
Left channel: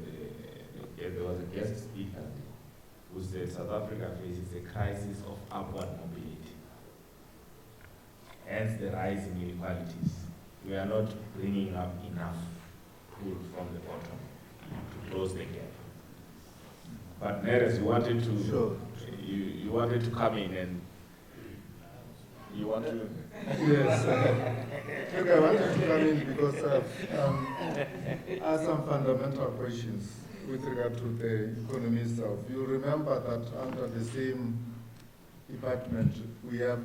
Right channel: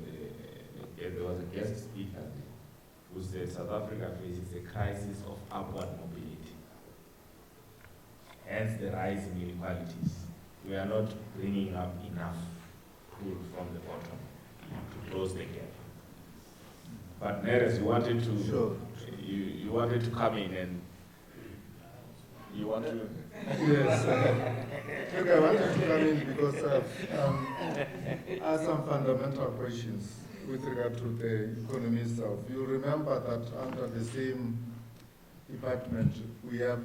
there was a guest speaker who said South Africa faces a crisis of upward mobility, hence the rise in inequalities. We are not bringing up enough pull from the bottom to close the gap. But Neres, you wanted to, sure. you wanted to come in and you want to? Yes. Look, I wanted to come in because I have some fundamental questions with regard to the economy itself. You remember that under the same department, we have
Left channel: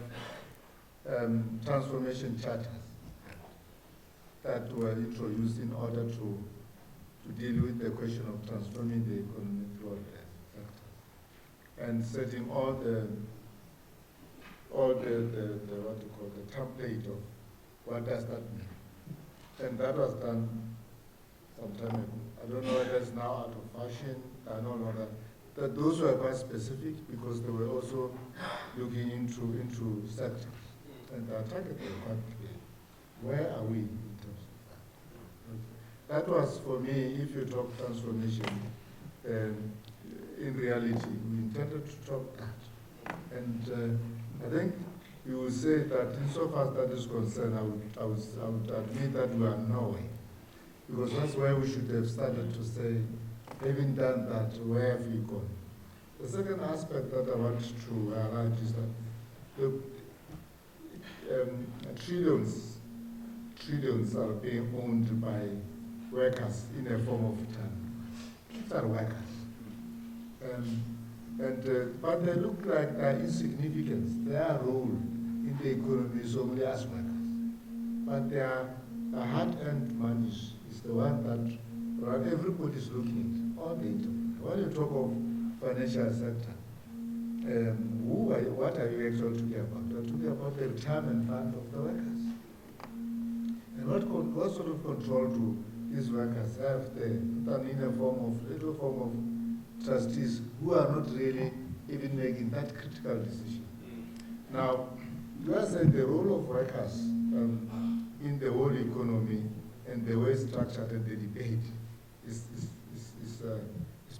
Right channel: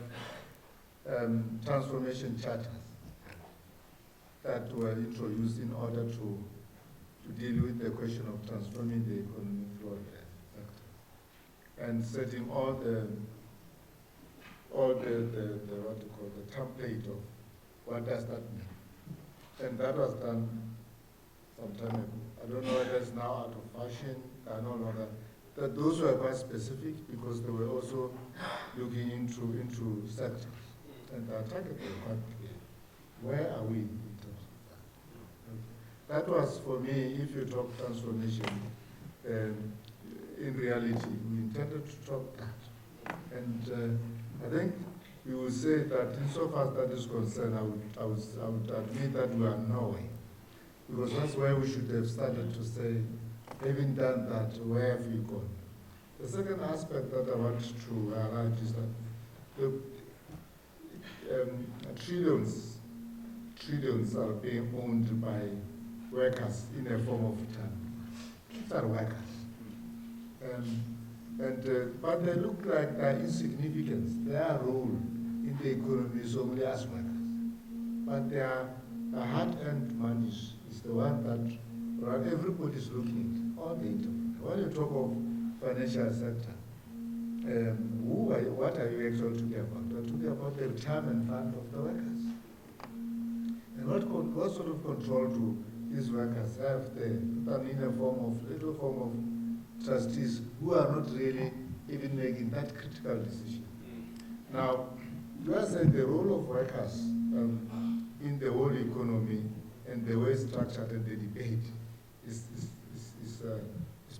transformation charters that were introduced in order to deal with the question of transforming the economy through all the sectors and setting all the what you call the template of what does that mean. And that was done some time ago. I don't know whether it's now out of fashion, I don't know that those were quite specific because they were also looking into sectors. And our target was quite clear. Where are we in terms of that? That was, for me, if you talk transformation, in reality, we intended to talk that. And I think you will say that insofar as that is concerned, I would admit that we are nowhere. Because that's where we should have started to say, having done that, where have we gone? The second aspect that I want to highlight is that the trillions are being owned by workers in a form of return. These are workers. But they look like they are insignificant. Their role in the economy is only as workers. But their hard-earned money is the one that everybody is looking at all the time. When you talk of financial sector, what are you actually talking about? You're talking about the retirement fund of the workers. And what sort of control do these workers have there, in a little form of trustees who are not really even making that critical decision? Now, you are saying the role of workers in the whole economy and the way it's structured and the debate is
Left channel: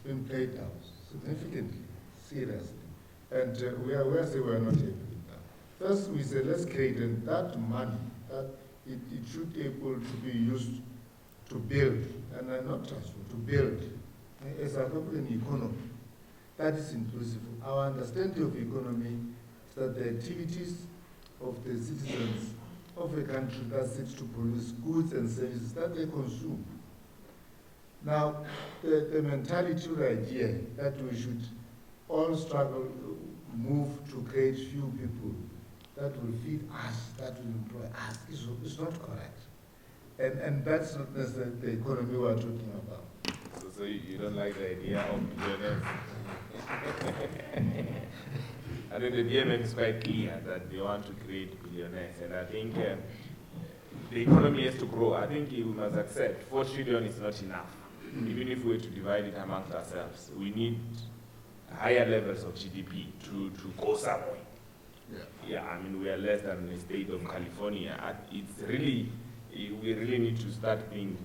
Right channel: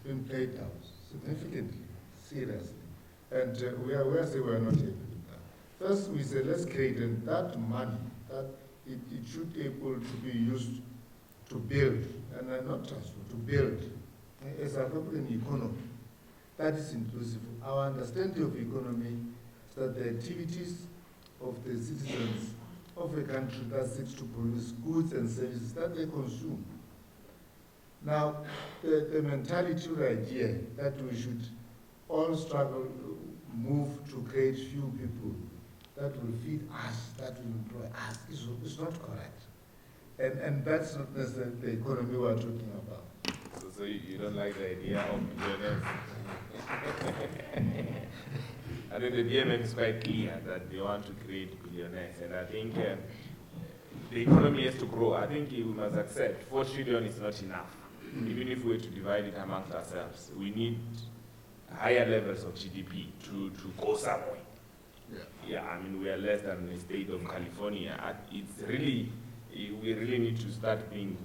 being played out significantly, seriously. And we are saying we are not happy with that. First, we say let's create that money, that it should be able to be used to build, and not transfer, to build a South African economy that is inclusive. Our understanding of economy is that the activities of the citizens of a country that seeks to produce goods and services that they consume. Now, the mentality or idea that we should all struggle, move to create few people that will feed us, that will employ us, is not correct. And that's not necessarily the economy we're talking about. So you don't like the idea of billionaires? I think the DMM is quite clear that they want to create billionaires, and I think the economy has to grow. I think we must accept 4 trillion is not enough. Even if we were to divide it amongst ourselves, we need higher levels of GDP to go somewhere. Yeah, I mean, we are less than the state of California. It's really, we really need to start think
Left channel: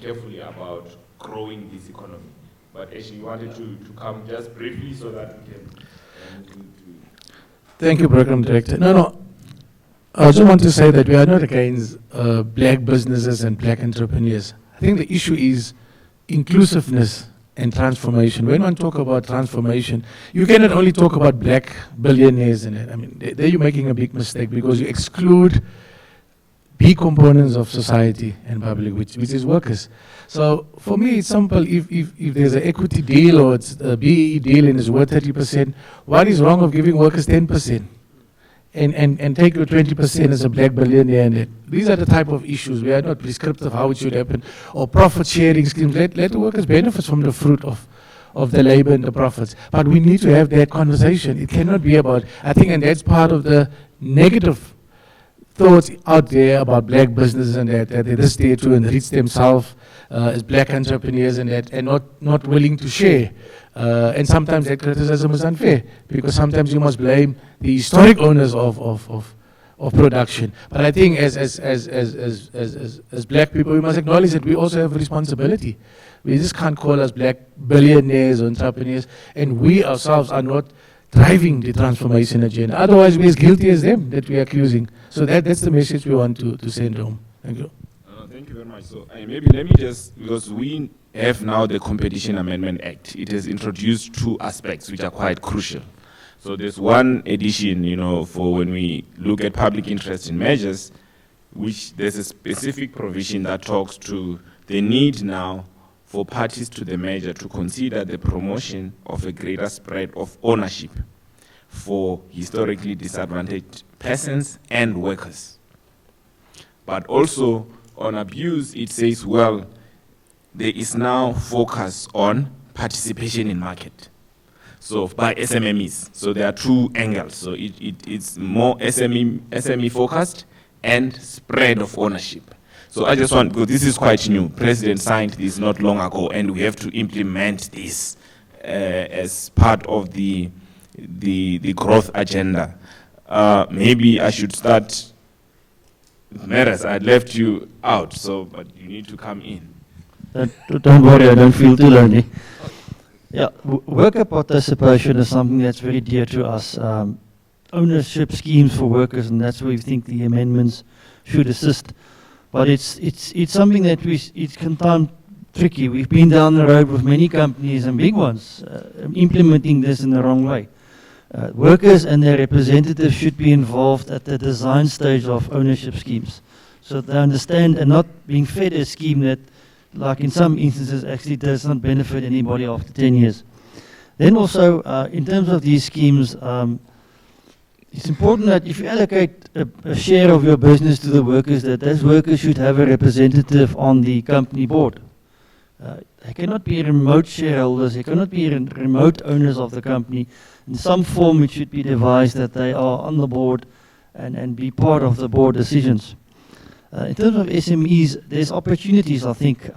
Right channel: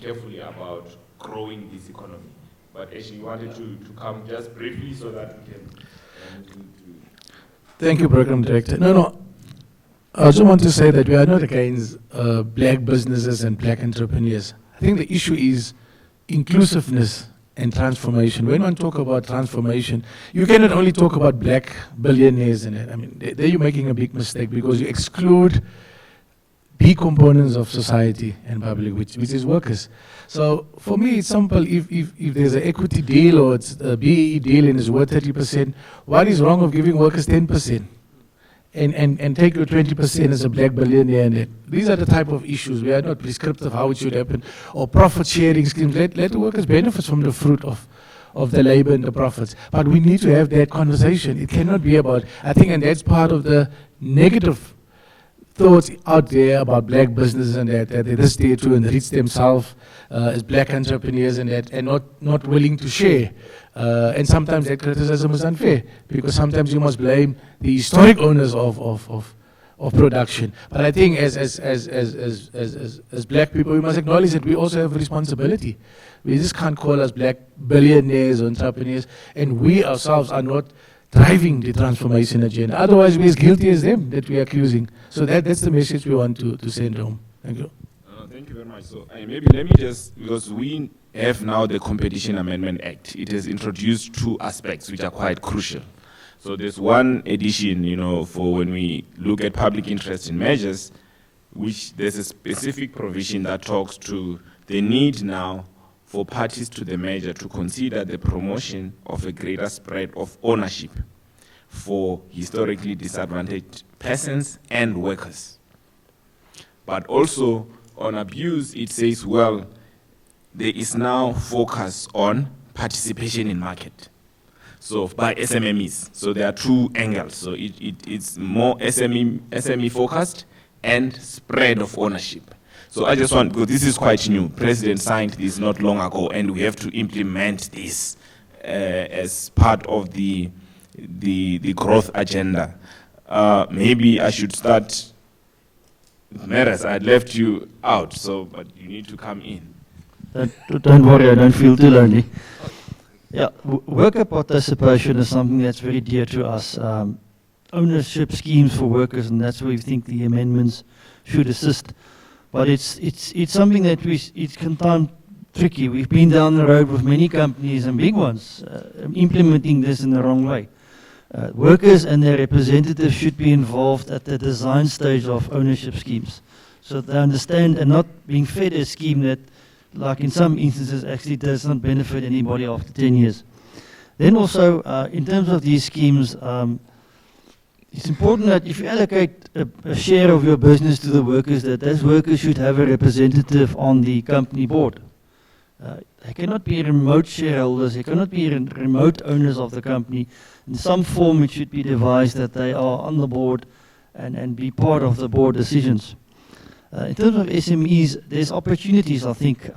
carefully about growing this economy. But actually, you wanted to come just briefly so that we can. Thank you, Program Director. No. I just want to say that we are not against black businesses and black entrepreneurs. I think the issue is inclusiveness and transformation. When one talk about transformation, you cannot only talk about black billionaires in it. I mean, there you're making a big mistake because you exclude big components of society and public, which is workers. So for me, it's simple. If there's an equity deal or it's a BEE deal and it's worth 30%, what is wrong of giving workers 10%? And take your 20% as a black billionaire in it. These are the type of issues. We are not prescriptive how it should happen. Or profit sharing schemes. Let the workers benefit from the fruit of the labor and the profits. But we need to have that conversation. It cannot be about, I think, and that's part of the negative thoughts out there about black businesses and that they're just there to enrich themselves as black entrepreneurs and that, and not willing to share. And sometimes that criticism is unfair because sometimes you must blame the historic owners of production. But I think as black people, we must acknowledge that we also have a responsibility. We just can't call us black billionaires or entrepreneurs, and we ourselves are not driving the transformation agenda. Otherwise, we're as guilty as them that we are accusing. So that's the message we want to send home. Thank you. Thank you very much. So maybe let me just, because we have now the Competition Amendment Act, it has introduced 2 aspects which are quite crucial. So there's one addition, for when we look at public interest in measures, which there's a specific provision that talks to the need now for parties to the measure to consider the promotion of a greater spread of ownership for historically disadvantaged persons and workers. But also on abuse, it says, well, there is now focus on participation in market. So by SMMEs, so there are 2 angles. So it's more SME focused and spread of ownership. So I just want, because this is quite new, President signed this not long ago, and we have to implement this as part of the growth agenda. Maybe I should start, Meres, I left you out, but you need to come in. Don't worry, I don't feel too lonely. Yeah, worker participation is something that's very dear to us. Ownership schemes for workers, and that's where we think the amendments should assist. But it's something that it can sound tricky. We've been down the road with many companies and big ones implementing this in the wrong way. Workers and their representatives should be involved at the design stage of ownership schemes, so they understand and not being fed a scheme that, like in some instances, actually does not benefit anybody after 10 years. Then also, in terms of these schemes, it's important that if you allocate a share of your business to the workers, that those workers should have a representative on the company board. They cannot be remote shareholders, they cannot be remote owners of the company. In some form it should be devised that they are on the board and be part of the board decisions. In terms of SMEs, there's opportunities, I think.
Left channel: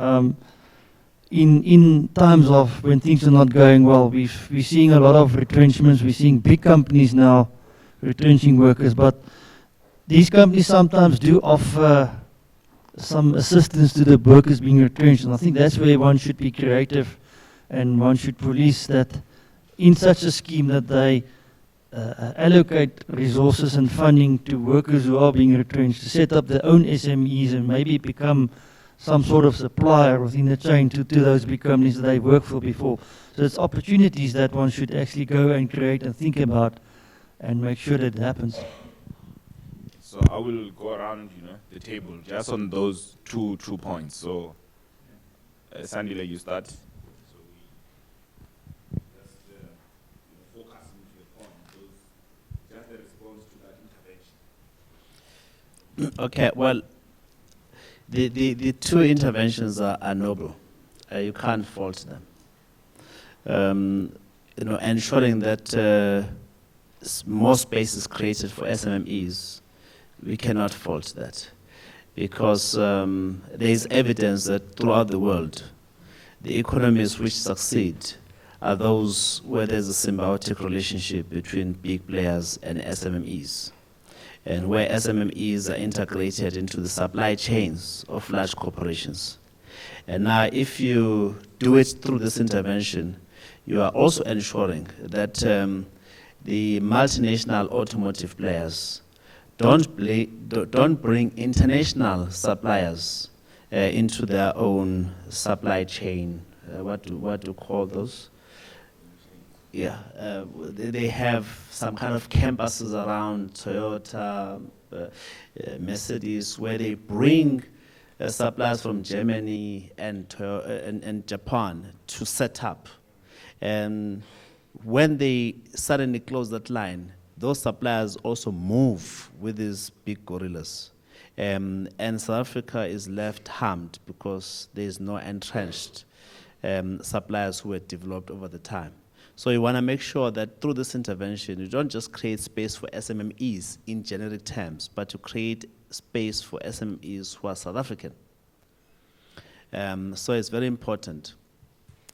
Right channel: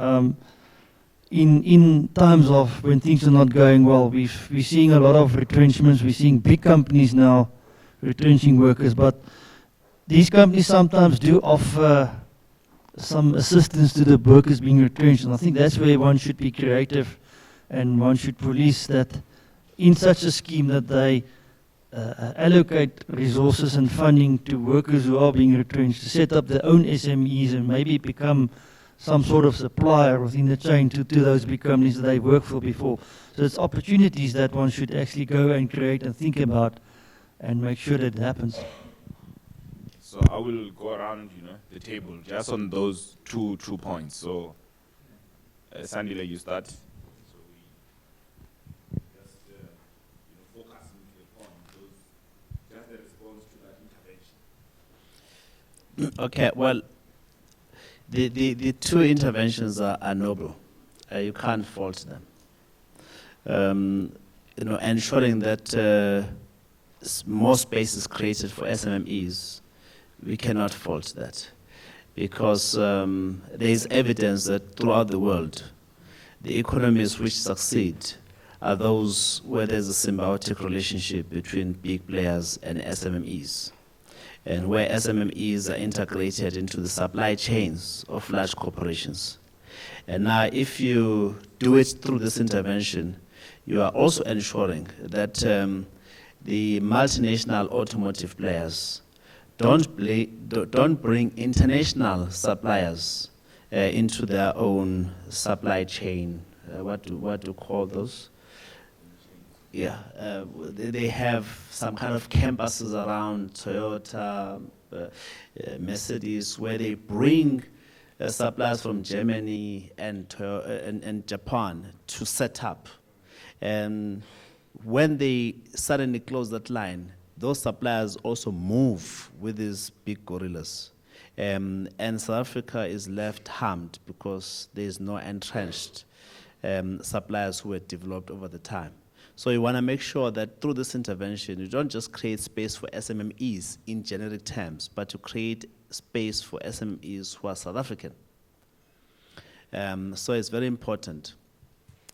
In times of when things are not going well, we're seeing a lot of retrenchments, we're seeing big companies now retrenching workers, but these companies sometimes do offer some assistance to the workers being retrenched, and I think that's where one should be creative and one should police that in such a scheme that they allocate resources and funding to workers who are being retrenched to set up their own SMEs and maybe become some sort of supplier within the chain to those big companies that they worked for before. So it's opportunities that one should actually go and create and think about and make sure that it happens. So I will go around, the table just on those two points. So, Sandile, you start. So we just focus into the point, just the response to that intervention. Okay, well, the two interventions are noble. You can't fault them. Ensuring that more space is created for SMMEs, we cannot fault that, because there is evidence that throughout the world, the economies which succeed are those where there's a symbiotic relationship between big players and SMMEs, and where SMMEs are integrated into the supply chains of large corporations. And now, if you do it through this intervention, you are also ensuring that the multinational automotive players don't bring international suppliers into their own supply chain. What do you call those? Yeah, they have some kind of campuses around Toyota, Mercedes, where they bring suppliers from Germany and Japan to set up. And when they suddenly close that line, those suppliers also move with these big gorillas. And South Africa is left harmed because there is no entrenched suppliers who were developed over the time. So you want to make sure that through this intervention, you don't just create space for SMMEs in generic terms, but to create space for SMEs who are South African. So it's very important.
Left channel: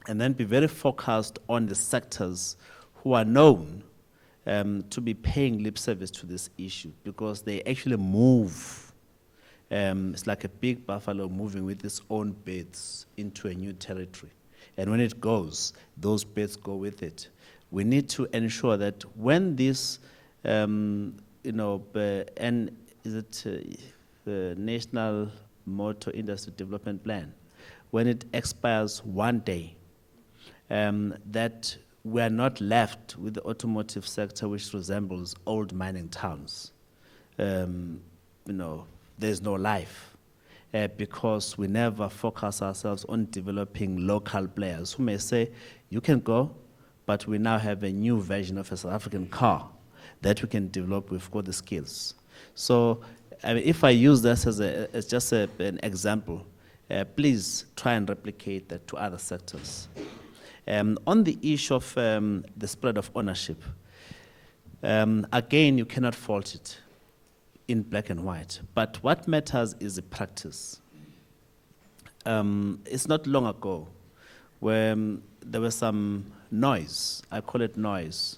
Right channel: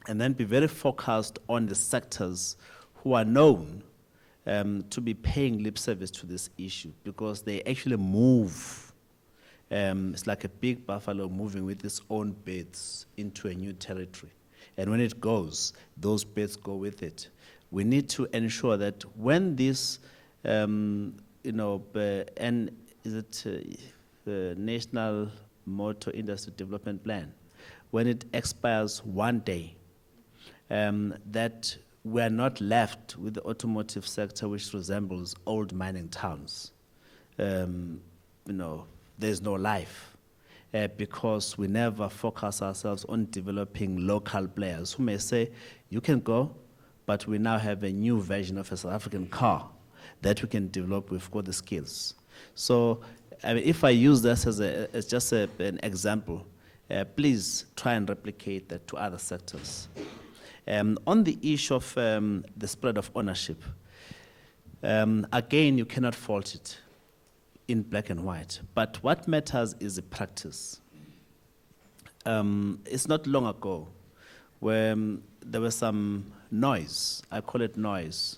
And then be very focused on the sectors who are known to be paying lip service to this issue, because they actually move. It's like a big buffalo moving with its own birds into a new territory. And when it goes, those birds go with it. We need to ensure that when this, the National Motor Industry Development Plan, when it expires one day, that we are not left with the automotive sector which resembles old mining towns. There's no life. Because we never focus ourselves on developing local players who may say, you can go, but we now have a new version of a South African car that we can develop. We've got the skills. So if I use this as just an example, please try and replicate that to other sectors. On the issue of the spread of ownership, again, you cannot fault it in black and white. But what matters is the practice. It's not long ago where there was some noise, I call it noise,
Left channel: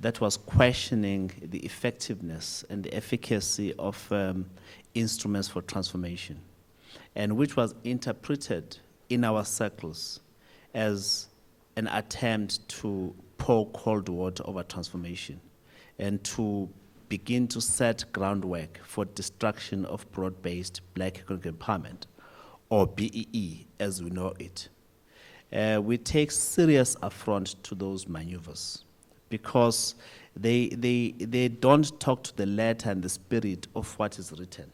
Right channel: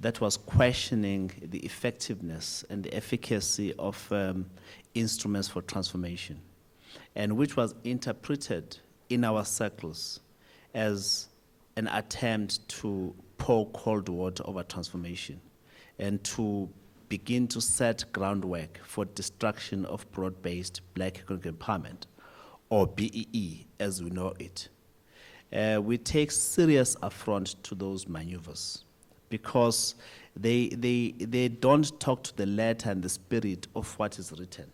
that was questioning the effectiveness and the efficacy of instruments for transformation, and which was interpreted in our circles as an attempt to pour cold water over transformation and to begin to set groundwork for destruction of broad-based black economic empowerment, or BEE as we know it. We take serious affront to those maneuvers because they don't talk to the letter and the spirit of what is written.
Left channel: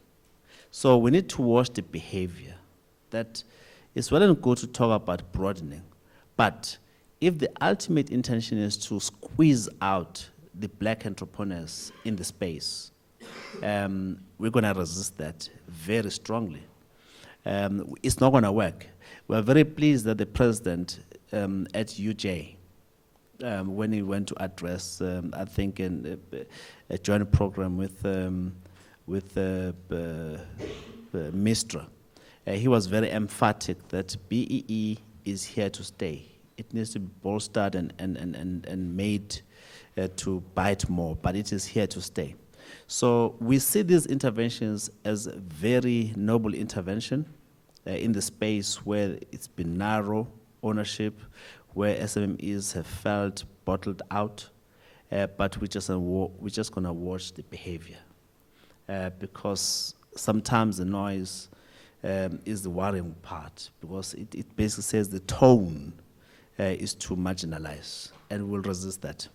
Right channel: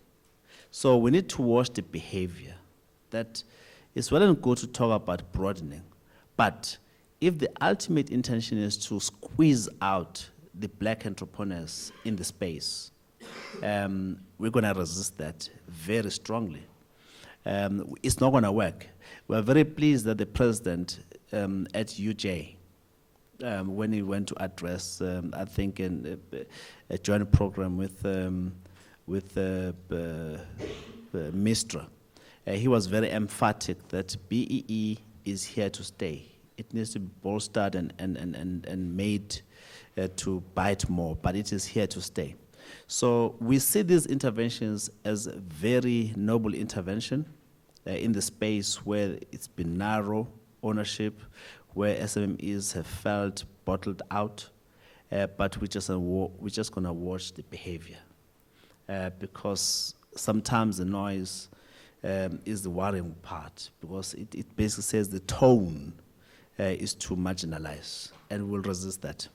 So we need to watch the behavior. That it's well and good to talk about broadening, but if the ultimate intention is to squeeze out the black entrepreneurs in the space, we're going to resist that very strongly. It's not going to work. We're very pleased that the president at UJ, when he went to address, I think, in a joint program with Mistra, he was very emphatic that BEE is here to stay. It needs to be bolstered and made to bite more, but it is here to stay. So we see these interventions as a very noble intervention in the space where it's been narrow ownership, where SMMEs have felt bottled out, but we're just going to watch the behavior because sometimes the noise is the worrying part, because it basically says the tone is to marginalize, and we'll resist that.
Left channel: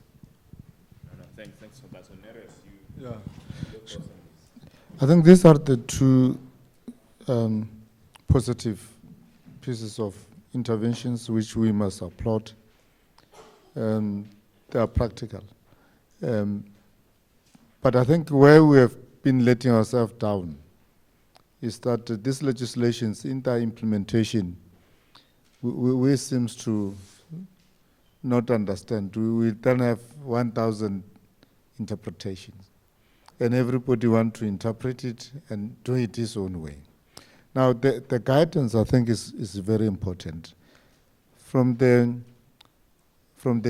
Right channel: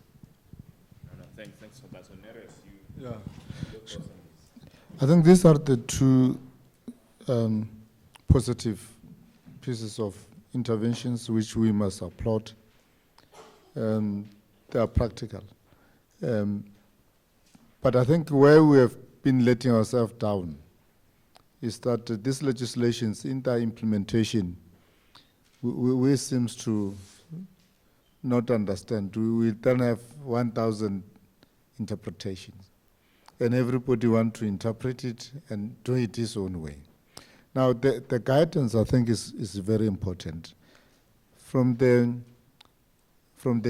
Thanks for that. So Neres, you Yeah. look for some- I think these are the two positive pieces of interventions which we must applaud. They are practical. But I think where we have been letting ourselves down is that this legislation's in their implementation, we seems to not understand. We then have 1,000 interpretations, and everybody want to interpret it and do it his own way. Now, the guidance, I think, is very important. From the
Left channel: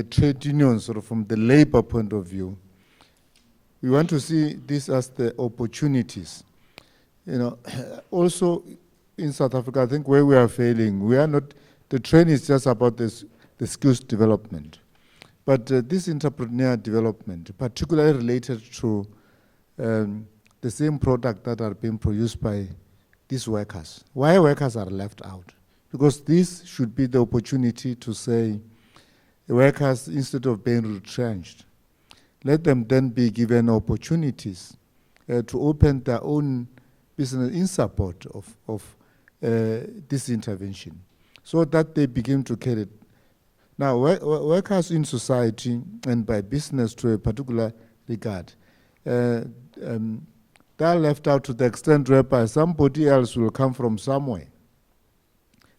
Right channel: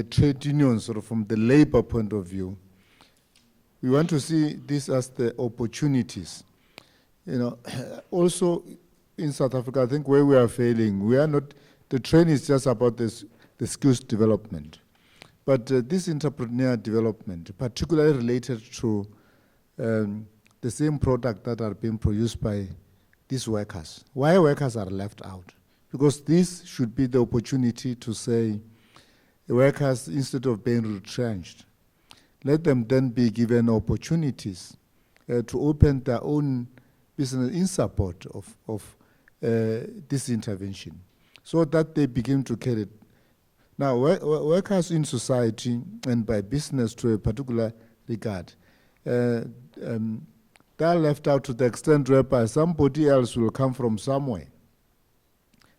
trade unions or from the labor point of view, we want to see this as the opportunities. You know, also in South Africa, I think where we are failing, we are not, the training is just about this, the skills development. But this entrepreneur development, particularly related to the same product that are being produced by these workers. Why workers are left out? Because this should be the opportunity to say, workers, instead of being retrenched, let them then be given opportunities to open their own business in support of this intervention, so that they begin to carry it. Now, workers in society and by business to a particular regard, they are left out to the extent whereby somebody else will come from somewhere,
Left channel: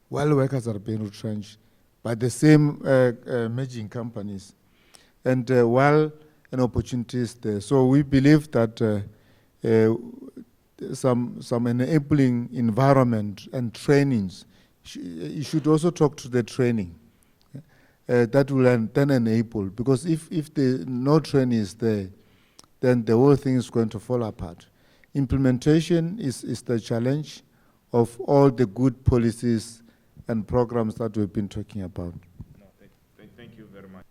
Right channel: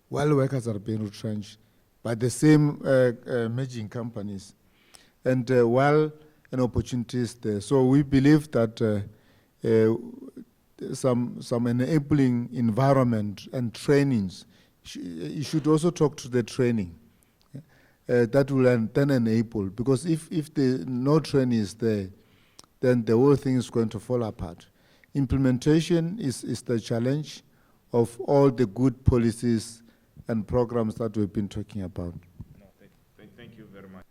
while workers are being retrenched by the same merging companies, and while an opportunity is there. So we believe that some enabling environment and trainings, you should also talk to the training. That will then enable, because if no training is there, then the whole thing is going to fall apart. Implementation is the challenge of all the good policies and programs that we've been talking about. No, thank you very much.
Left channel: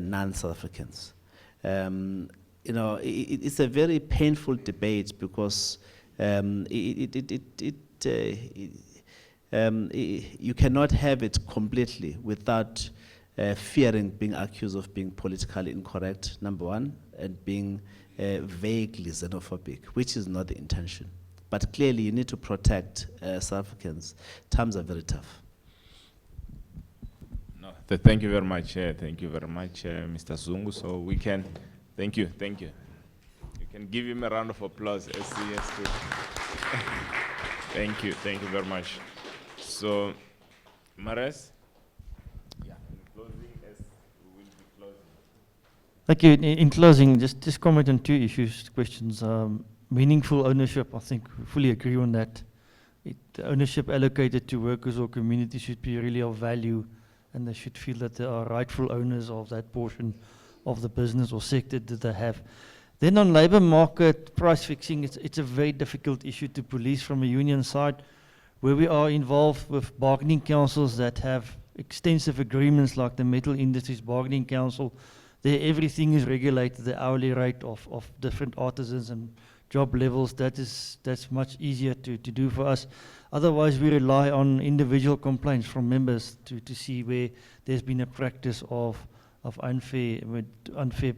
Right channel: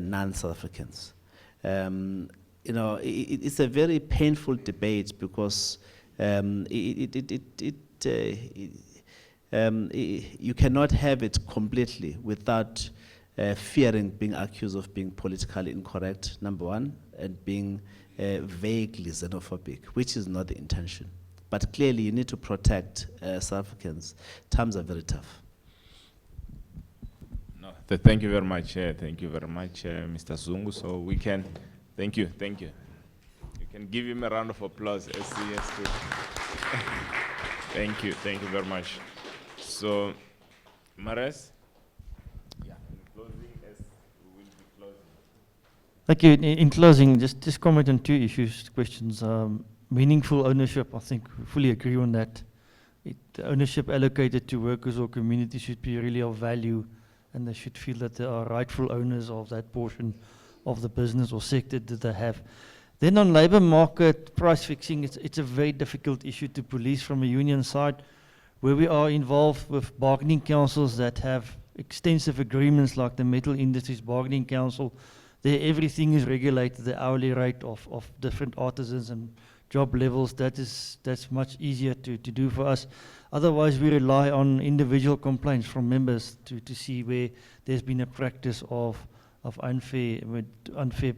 non-South Africans. You know, it's a very painful debate because you cannot have it completely without fearing being accused of being politically incorrect, number one, and being vaguely xenophobic, which is not the intention. But clearly you need to protect South Africans. Times are very tough. No, thank you very much. Thank you very much, Mr. Zungu. So we can, thank you. You can give him a round of applause. SCS too. Thank you very much. So, Mares? Yeah, in closing, as we will be closing. Thank you. In closing, just comment on two issues, questions. Meaningful ownership, I think we fully agree on that. The ownership allocated to workers or communities should be really of value, and they should feel that they are rightful owners of that portion of the business or sector that they have. Then on labor market price fixing, it's a very difficult issue to police from a union side, where we are involved with bargaining councils that have extensive agreements like the Metal Industries Bargaining Council. There everything is regulated, the hourly rate of different artisans and job levels. That's much easier to do for us. Otherwise, we rely on individual complaints from members to see where there's been a practice of unfair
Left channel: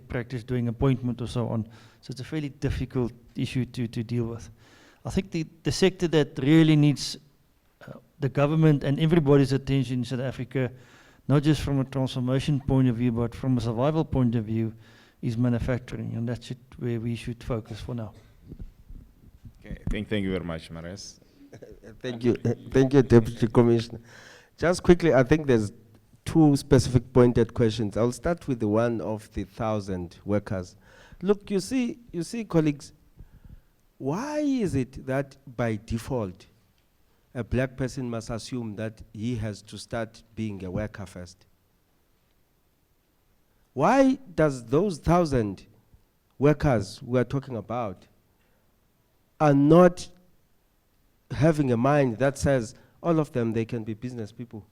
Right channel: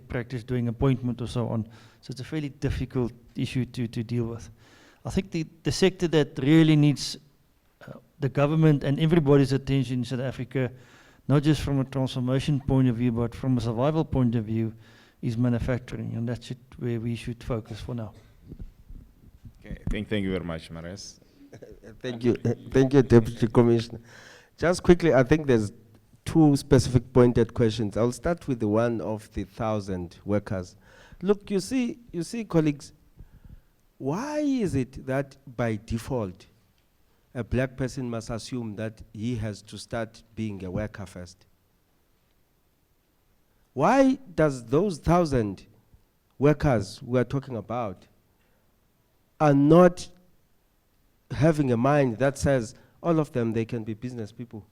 practice during appointment or so on. So it's a fairly difficult issue to deal with. I think the sector that really needs the government and everybody's attention in South Africa, not just from a transformation point of view, but from a survival point of view, is manufacturing, and that's where we should focus for now. Okay, thank you very much, Mares. Thank you, Deputy Commissioner. Just quickly, I think there's two specific pointed questions. I'll start with the one of the 1,000 workers. Look, you see, colleagues, why is it that by default, a black person must assume that he has to start being a worker first? Why does those 1,000 workers we are talking about are not having a mind that says all of them, they can be business people?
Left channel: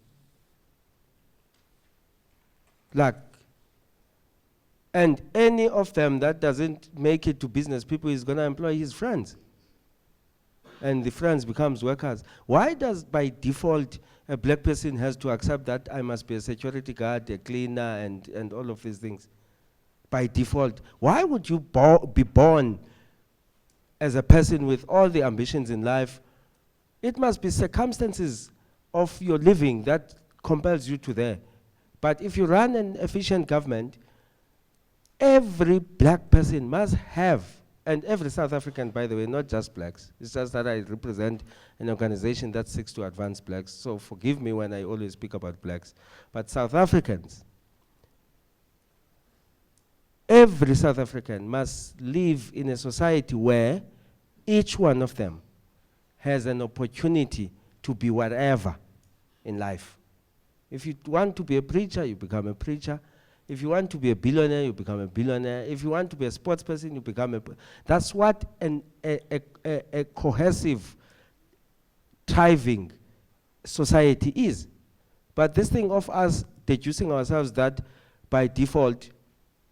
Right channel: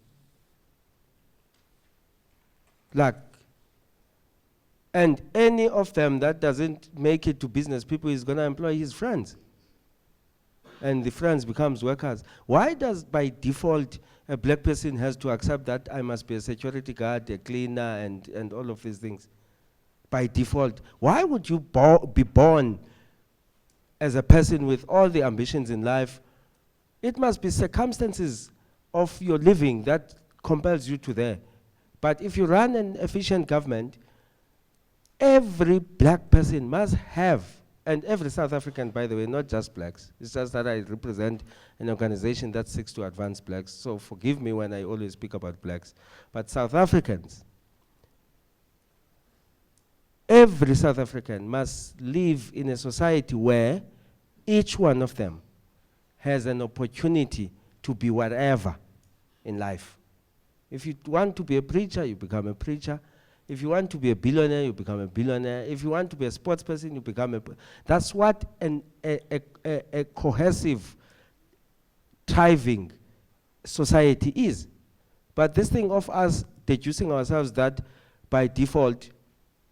Like, and any of them that doesn't make it to business people is going to employ his friends. And the friends becomes workers. Why does by default a black person has to accept that I must be a security guard, a cleaner, and all of these things? By default. Why would you be born as a person with all the ambitions in life? It must be circumstances of your living that compels you to there. But if you run an efficient government, every black person must have, and every South African, by the way, not just blacks. It's just that I represent an organization that seeks to advance blacks, so forgive me when I always speak about blacks. But South Africans, every South African must live in a society where each one of them has an opportunity to be whatever in life. If you want to be a preacher, you become a preacher. If you want to be a billionaire, you become a billionaire. If you want to be a sports person, you become a... That's what a cohesive, thriving society is. But this thing of us deducing ourselves that by default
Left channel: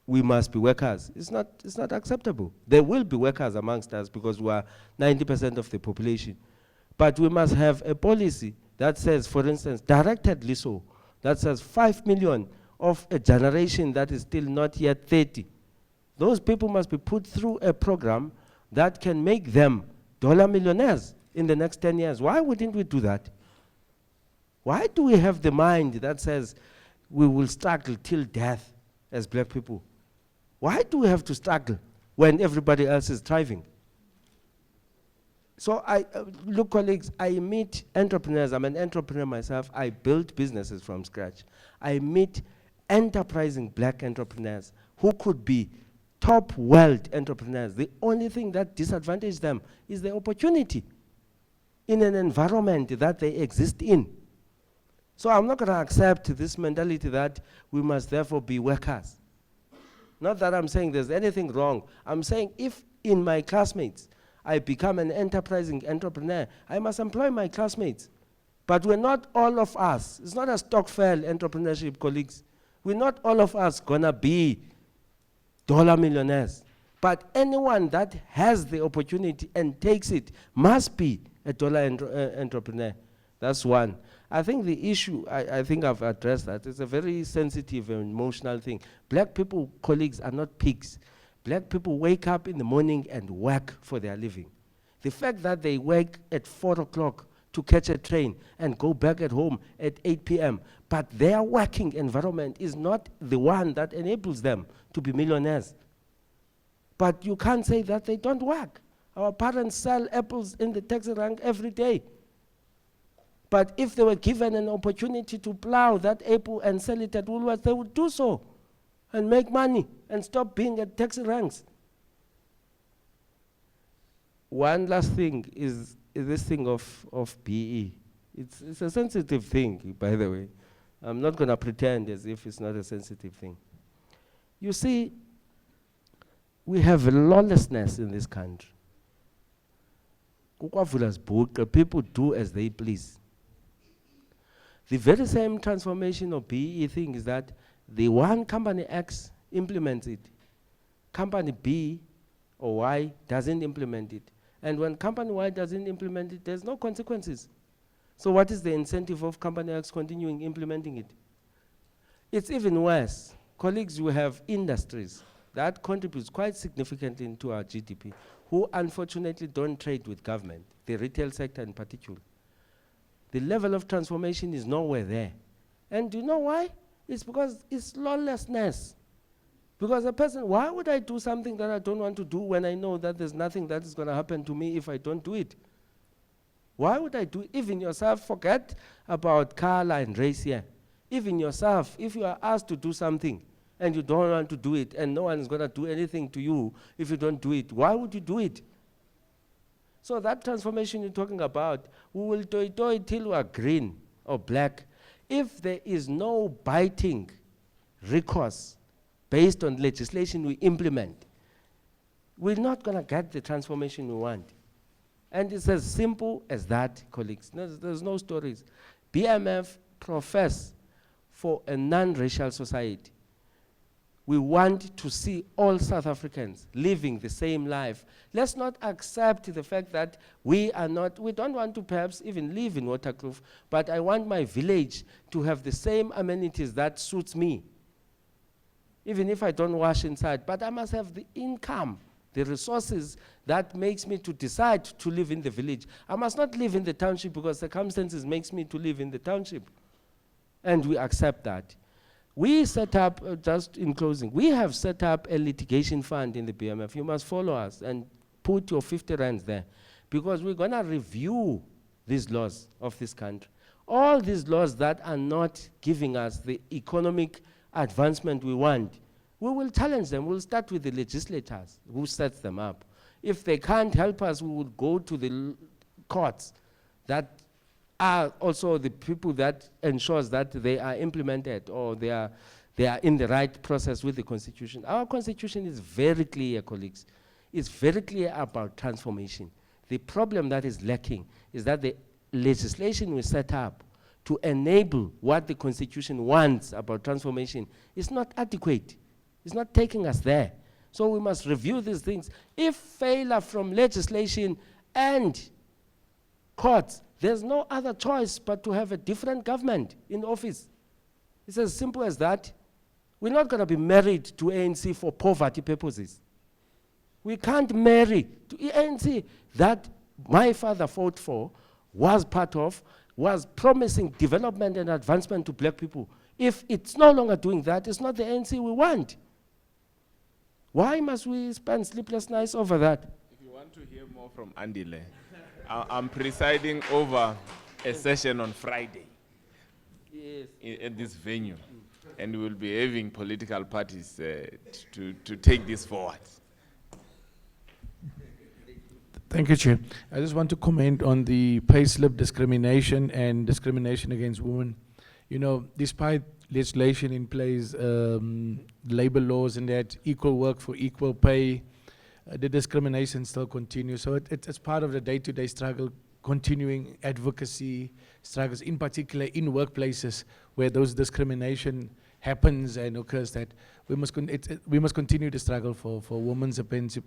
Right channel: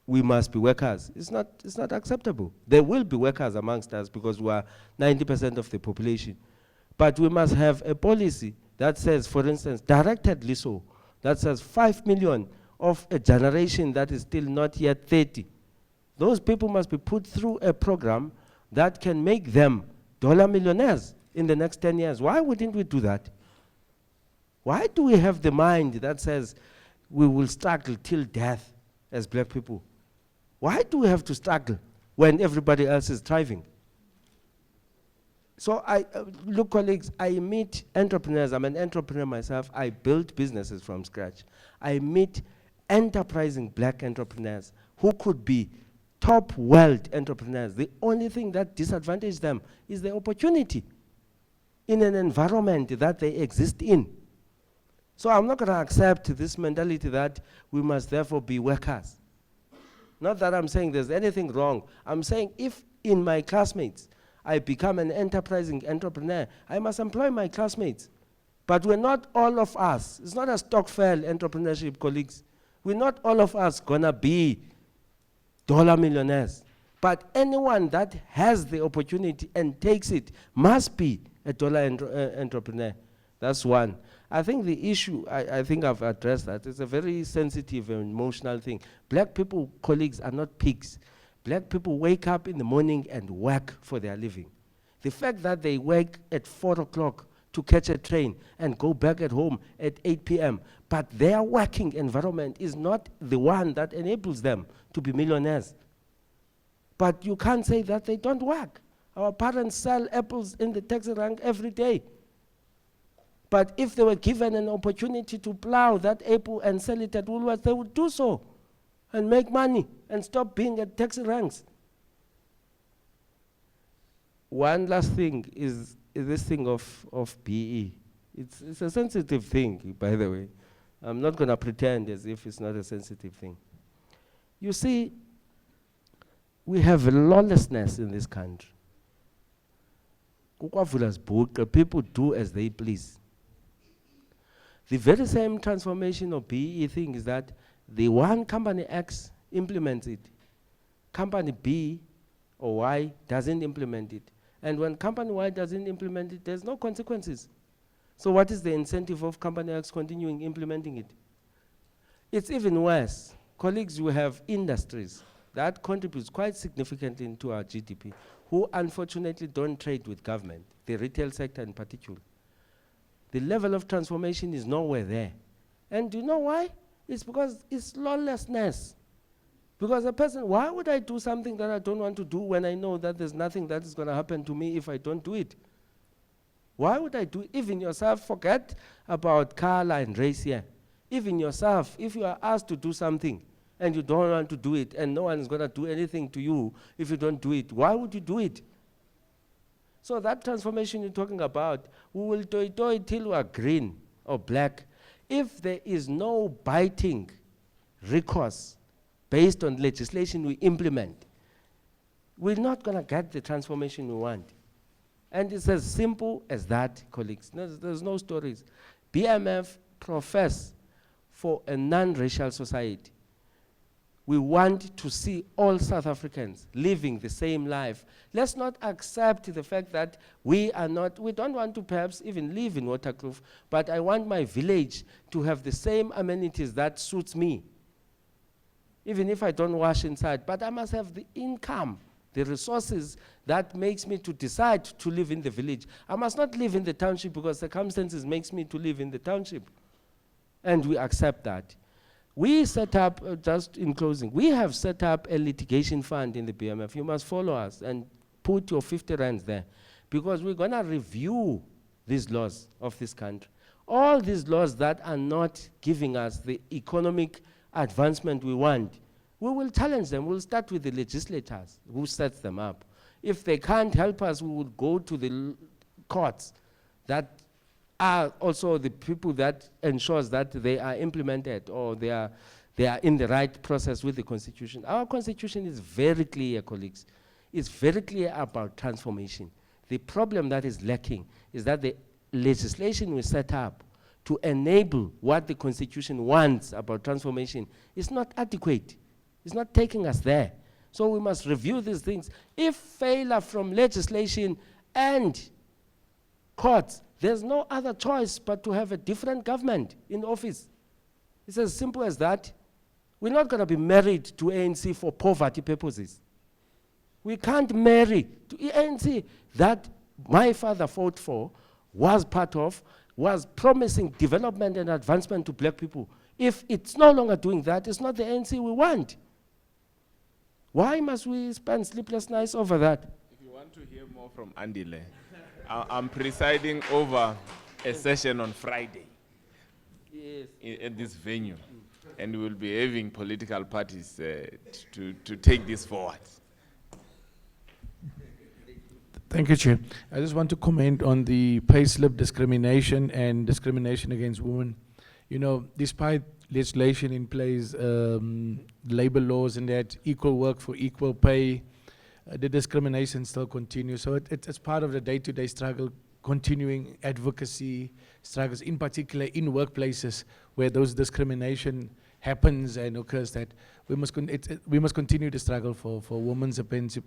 we must be workers, it's not acceptable. There will be workers amongst us because we are 90% of the population. But we must have a policy that says, for instance, directedly so, that says 5 million of a generation that is still not yet 30. Those people must be put through a program that can make them dollar millionaires in the next 10 years. Why wouldn't we do that? Why do we have the mind that says we will struggle till death as black people? Why do we have to struggle when everybody else is thriving? So look, colleagues, I meet entrepreneurs. I'm an entrepreneur myself. I build businesses from scratch. I meet enterprising black entrepreneurs who could be top world entrepreneurs. The only thing that disadvantages them is the opportunity in an environment that they exist in. So I'm not going to accept this mentality that we must therefore be workers. Not that I'm saying there's anything wrong. I'm saying if in my classmates I become an enterprising entrepreneur, I must employ my classmates. But we're not all of us. It's not a Stokvel entrepreneurship, colleagues. We're not all of us gonna be dollar millionaires. But anyone that has the opportunity and takes it must be a dollar entrepreneur. That's one. I think the issue, I think I've addressed that. It's a very sensitive and emotional thing. Black people, colleagues, are not pigs. Black people wake up in the morning and work for their living. The fact that they wake at 4 o'clock to catch a train and go back at home at 8 p.m., but their working environment is not the one that enables them to be millionaires. But you can't say that they don't work. Our parents sell apples in the taxi rank every day. But if they were given an opportunity to plow that apple and sell it at Woolworths, they would do so and make money and stop being at taxi ranks. One last thing is this thing of BE. It's a sensitive thing, by the way. I'm not going to pretend as if it's not a sensitive thing. You see, we have lawlessness in this country. People do as they please. The very same transformation of BE thing is that the one company X implements it. Company B or Y doesn't implement it. And when company Y doesn't implement it, there's no consequences. So what is the incentive of company X continuing implementing it? It's even worse. Colleagues, we have industries that contributes quite significantly into our GDP, who unfortunately don't trade with government, the retail sector in particular. The level of transformation is nowhere there. And do you know why? It's because it's lawlessness. Because a person, why would I do something that I don't want to do when I know that there's nothing that is going to happen to me if I don't do it? Why would I do it? Even yourself, forget about color and race here. Even yourself, if you are asked to do something and you don't want to do it and no one is going to do anything to you if you don't do it, why would you do it? So that transformation you're talking about, we will toy till we are green or black. If there is no biting recourse based on legislation we implement, we're not going to get the transformation we want. And it's as simple as that, colleagues. There's no stories. BMF profess for a non-racial society. We want to see all South Africans living the same life. Let's not accept the fact that we don't want to perhaps even live in Waterkloof, but I want my village to have the same amenities that suits me. Even if I don't wash inside, but I must have the income, the resources that makes me to decide to live in the village. I must not live in the township because circumstances makes me to live in the township. And we accept that. We set up, just in closing, we have set up a litigation fund in the BMF. You must follow us and put your 50 rands there because we're going to review these laws of this country. All these laws that are not giving us the economic advancement we want, we will challenge them. We'll start with the legislators who sets them up. If they can't help us, we will go to the courts that are also the people that ensures that they are implemented or they are in the right process with the Constitution. Our Constitution is very clear, colleagues. It's very clear about transformation. The problem that is lacking is that the legislation we set up to enable what the Constitution wants about transformation is not adequate. It's not taking us there. So we must review these things. If failure from legislation and courts, there's no other choice but to have a different government in office. It's as simple as that. We're not going to be married to ANC for poverty purposes. We can't marry to ANC that my father fought for, was part of, was promising development and advancement to black people. If it's no longer doing that, it's not the ANC we want. Why must we spend sleepless nights over that? If you want to hear more from Andile, I'm presiding over a session on Friday at this venue, and we will be having political parties to take this forward. Thank you, Chair. I just want to comment on the payslip discrimination and discrimination against women. You know, despite legislation in place, labor laws and that, equal work for equal pay, the discrimination still continues. So it's part of the day-to-day struggle, continuing advocacy struggles, in particular in workplaces where those discrimination happens and occurs, that we must we must continue to struggle for women's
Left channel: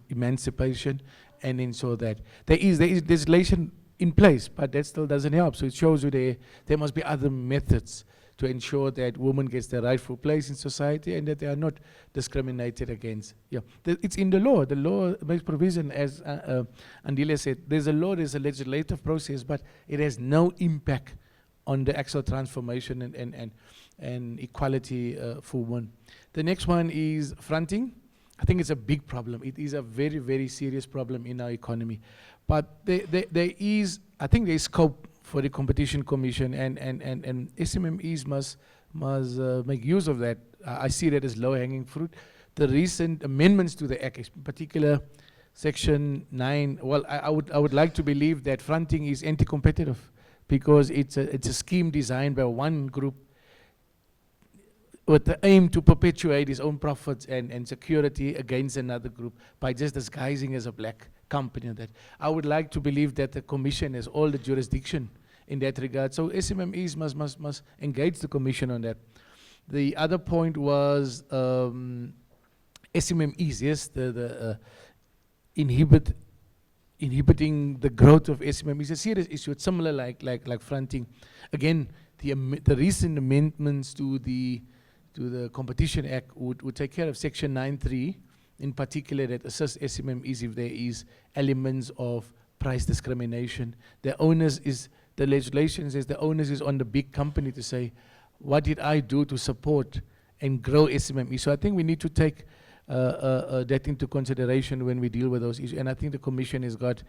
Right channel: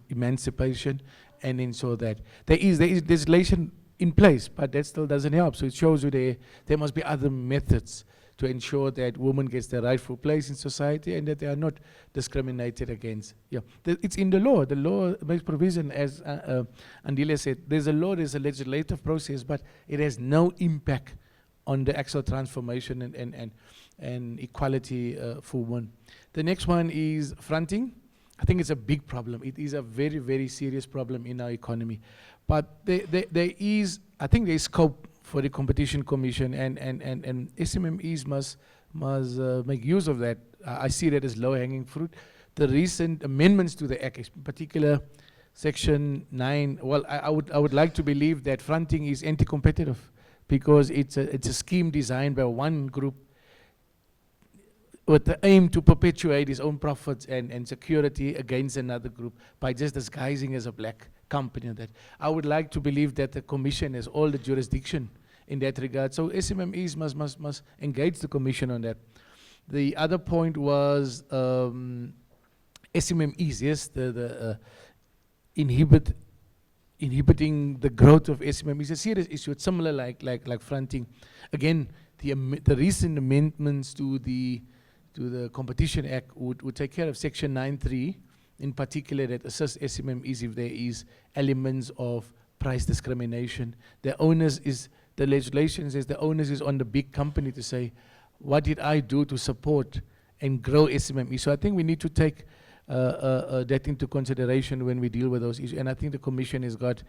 emancipation and ensure that there is legislation in place, but that still doesn't help. So it shows you there must be other methods to ensure that women gets their rightful place in society and that they are not discriminated against. Yeah, it's in the law. The law makes provision, as Andile said. There's a law, there's a legislative process, but it has no impact on the actual transformation and equality for women. The next one is fronting. I think it's a big problem. It is a very, very serious problem in our economy. But there is, I think there is scope for the Competition Commission, and SMMEs must make use of that. I see that as low-hanging fruit. The recent amendments to the Act, in particular Section 9, well, I would like to believe that fronting is anti-competitive because it's a scheme designed by one group with the aim to perpetuate its own profits and security against another group by just disguising as a black company. That I would like to believe that the Commission has all the jurisdiction in that regard. So SMMEs must engage the Commission on that. The other point was SMMEs, yes, the inhibiting the growth of SMMEs is a serious issue. It's similar like fronting. Again, the recent amendments to the Competition Act would take care of Section 9(3), in particular, that assists SMMEs if there is elements of price discrimination. The legislation says the onus is on the big company to say, what did I do to support and grow SMMEs? So I think we need to take that into consideration when we deal with those issues. And I think the Commission has got,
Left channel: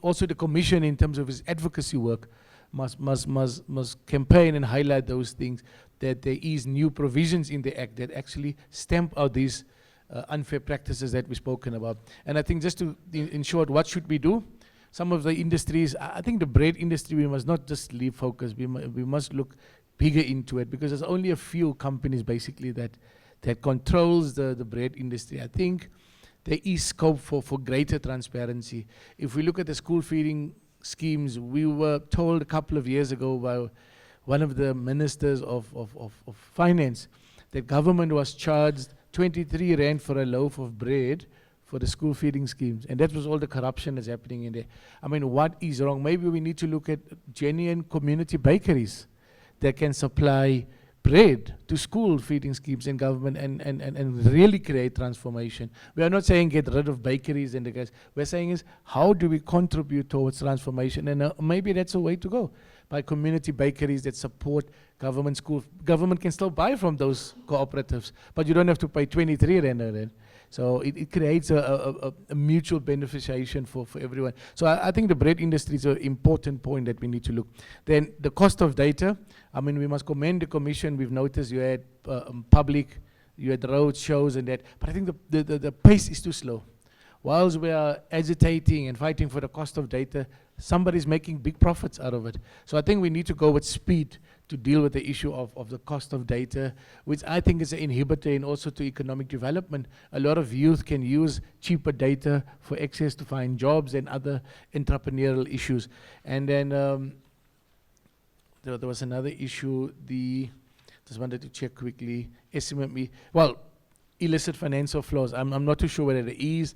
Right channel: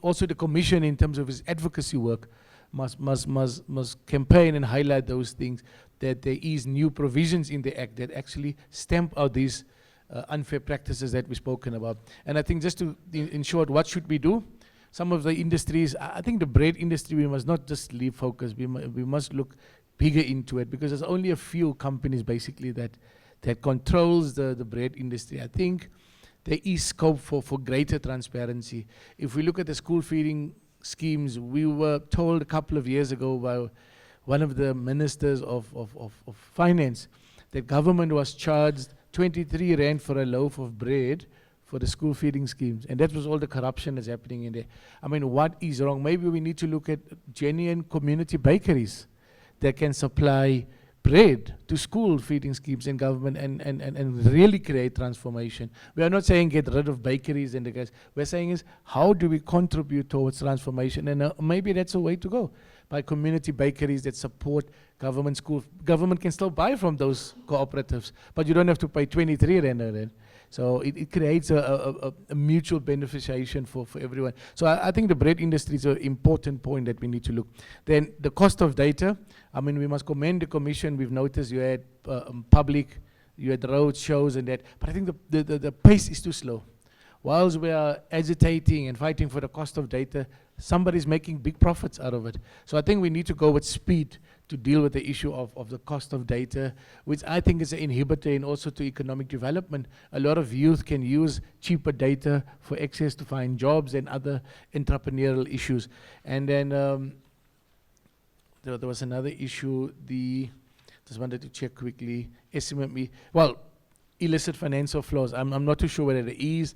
also the Commission in terms of its advocacy work, must campaign and highlight those things, that there is new provisions in the Act that actually stamp out these unfair practices that we've spoken about. And I think just to, in short, what should we do? Some of the industries, I think the bread industry, we must not just leave focus, we must look bigger into it, because there's only a few companies basically that controls the bread industry. I think there is scope for greater transparency. If we look at the school feeding schemes, we were told a couple of years ago by one of the ministers of finance that government was charged 23 rand for a loaf of bread for the school feeding schemes. And that was all the corruption that's happening in there. I mean, what is wrong? Maybe we need to look at genuine community bakeries that can supply bread to school feeding schemes in government and really create transformation. We are not saying get rid of bakeries and the guys. We're saying is, how do we contribute towards transformation? And maybe that's a way to go. By community bakeries that support government schools. Government can still buy from those cooperatives, but you don't have to pay 23 rand a rand. So it creates a mutual beneficiation for everyone. So I think the bread industry is an important point that we need to look. Then the cost of data, I mean, we must commend the Commission. We've noticed you had you had road shows and that, but I think the pace is too slow. Whilst we are agitating and fighting for the cost of data, somebody's making big profits out of it. So I think we need to go with speed to deal with the issue of the cost of data, which I think is an inhibitor and also to economic development. A lot of youth can use cheaper data for access to find jobs and other entrepreneurial issues. And then there was another issue, just wanted to check quickly, SMME, well, illicit financial flows. I'm not too sure whether it is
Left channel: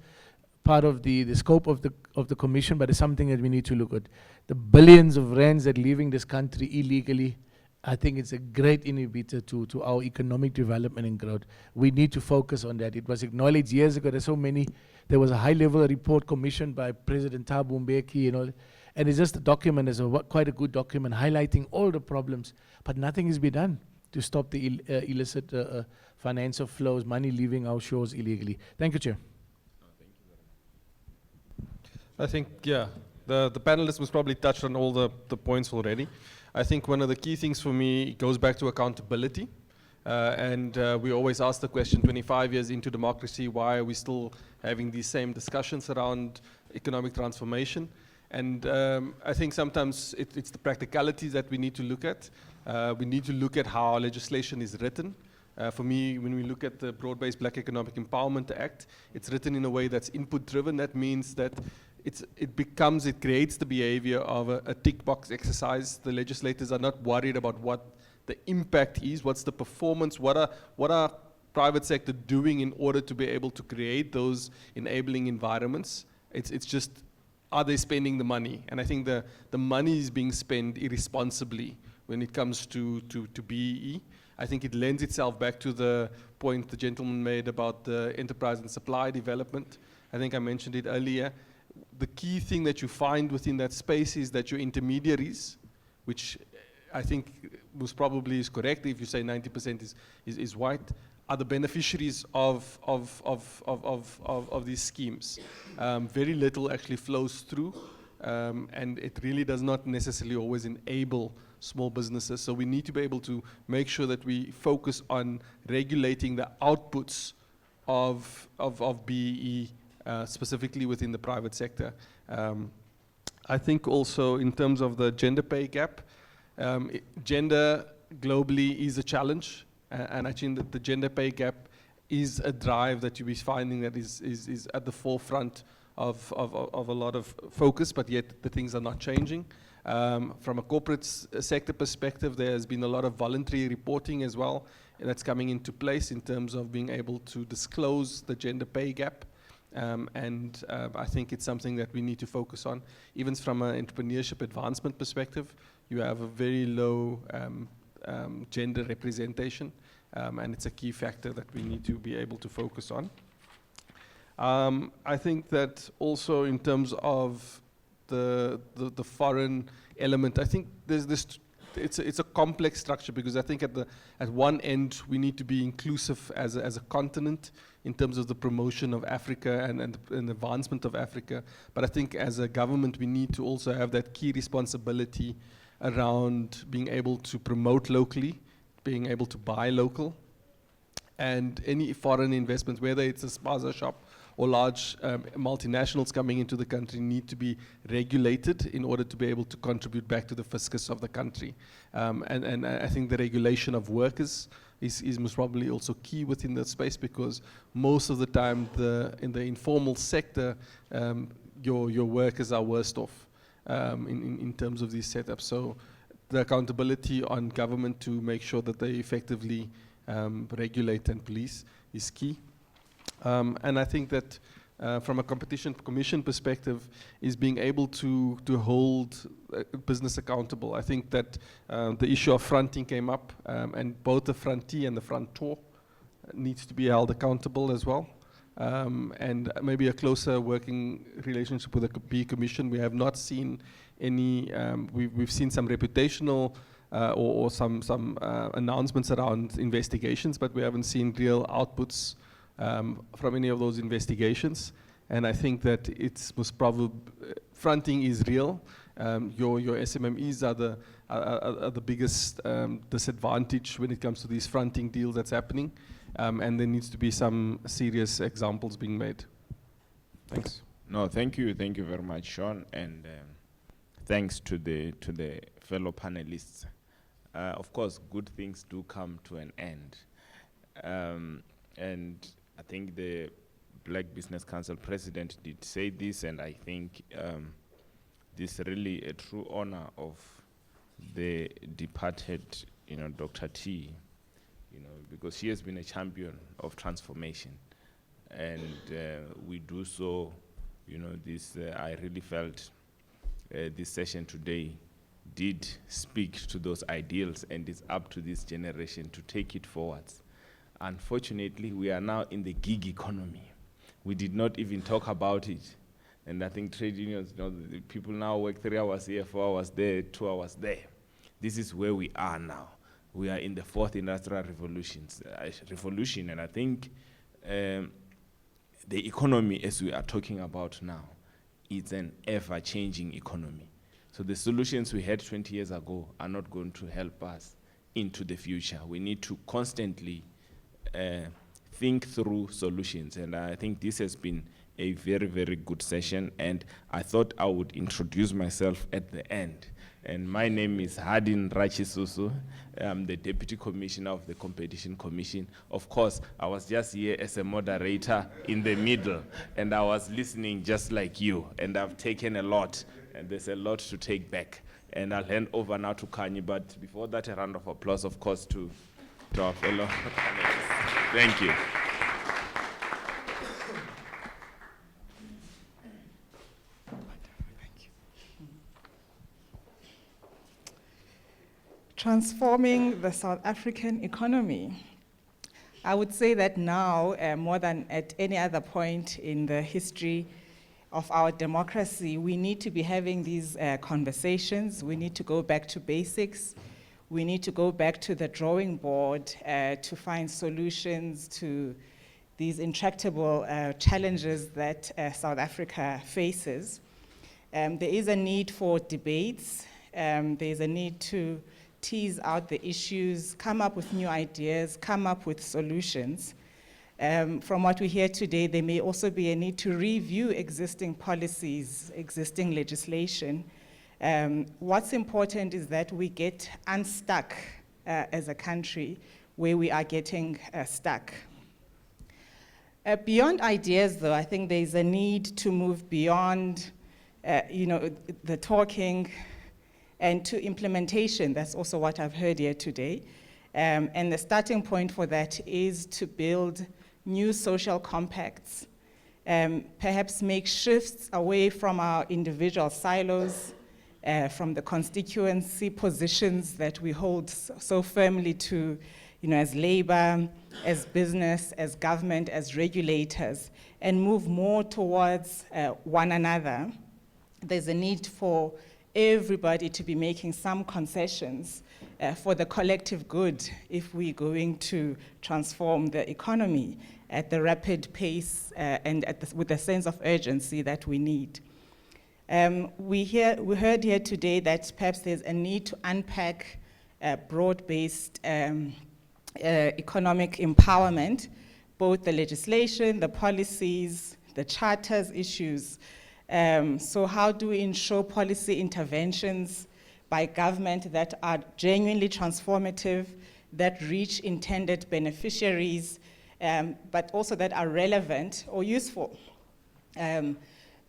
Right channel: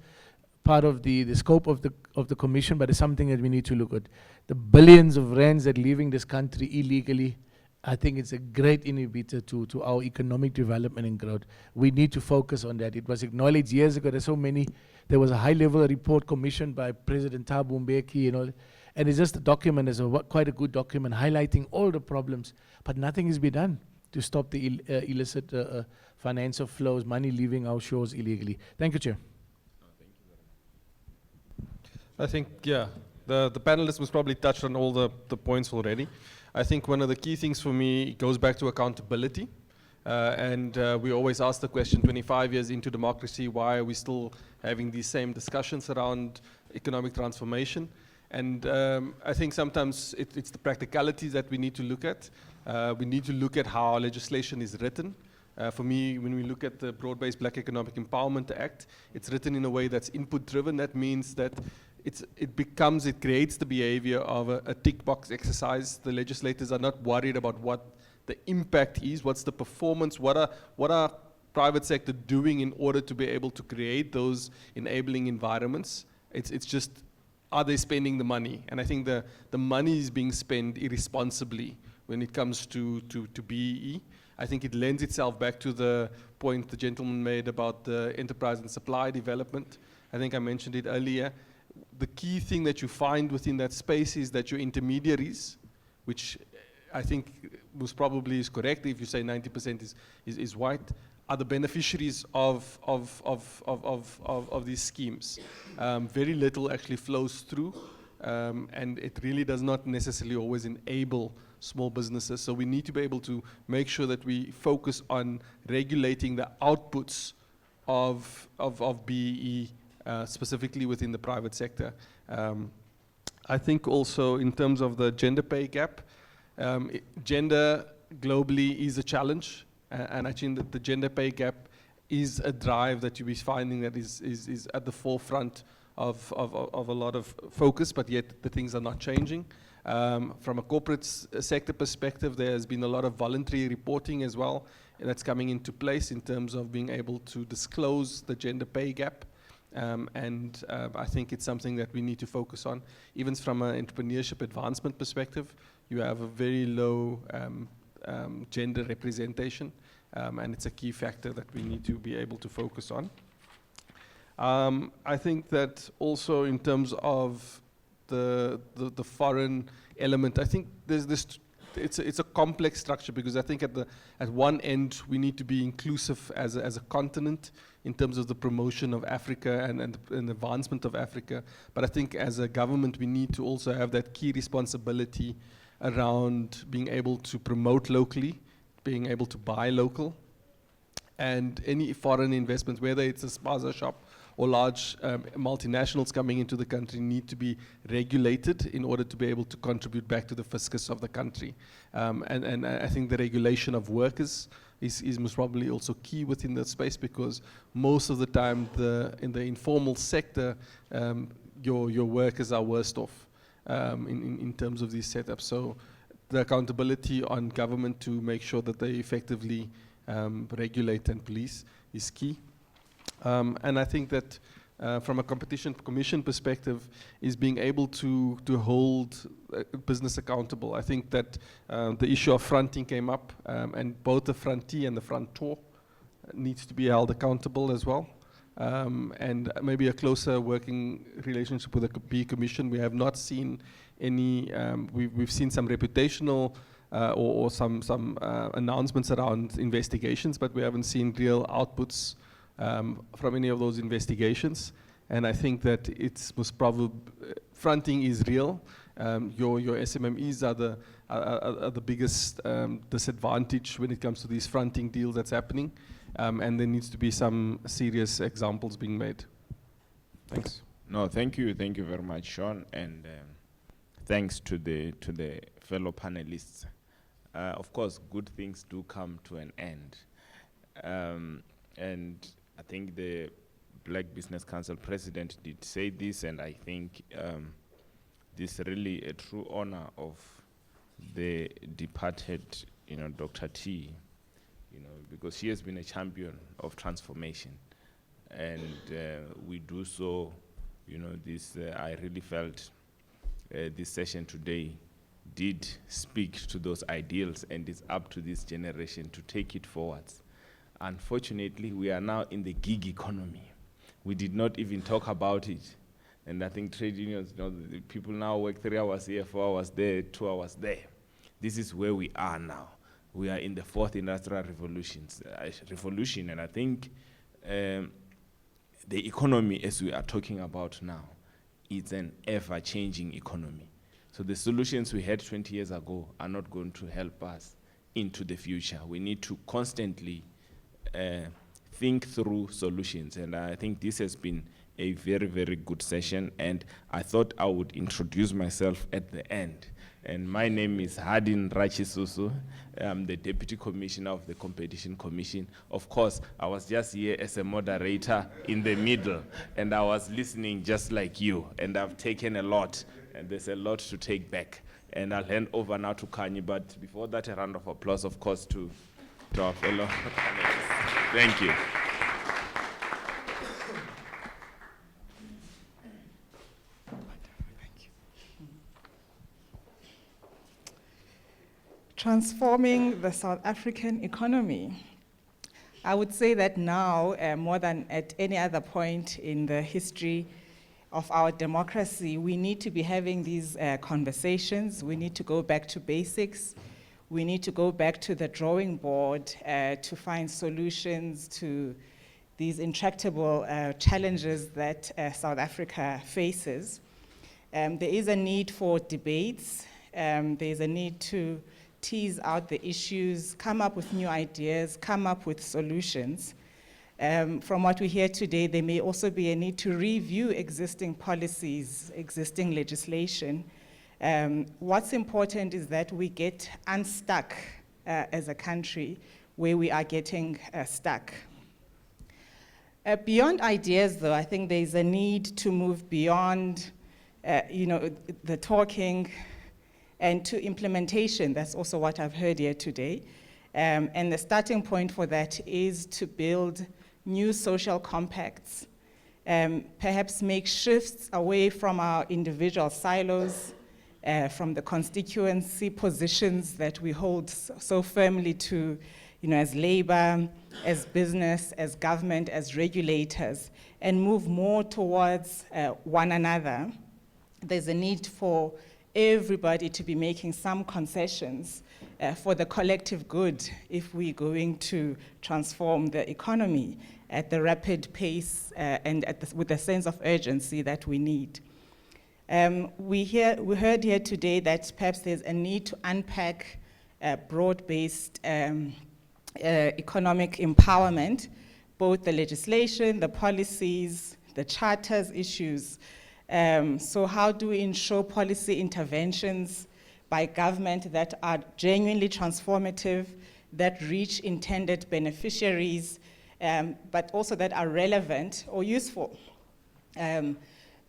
part of the scope of the Commission, but it's something that we need to look at. The billions of rands that leaving this country illegally, I think it's a great inhibitor to our economic development and growth. We need to focus on that. It was acknowledged years ago. There was a high-level report commissioned by President Thabo Mbeki, and it's just a document. It's quite a good document highlighting all the problems, but nothing has been done to stop the illicit financial flows, money leaving our shores illegally. Thank you, Chair. I think, yeah, the panelists was probably touched on all the points already. I think one of the key things for me goes back to accountability. And we always ask the question, 25 years into democracy, why are we still having these same discussions around economic transformation? And I think sometimes it's the practicalities that we need to look at. We need to look at how our legislation is written. For me, when we look at the Broad-Based Black Economic Empowerment Act, it's written in a way that's input-driven. That means that it creates the behavior of a tick box exercise. The legislators are not worried about what the impact is, what's the performance, what are private sector doing in order to be able to create those enabling environments. It's just, are they spending the money? And I think the money is being spent irresponsibly when it comes to BEE. I think it lends itself back to the point the gentleman made about the enterprise and supply development. I think I mentioned it earlier. The key thing that you find within that space is that your intermediaries, which I think most probably is correct if you say 90% is white, are the beneficiaries of these schemes. Very little actually flows through, and it really does not necessarily always enable small businesses. So we need to be able to make sure that we focus on regulating the outputs of BEE, specifically within the private sector. I think also in terms of the gender pay gap, gender globally is a challenge, and I think that the gender pay gap is a drive that you'll be finding that is at the forefront of a lot of focus, but yet the things are not changing. From a corporate sector perspective, there has been a lot of voluntary reporting as well, and that's coming into place in terms of being able to disclose the gender pay gap. I think it's something that we need to focus on. Even from an entrepreneurship advancement perspective, you have a very low gender representation, and it's a key factor that we need to be able to focus on. I think that also in terms of the foreign element, I think there's this. It's a complex structure, because I think at one end we need to be inclusive as a continent in terms of the promotion of Africa and advancement of Africa. But I think as a government we need to also have that key responsibility around being able to promote locally, being able to buy local, and any foreign investments, whether it's a spaza shop or large multinationals coming into the country, need to be regulated in order to be able to contribute back to the fiscus of the country. And I think the regulation of workers is most probably also key within that space, because most of the time in the informal sector, your workers are worst off in terms of these setups. So the accountability on government to make sure that they effectively regulate and police is key. And I think that from a competition commission perspective is being able to hold business accountable. I think that the issue of fronting came up, and both the frontee and the frontor needs to be held accountable as well. And maybe a closer working relationship with the BEE Commission. We have not seen any, we've seen some reputational or some announcements around investigations, but we haven't seen real outputs from any of those investigations. And I think that it's most probably, fronting is real. Your SMMEs are the biggest disadvantage when it comes to these fronting deals that's happening. And there needs to be some serious examples being made. Thanks. No, thank you very much, Sean, and thanks to the fellow panelists. Of course, good things do come to an end, and I think the Black Business Council president did say this, and I think this is really a true honor of the departed, Dr. T, because she has been a champion of transformation, and we do so, I really felt this session today did speak to those ideals, and it's up to this generation to take it forwards. Unfortunately, we are now in the gig economy. We did not even talk about it. And I think trade unions, the people now work 3 hours here, 4 hours there, 2 hours there. This is where we are now. We are in the 4th industrial revolution, and I think the economy, as we are talking about now, is an ever-changing economy. So the solutions we had 20 years ago are not going to help us into the future. We need to constantly think through solutions, and I think this has been a very, very good session, and I thought I would introduce myself at the end. And my name is Hardin Rachisusu. I'm the Deputy Commissioner of the Competition Commission. Of course, I was just here as a moderator in the middle, and I was listening just like you, and I've taken a lot, and there's a lot to take back. And I'll hand over now to Khanyi, but before that, a round of applause, of course, to our fellow panelists. Thank you. Transforming the South African economy. I would say that now, more than at any other point in the history of our democracy, we need to be having these conversations. We need to go back to basics. We need to go back to the drawing board to find solutions to these intractable challenges that South Africa faces. There is a need for debates. There is a need to tease out the issues, come up with new ideas, come up with solutions. From what we hear today, there may also be a need to review existing policies, existing legislation. What's important is that we get unstuck as a country where we are getting stuck. Beyond ideas, though, I think there's a need to move beyond the talking and to implementation. That's also what I've heard here today. And the starting point for that is to build new social compacts, perhaps make shifts away from our individual silos, from the constituency positions that we hold so firmly to, as labor, as business, as government, as regulators, and move more towards one another. There's a need for everybody to be making some concessions for the collective good if we're going to transform the economy at the rapid pace and with the sense of urgency that we need. We heard here today that perhaps there's a need to unpack broad-based economic empowerment, both the legislation, the policies, the charters issues. So how do we ensure policy interventions by government that are genuinely transformative, that reach intended beneficiaries, but also that are relevant or useful? There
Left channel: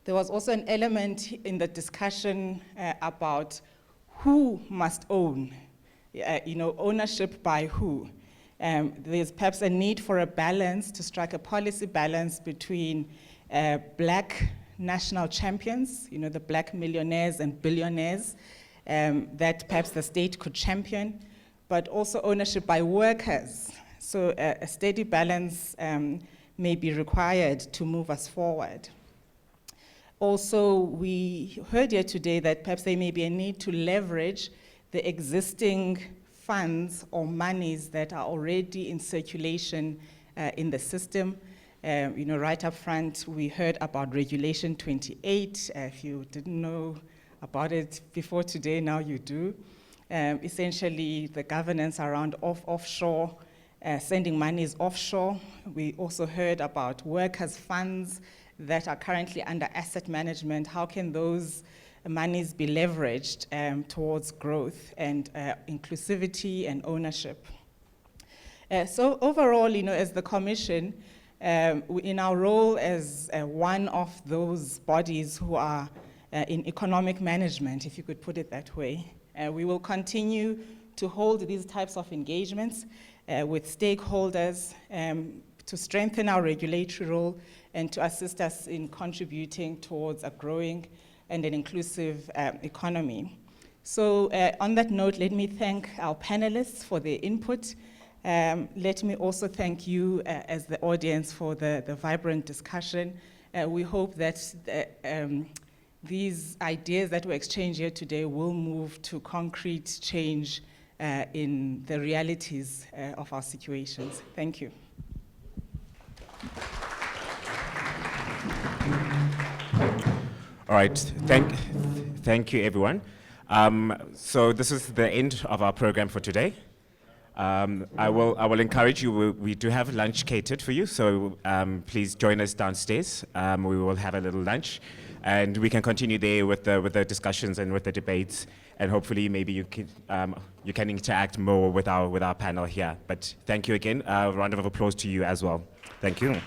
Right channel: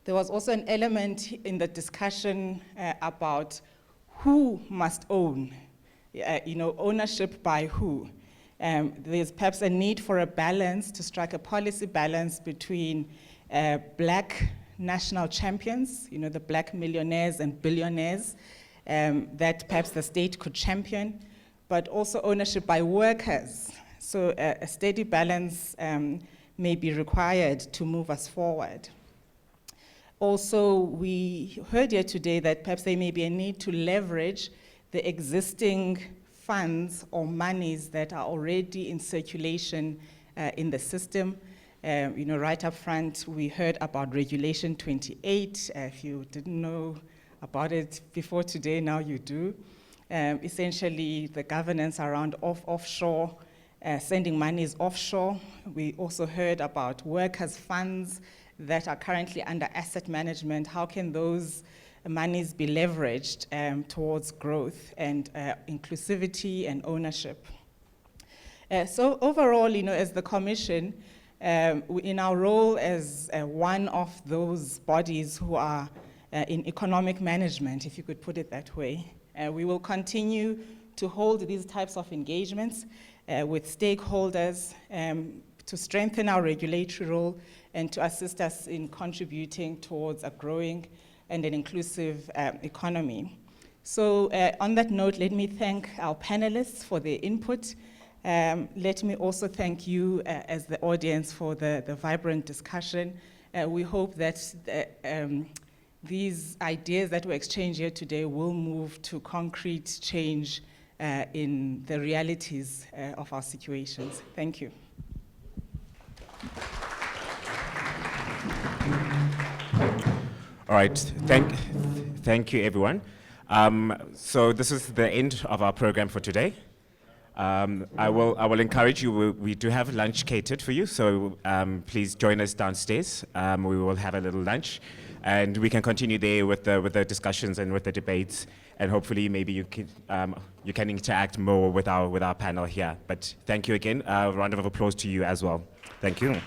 was also an element in the discussion about who must own, ownership by who. There's perhaps a need for a balance, to strike a policy balance between black national champions, the black millionaires and billionaires that perhaps the state could champion, but also ownership by workers. So a steady balance may be required to move us forward. Also, we heard here today that perhaps there may be a need to leverage the existing funds or monies that are already in circulation in the system. Right up front, we heard about Regulation 28. If you didn't know about it before today, now you do. Essentially, the governance around offshore, sending monies offshore. We also heard about workers' funds that are currently under asset management. How can those monies be leveraged towards growth and inclusivity and ownership? So overall, as the Commission, in our role as one of those bodies who are in economic management, if you could put it that way, we will continue to hold these types of engagements with stakeholders to strengthen our regulatory role and to assist us in contributing towards a growing and an inclusive economy. So on that note, let me thank our panelists for their input. Let me also thank you as the audience for the vibrant discussion. We hope that these ideas that were exchanged here today will move to concrete change in the realities of our situations. Thank you. All right, thank you everyone. So this is the end of our program for today. I will encourage you, we do have lunch catered for you, so please join us downstairs. We will have a little lunch, and we can continue there with the discussions and with the debates, and hopefully maybe you can interact more with our panel here. But thank you again. A round of applause to you as well. Thank you.